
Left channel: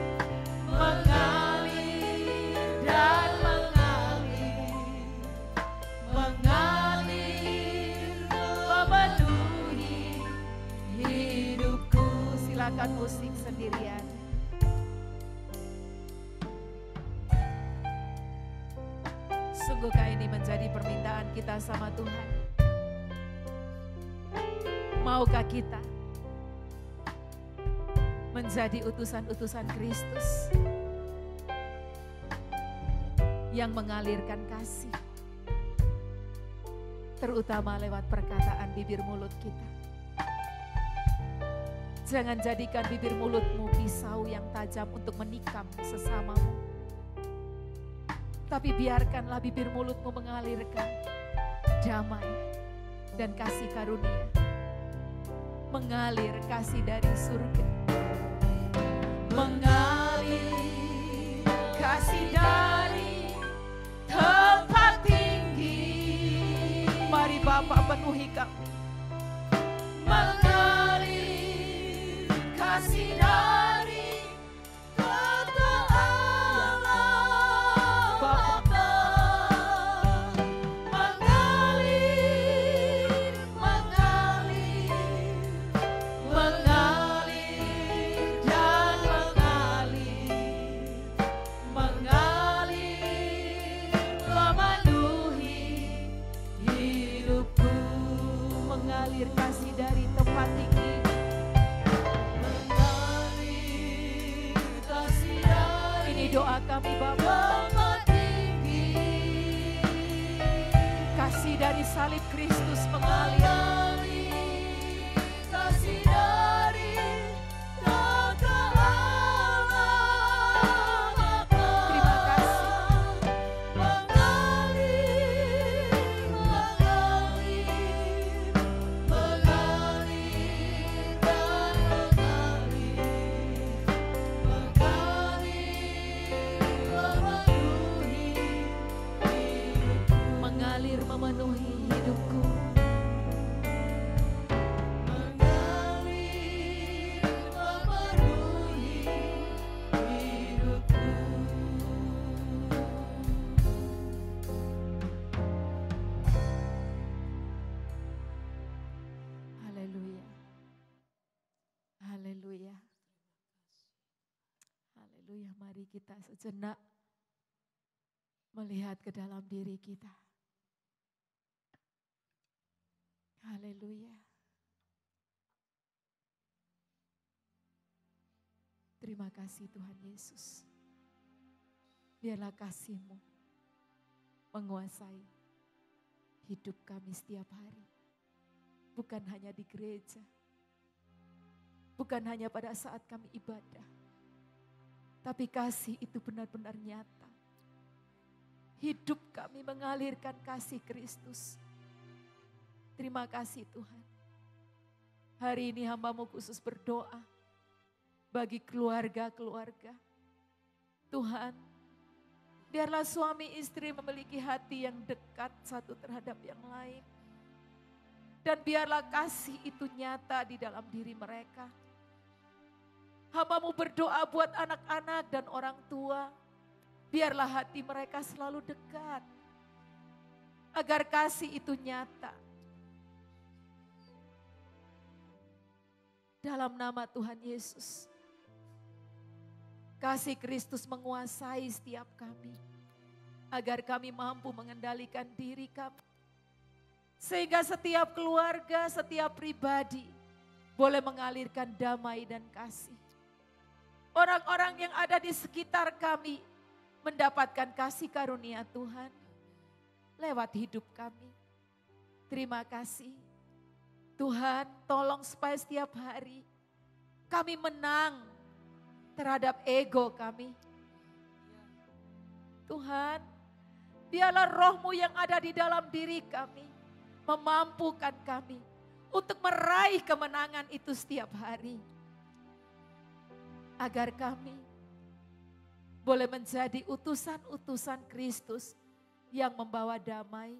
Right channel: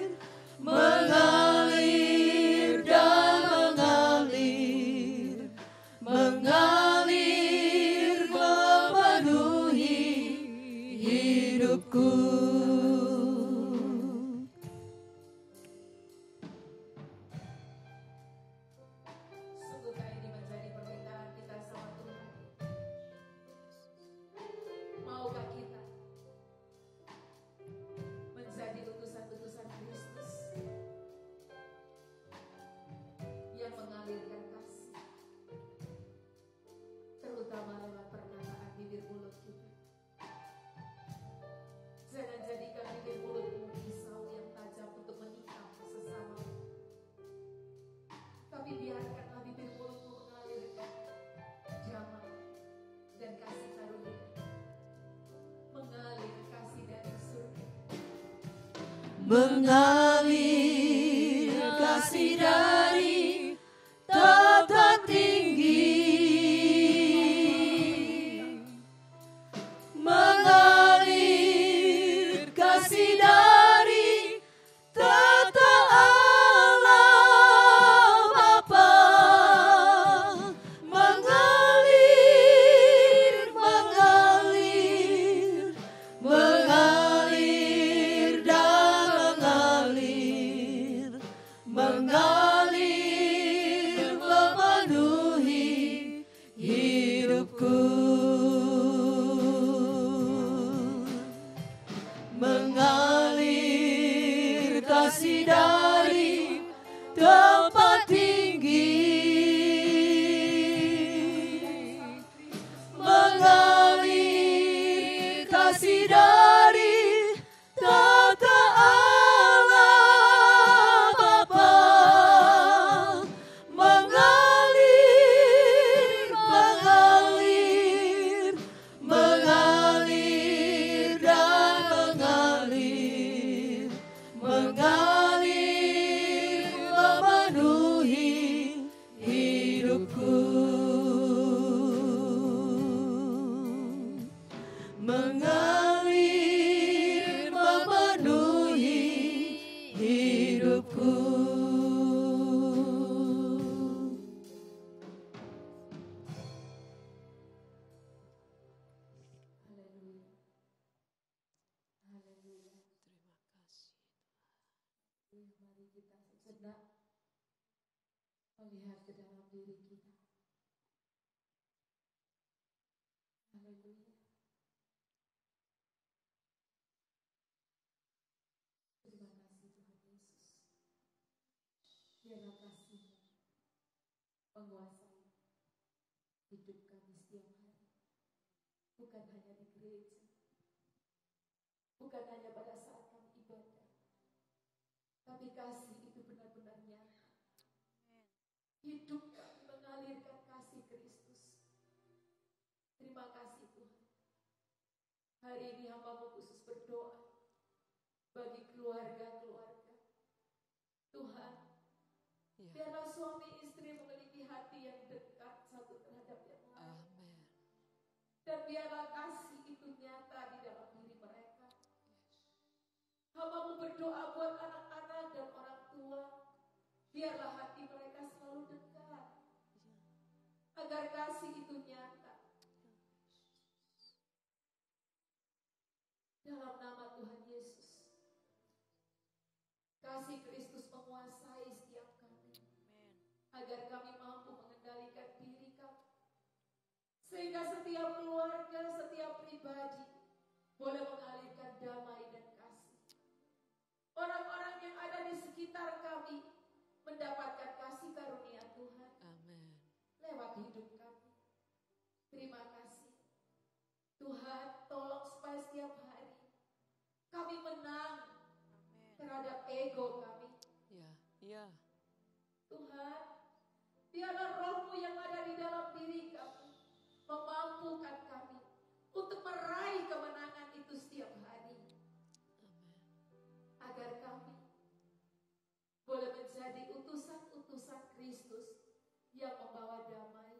mengalir dan mengalir, mengalir memenuhi hidupku. Silakan musik sendirian. Sungguhkah ini menjadi permintaan kita sama Tuhan? Maukah kita menjadi utusan-utusan Kristus yang mengalirkan kasih, terutama lewat perkataan bibir mulut kita? Jangan jadikan bibir mulutmu pisau yang tajam untuk menikam sesamamu. Tapi biarkanlah bibir mulutmu mengalirkan damai dan kasih karunia. Mengalir kasih dari surga. Mengalir kasih dari tempat tinggi. Mari Bapa penuhi kami. Mengalir kasih dari tata Allah Bapa. Mengalir, mengalir, mengalir dan mengalir, mengalir Mari kita sejenak melihat ke dalam diri kita. Haleluya. Terima kasih Tuhan Yesus. Biarlah kasih-Mu menguasai hidup kami setiap hari. Bukan hanya di gereja. Bukan hanya pada saat kami ibadah. Tapi kasih itu benar-benar nyata. Hidup kami mengalirkan kasih Kristus. Terima kasih Tuhan. Hari ini hamba-Mu khusus berdoa bagi keluarga-keluarga. Tuhan, biarlah suami istri memiliki hati yang dekat satu terhadap yang lain. Dan biarlah kasih itu nyata di dalam diri mereka. Hamba-Mu berdoa buat anak-anak dan orang tua. Biarlah hati mereka selalu dekat. Agar kasih itu nyata. Dalam nama Tuhan Yesus. Kasih Kristus menguasai setiap kami. Agar kami mampu mengendalikan diri kami. Sehingga setiap keluarga, setiap pribadi boleh mengalirkan damai dan kasih. Orang-orang yang ada di sekitar kami mendapatkan kasih karunia Tuhan. Lewat hidup kami. Terima kasih. Tuhan, tolong supaya setiap hari kami menang terhadap ego kami. Tuhan, biarlah roh-Mu yang ada di dalam diri kami memampukan kami untuk meraih kemenangan itu setiap hari. Agar kami boleh menjadi utusan-utusan Kristus yang membawa damai.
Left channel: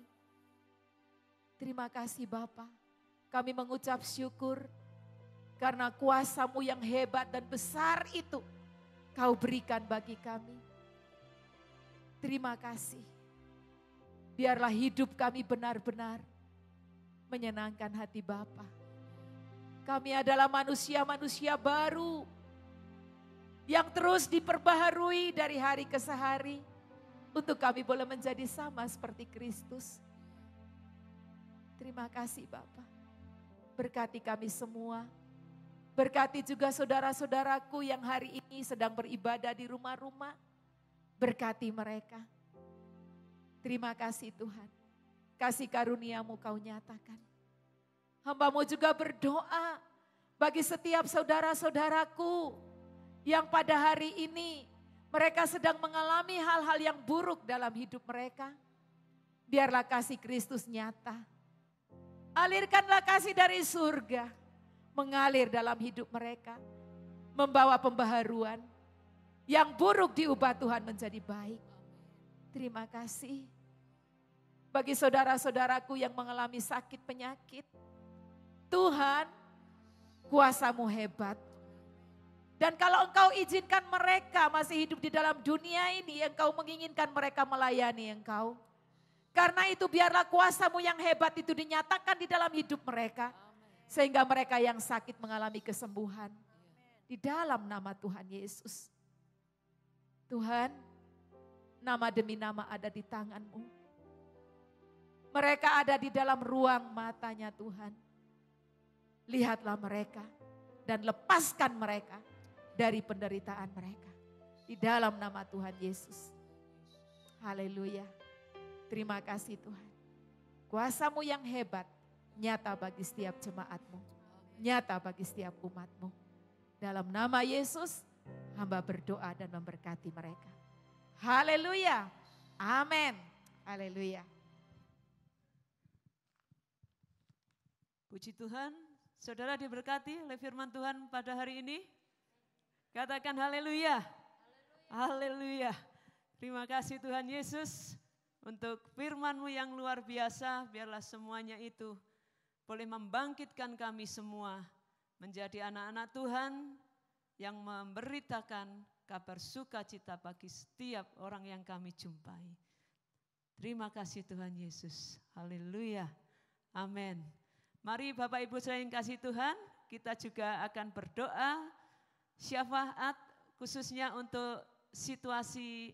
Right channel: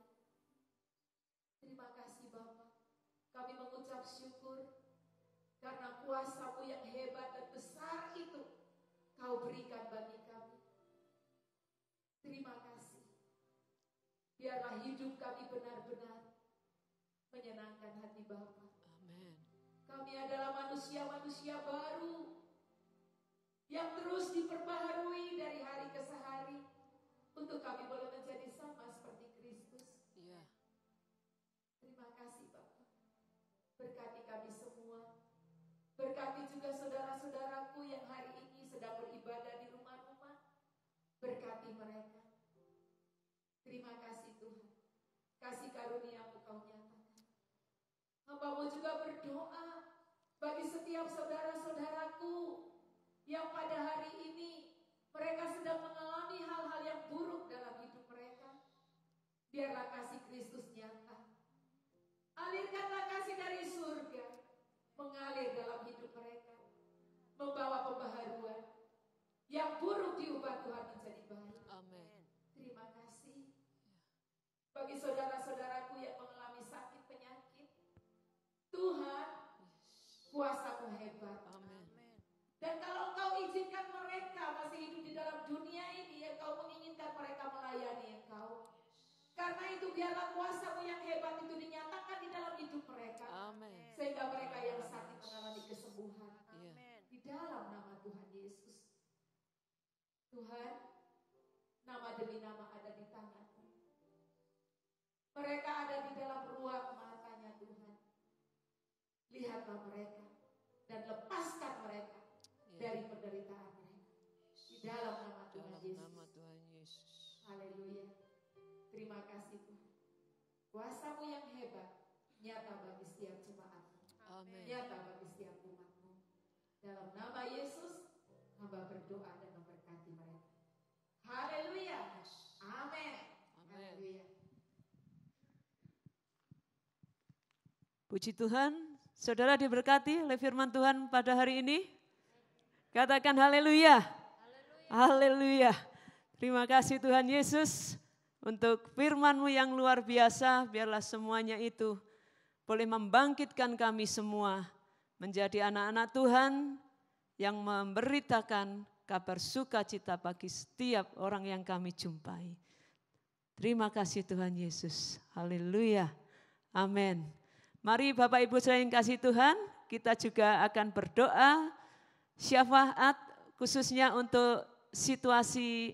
Terima kasih Bapa. Kami mengucap syukur karena kuasa-Mu yang hebat dan besar itu Kau berikan bagi kami. Terima kasih. Biarlah hidup kami benar-benar menyenangkan hati Bapa. Kami adalah manusia-manusia baru yang terus diperbaharui dari hari ke hari untuk kami boleh menjadi sama seperti Kristus. Terima kasih Bapa. Berkati kami semua. Berkati juga saudara-saudaraku yang hari ini sedang beribadah di rumah-rumah. Berkati mereka. Terima kasih Tuhan. Kasih karunia-Mu Kau nyatakan. Hamba-Mu juga berdoa bagi setiap saudara-saudaraku yang pada hari ini mereka sedang mengalami hal-hal yang buruk dalam hidup mereka. Biarlah kasih Kristus nyata. Alirkanlah kasih dari surga, mengalir dalam hidup mereka, membawa pembaharuan. Yang buruk diubah Tuhan menjadi baik. Terima kasih. Bagi saudara-saudaraku yang mengalami sakit penyakit, Tuhan, kuasa-Mu hebat. Dan kalau Engkau izinkan mereka masih hidup di dalam dunia ini, Engkau menginginkan mereka melayani Engkau. Karena itu biarlah kuasa-Mu yang hebat itu dinyatakan di dalam hidup mereka. Sehingga mereka yang sakit mengalami kesembuhan. Di dalam nama Tuhan Yesus. Tuhan, nama demi nama ada di tangan-Mu. Mereka ada di dalam ruang matanya Tuhan. Lihatlah mereka dan lepaskan mereka dari penderitaan mereka. Di dalam nama Tuhan Yesus. Haleluya. Terima kasih Tuhan. Kuasa-Mu yang hebat nyata bagi setiap jemaat-Mu. Nyata bagi setiap umat-Mu. Dalam nama Yesus, hamba berdoa dan memberkati mereka. Haleluya. Amin. Haleluya. Puji Tuhan, saudara diberkati oleh firman Tuhan pada hari ini. Katakan haleluya. Haleluya. Terima kasih Tuhan Yesus untuk firman-Mu yang luar biasa. Biarlah semuanya itu boleh membangkitkan kami semua menjadi anak-anak Tuhan yang memberitakan kabar sukacita bagi setiap orang yang kami jumpai. Terima kasih Tuhan Yesus. Haleluya. Amin. Mari Bapak Ibu saya yang kasih Tuhan, kita juga akan berdoa syafaat khususnya untuk situasi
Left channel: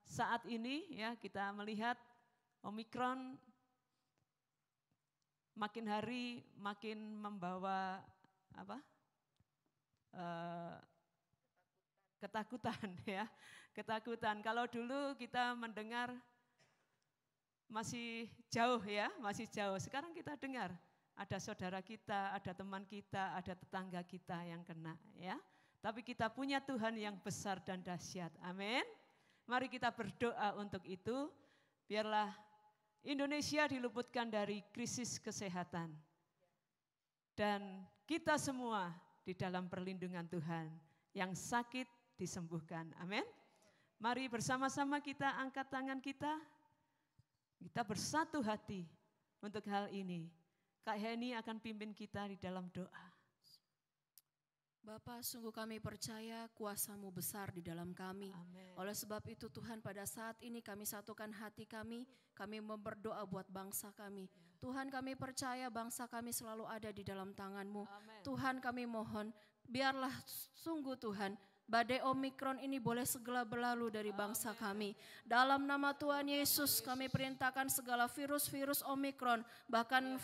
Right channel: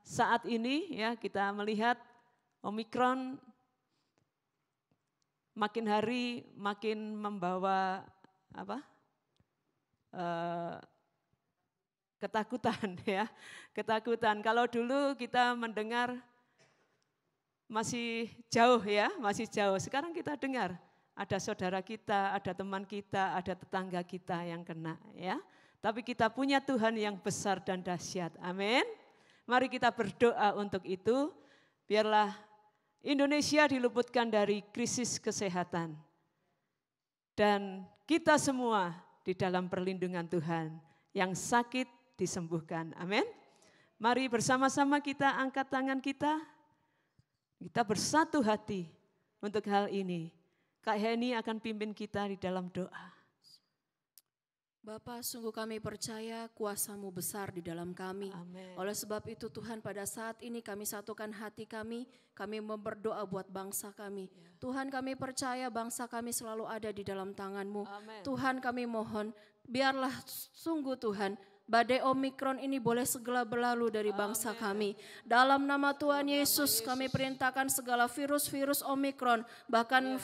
saat ini ya, kita melihat Omikron makin hari makin membawa ketakutan ya, ketakutan. Kalau dulu kita mendengar masih jauh ya, masih jauh. Sekarang kita dengar ada saudara kita, ada teman kita, ada tetangga kita yang kena ya. Tapi kita punya Tuhan yang besar dan dahsyat. Amin. Mari kita berdoa untuk itu. Biarlah Indonesia diluputkan dari krisis kesehatan. Dan kita semua di dalam perlindungan Tuhan. Yang sakit disembuhkan. Amin. Mari bersama-sama kita angkat tangan kita. Kita bersatu hati untuk hal ini. Kak Heni akan pimpin kita di dalam doa. Bapa, sungguh kami percaya kuasa-Mu besar di dalam kami. Amen. Oleh sebab itu Tuhan, pada saat ini kami satukan hati kami berdoa buat bangsa kami. Ya. Tuhan, kami percaya bangsa kami selalu ada di dalam tangan-Mu. Amen. Tuhan, kami mohon biarlah sungguh Tuhan, badai Omikron ini boleh segera berlalu dari bangsa kami. Dalam nama Tuhan Yesus kami perintahkan segala virus-virus Omikron, bahkan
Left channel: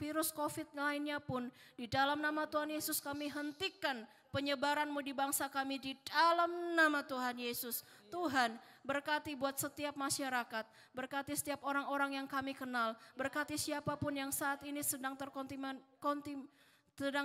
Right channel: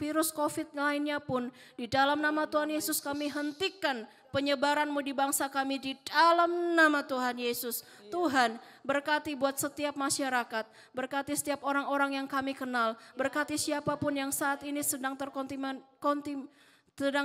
virus COVID lainnya pun, di dalam nama Tuhan Yesus kami hentikan penyebaran-Mu di bangsa kami di dalam nama Tuhan Yesus. Tuhan, berkati buat setiap masyarakat, berkati setiap orang-orang yang kami kenal, berkati siapapun yang saat ini sedang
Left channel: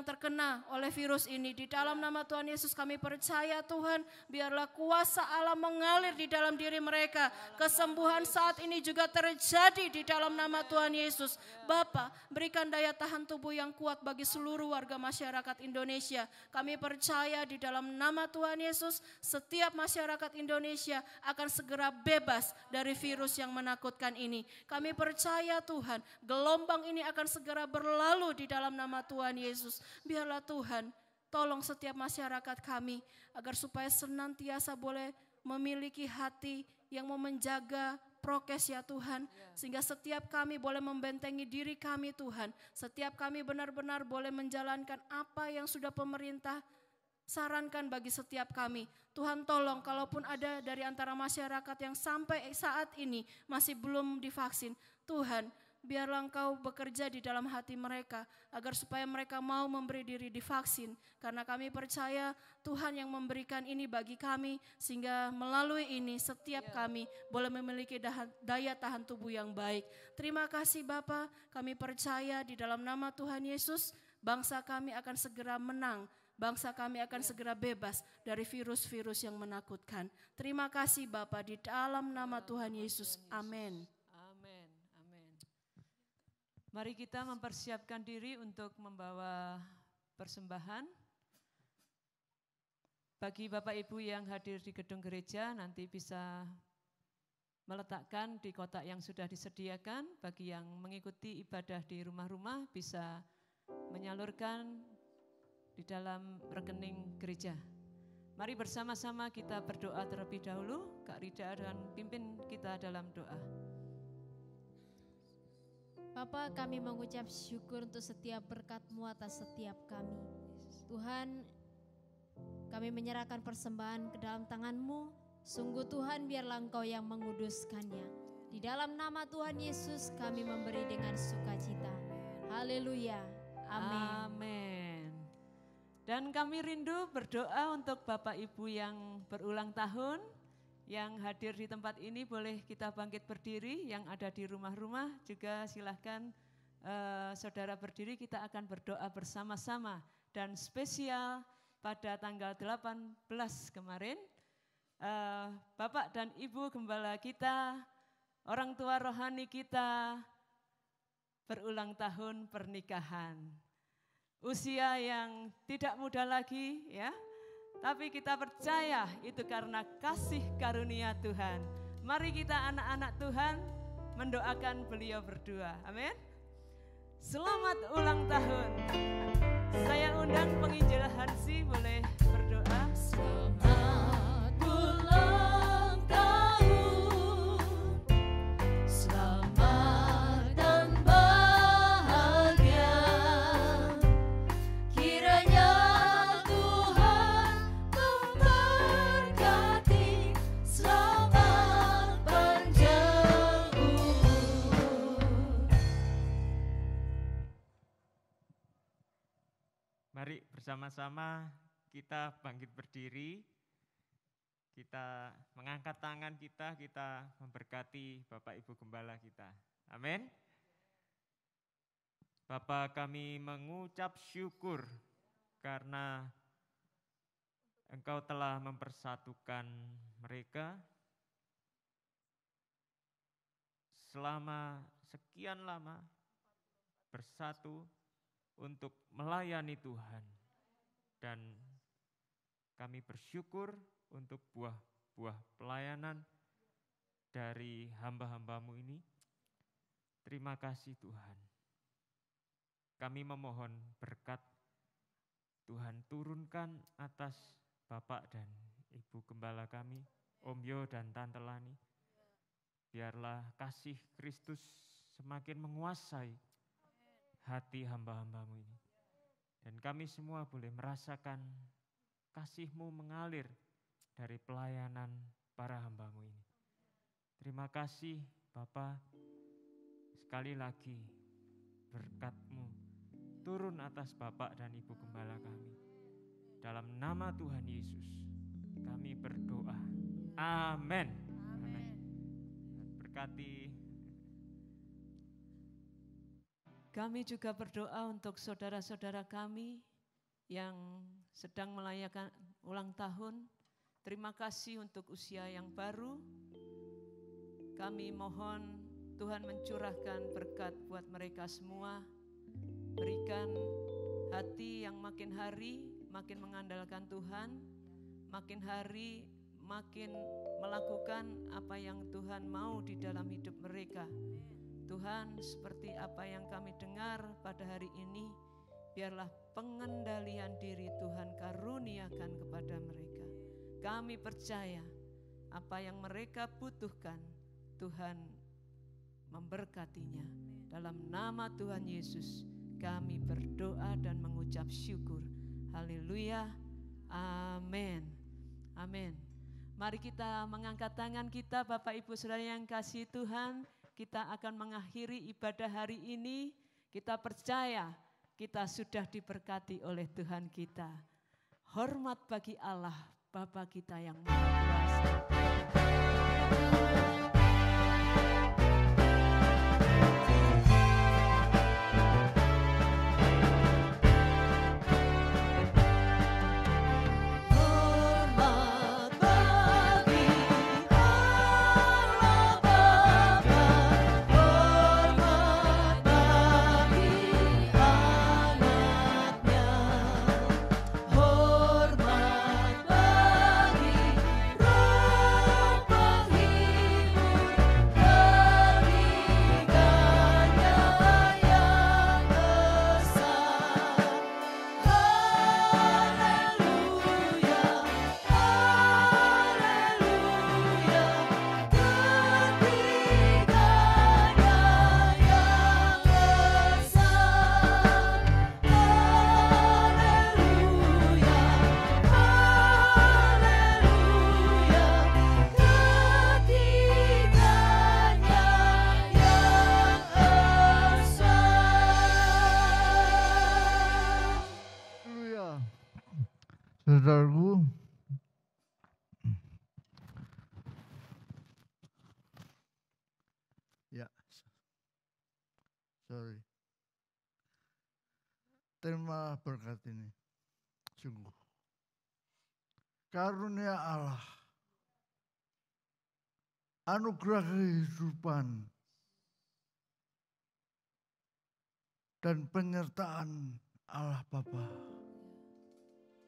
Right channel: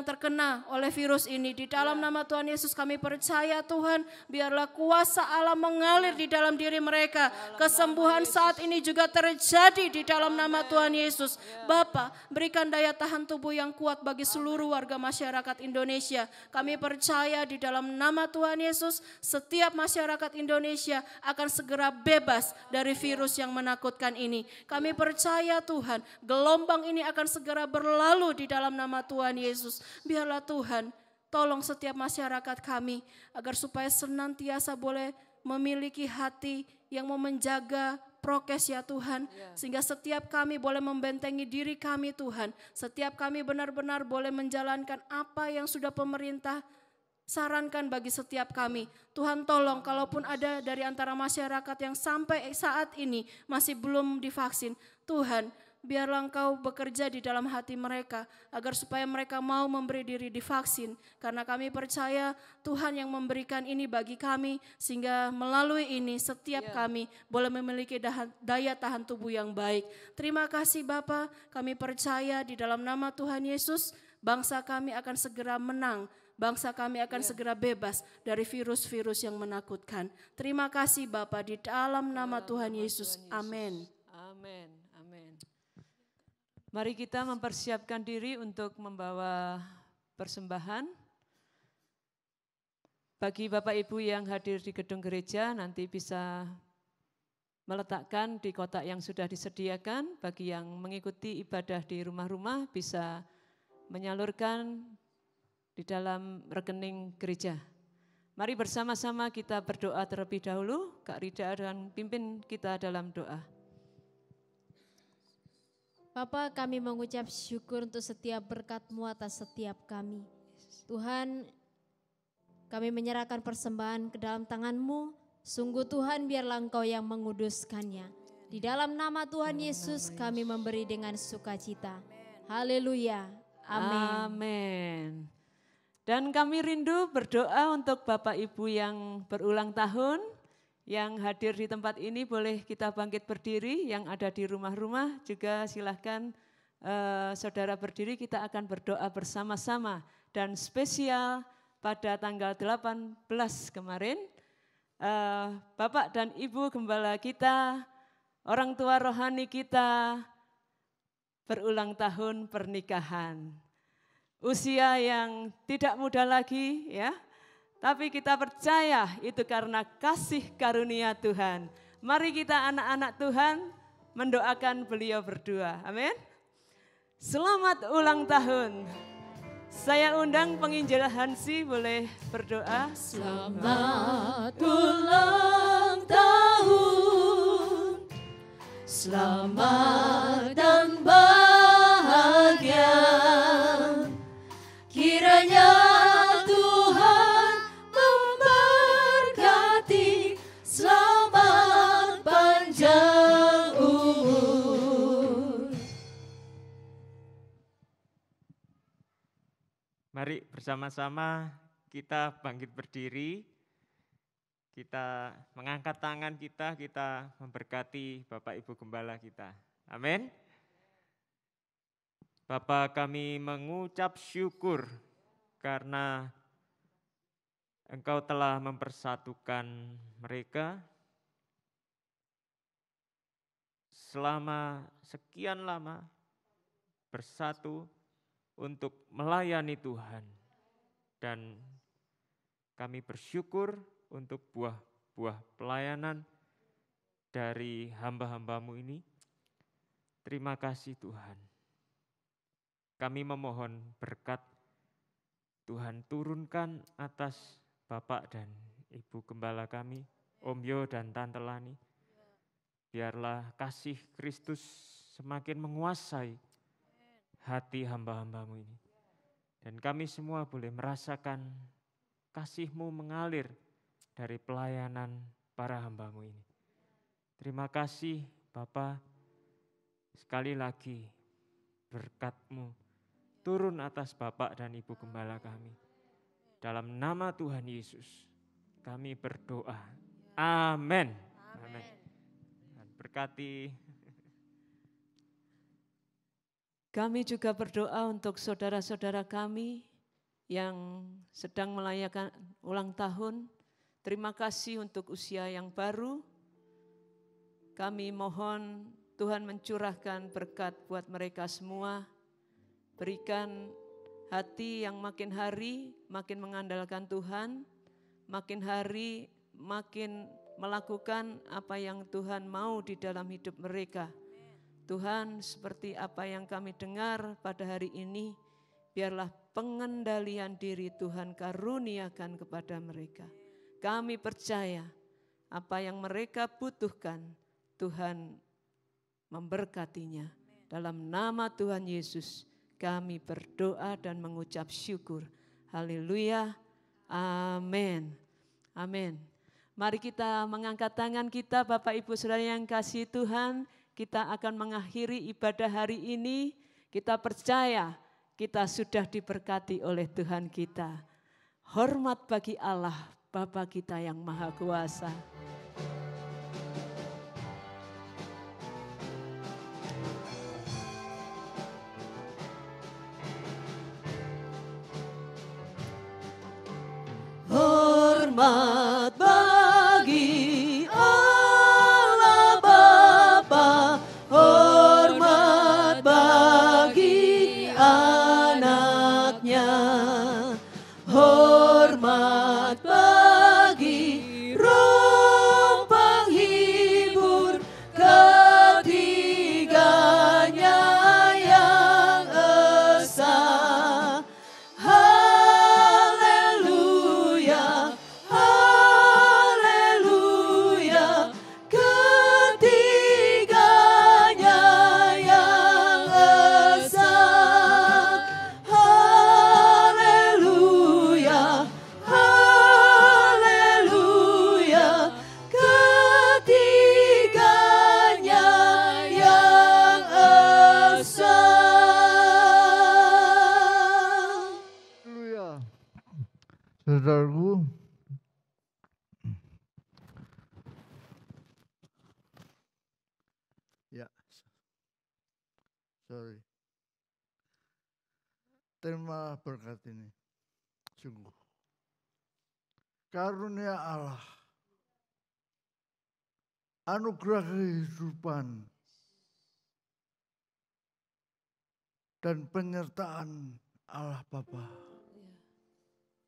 terkena oleh virus ini. Di dalam nama Tuhan Yesus kami percaya Tuhan, biarlah kuasa Allah mengalir di dalam diri mereka. Kesembuhan saat ini juga terjadi di dalam nama Tuhan Yesus. Bapa, berikan daya tahan tubuh yang kuat bagi seluruh warga masyarakat Indonesia. Kami percaya di dalam nama Tuhan Yesus, setiap masyarakat Indonesia akan segera bebas dari virus yang menakutkan ini. Kami percaya Tuhan, gelombang ini akan segera berlalu di dalam nama Tuhan Yesus. Biarlah Tuhan tolong setiap masyarakat kami agar supaya senantiasa boleh memiliki hati yang mau menjaga prokes ya Tuhan. Sehingga setiap kami boleh membentengi diri kami Tuhan. Setiap kami benar-benar boleh menjalankan apa yang sudah pemerintah sarankan bagi setiap kami. Tuhan tolong kalaupun ada dari antara masyarakat yang sampai saat ini masih belum divaksin. Tuhan, biarlah Engkau bekerja di dalam hati mereka agar supaya mereka mau memberi diri divaksin. Karena kami percaya Tuhan yang memberikan ini bagi kami sehingga melalui ini setiap kami boleh memiliki daya tahan tubuh yang baik. Terima kasih Bapa, kami percaya di dalam nama Tuhan Yesus bangsa kami akan segera menang. Bangsa kami akan segera bebas dari virus-virus yang menakutkan. Terima kasih Bapa di dalam nama Tuhan Yesus. Amin. Amin. Mari kita mempersiapkan diri untuk membawa persembahan. Bagi Bapak Ibu yang hadir di gedung gereja nanti bisa meletakkan di kotak yang sudah disediakan. Bagi yang mengikuti ibadah di rumah-rumah bisa menyalurkan di dalam rekening gereja. Mari bersama-sama kita berdoa terlebih dahulu. Kak Rida akan pimpin kita dalam doa. Bapa, kami mengucap syukur untuk setiap berkat-Mu atas setiap kami. Tuhan, kami menyerahkan persembahan ke dalam tangan-Mu. Sungguh Tuhan, biarlah Engkau yang menguduskannya. Di dalam nama Tuhan Yesus kami memberi dengan sukacita. Haleluya. Amin. Amin. Dan kami rindu berdoa untuk Bapak Ibu yang berulang tahun. Yang hadir di tempat ini boleh kita bangkit berdiri, yang ada di rumah-rumah juga silahkan saudara berdiri, kita akan berdoa bersama-sama. Dan spesial pada tanggal 18 kemarin, Bapak dan Ibu Gembala kita, orang tua rohani kita berulang tahun pernikahan. Usia yang tidak muda lagi ya. Tapi kita percaya itu karena kasih karunia Tuhan. Mari kita anak-anak Tuhan mendoakan beliau berdua. Amin. Selamat ulang tahun. Saya undang penginjil Hansi boleh berdoa. Selamat ulang tahun. Selamat dan bahagia. Kiranya Tuhan memberkati Mari bersama-sama kita bangkit berdiri, kita mengangkat tangan kita memberkati Bapak Ibu Gembala kita. Amin. Bapa, kami mengucap syukur karena Engkau telah mempersatukan mereka selama sekian lama bersatu untuk melayani Tuhan. Dan kami bersyukur untuk buah-buah pelayanan dari hamba-hambamu ini. Terima kasih Tuhan. Kami memohon berkat Tuhan turunkan atas Bapak dan Ibu Gembala kami, Om Yo dan Tante Lani. Biarlah kasih Kristus semakin menguasai hati hamba-hambamu ini. Dan kami semua boleh merasakan kasih-Mu mengalir dari pelayanan para hamba-Mu ini. Terima kasih Bapa, sekali lagi berkat-Mu turun atas Bapak dan Ibu Gembala kami. Dalam nama Tuhan Yesus kami berdoa. Amin. Amin. Berkati. Kami juga berdoa untuk saudara-saudara kami yang sedang merayakan ulang tahun. Terima kasih untuk usia yang baru. Kami mohon Tuhan mencurahkan berkat buat mereka semua. Berikan hati yang makin hari makin mengandalkan Tuhan, makin hari makin melakukan apa yang Tuhan mau di dalam hidup mereka. Tuhan, seperti apa yang kami dengar pada hari ini, biarlah pengendalian diri Tuhan karuniakan kepada mereka. Kami percaya apa yang mereka butuhkan, Tuhan memberkatinya. Dalam nama Tuhan Yesus, kami berdoa dan mengucap syukur. Haleluya, amin. Amin. Mari kita mengangkat tangan kita, Bapak Ibu Saudara yang kasih Tuhan. Kita akan mengakhiri ibadah hari ini. Kita percaya kita sudah diberkati oleh Tuhan kita. Hormat bagi Allah, Bapa kita yang Maha Kuasa. Hormat bagi Allah Bapa, hormat bagi anaknya, hormat bagi Roh penghibur ketiganya yang esa. Haleluya, haleluya, ketiganya yang esa. Haleluya, haleluya, ketiganya yang esa. Haleluya. Saudaraku, ya, sorry. Terima berkat ini, sungguh. Karunia Allah, anugerah kehidupan, dan penyertaan Allah Bapa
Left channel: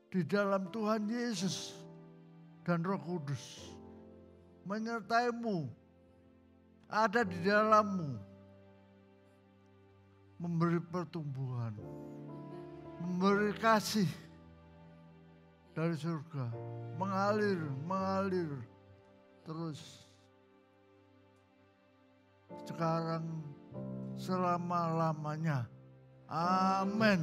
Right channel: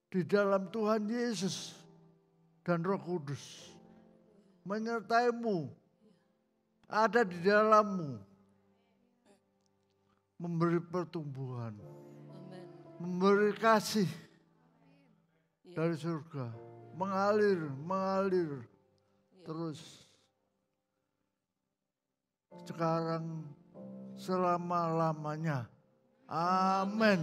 di dalam Tuhan Yesus dan Roh Kudus menyertaimu, ada di dalammu, memberi pertumbuhan, memberi kasih dari surga, mengalir terus sekarang selama-lamanya. Amin.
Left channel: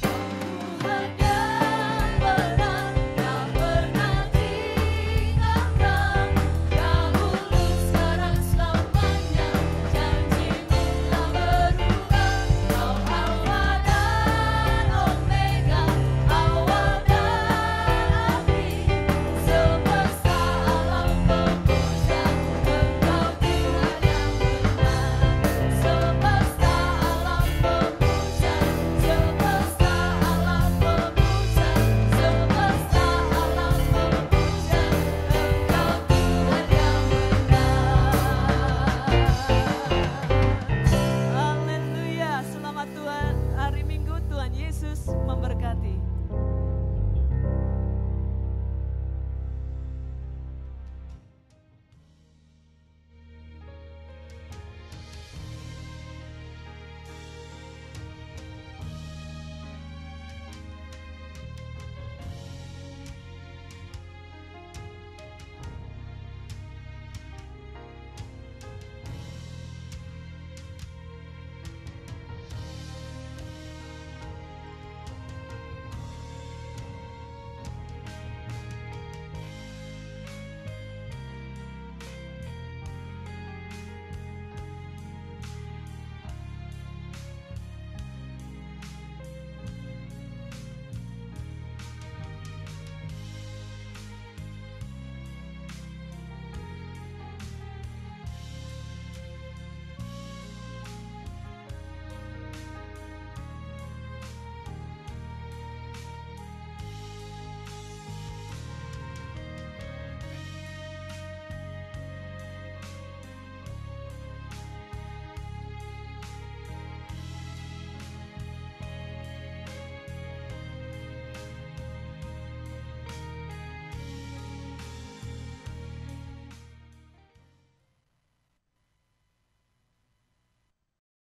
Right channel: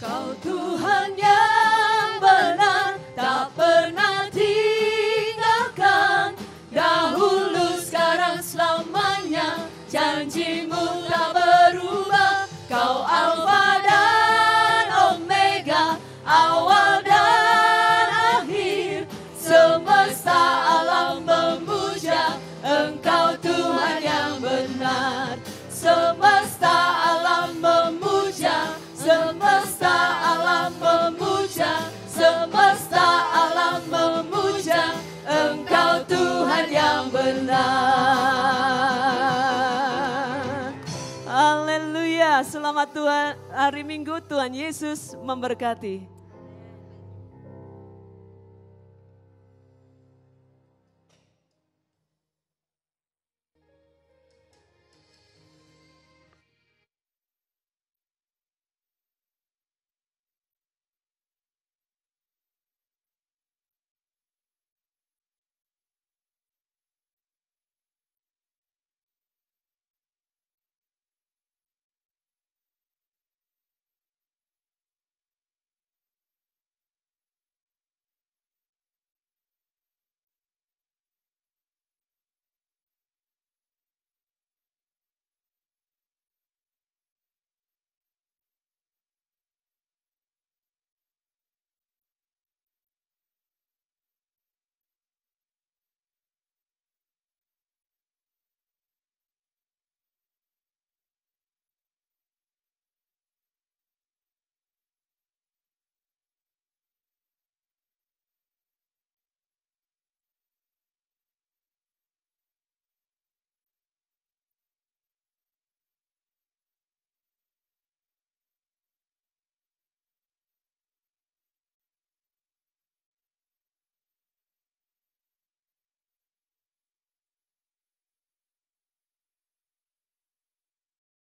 Kau Tuhan yang benar, tak pernah tinggalkan, dahulu, sekarang, Tuhan, hari Minggu Tuhan Yesus memberkati.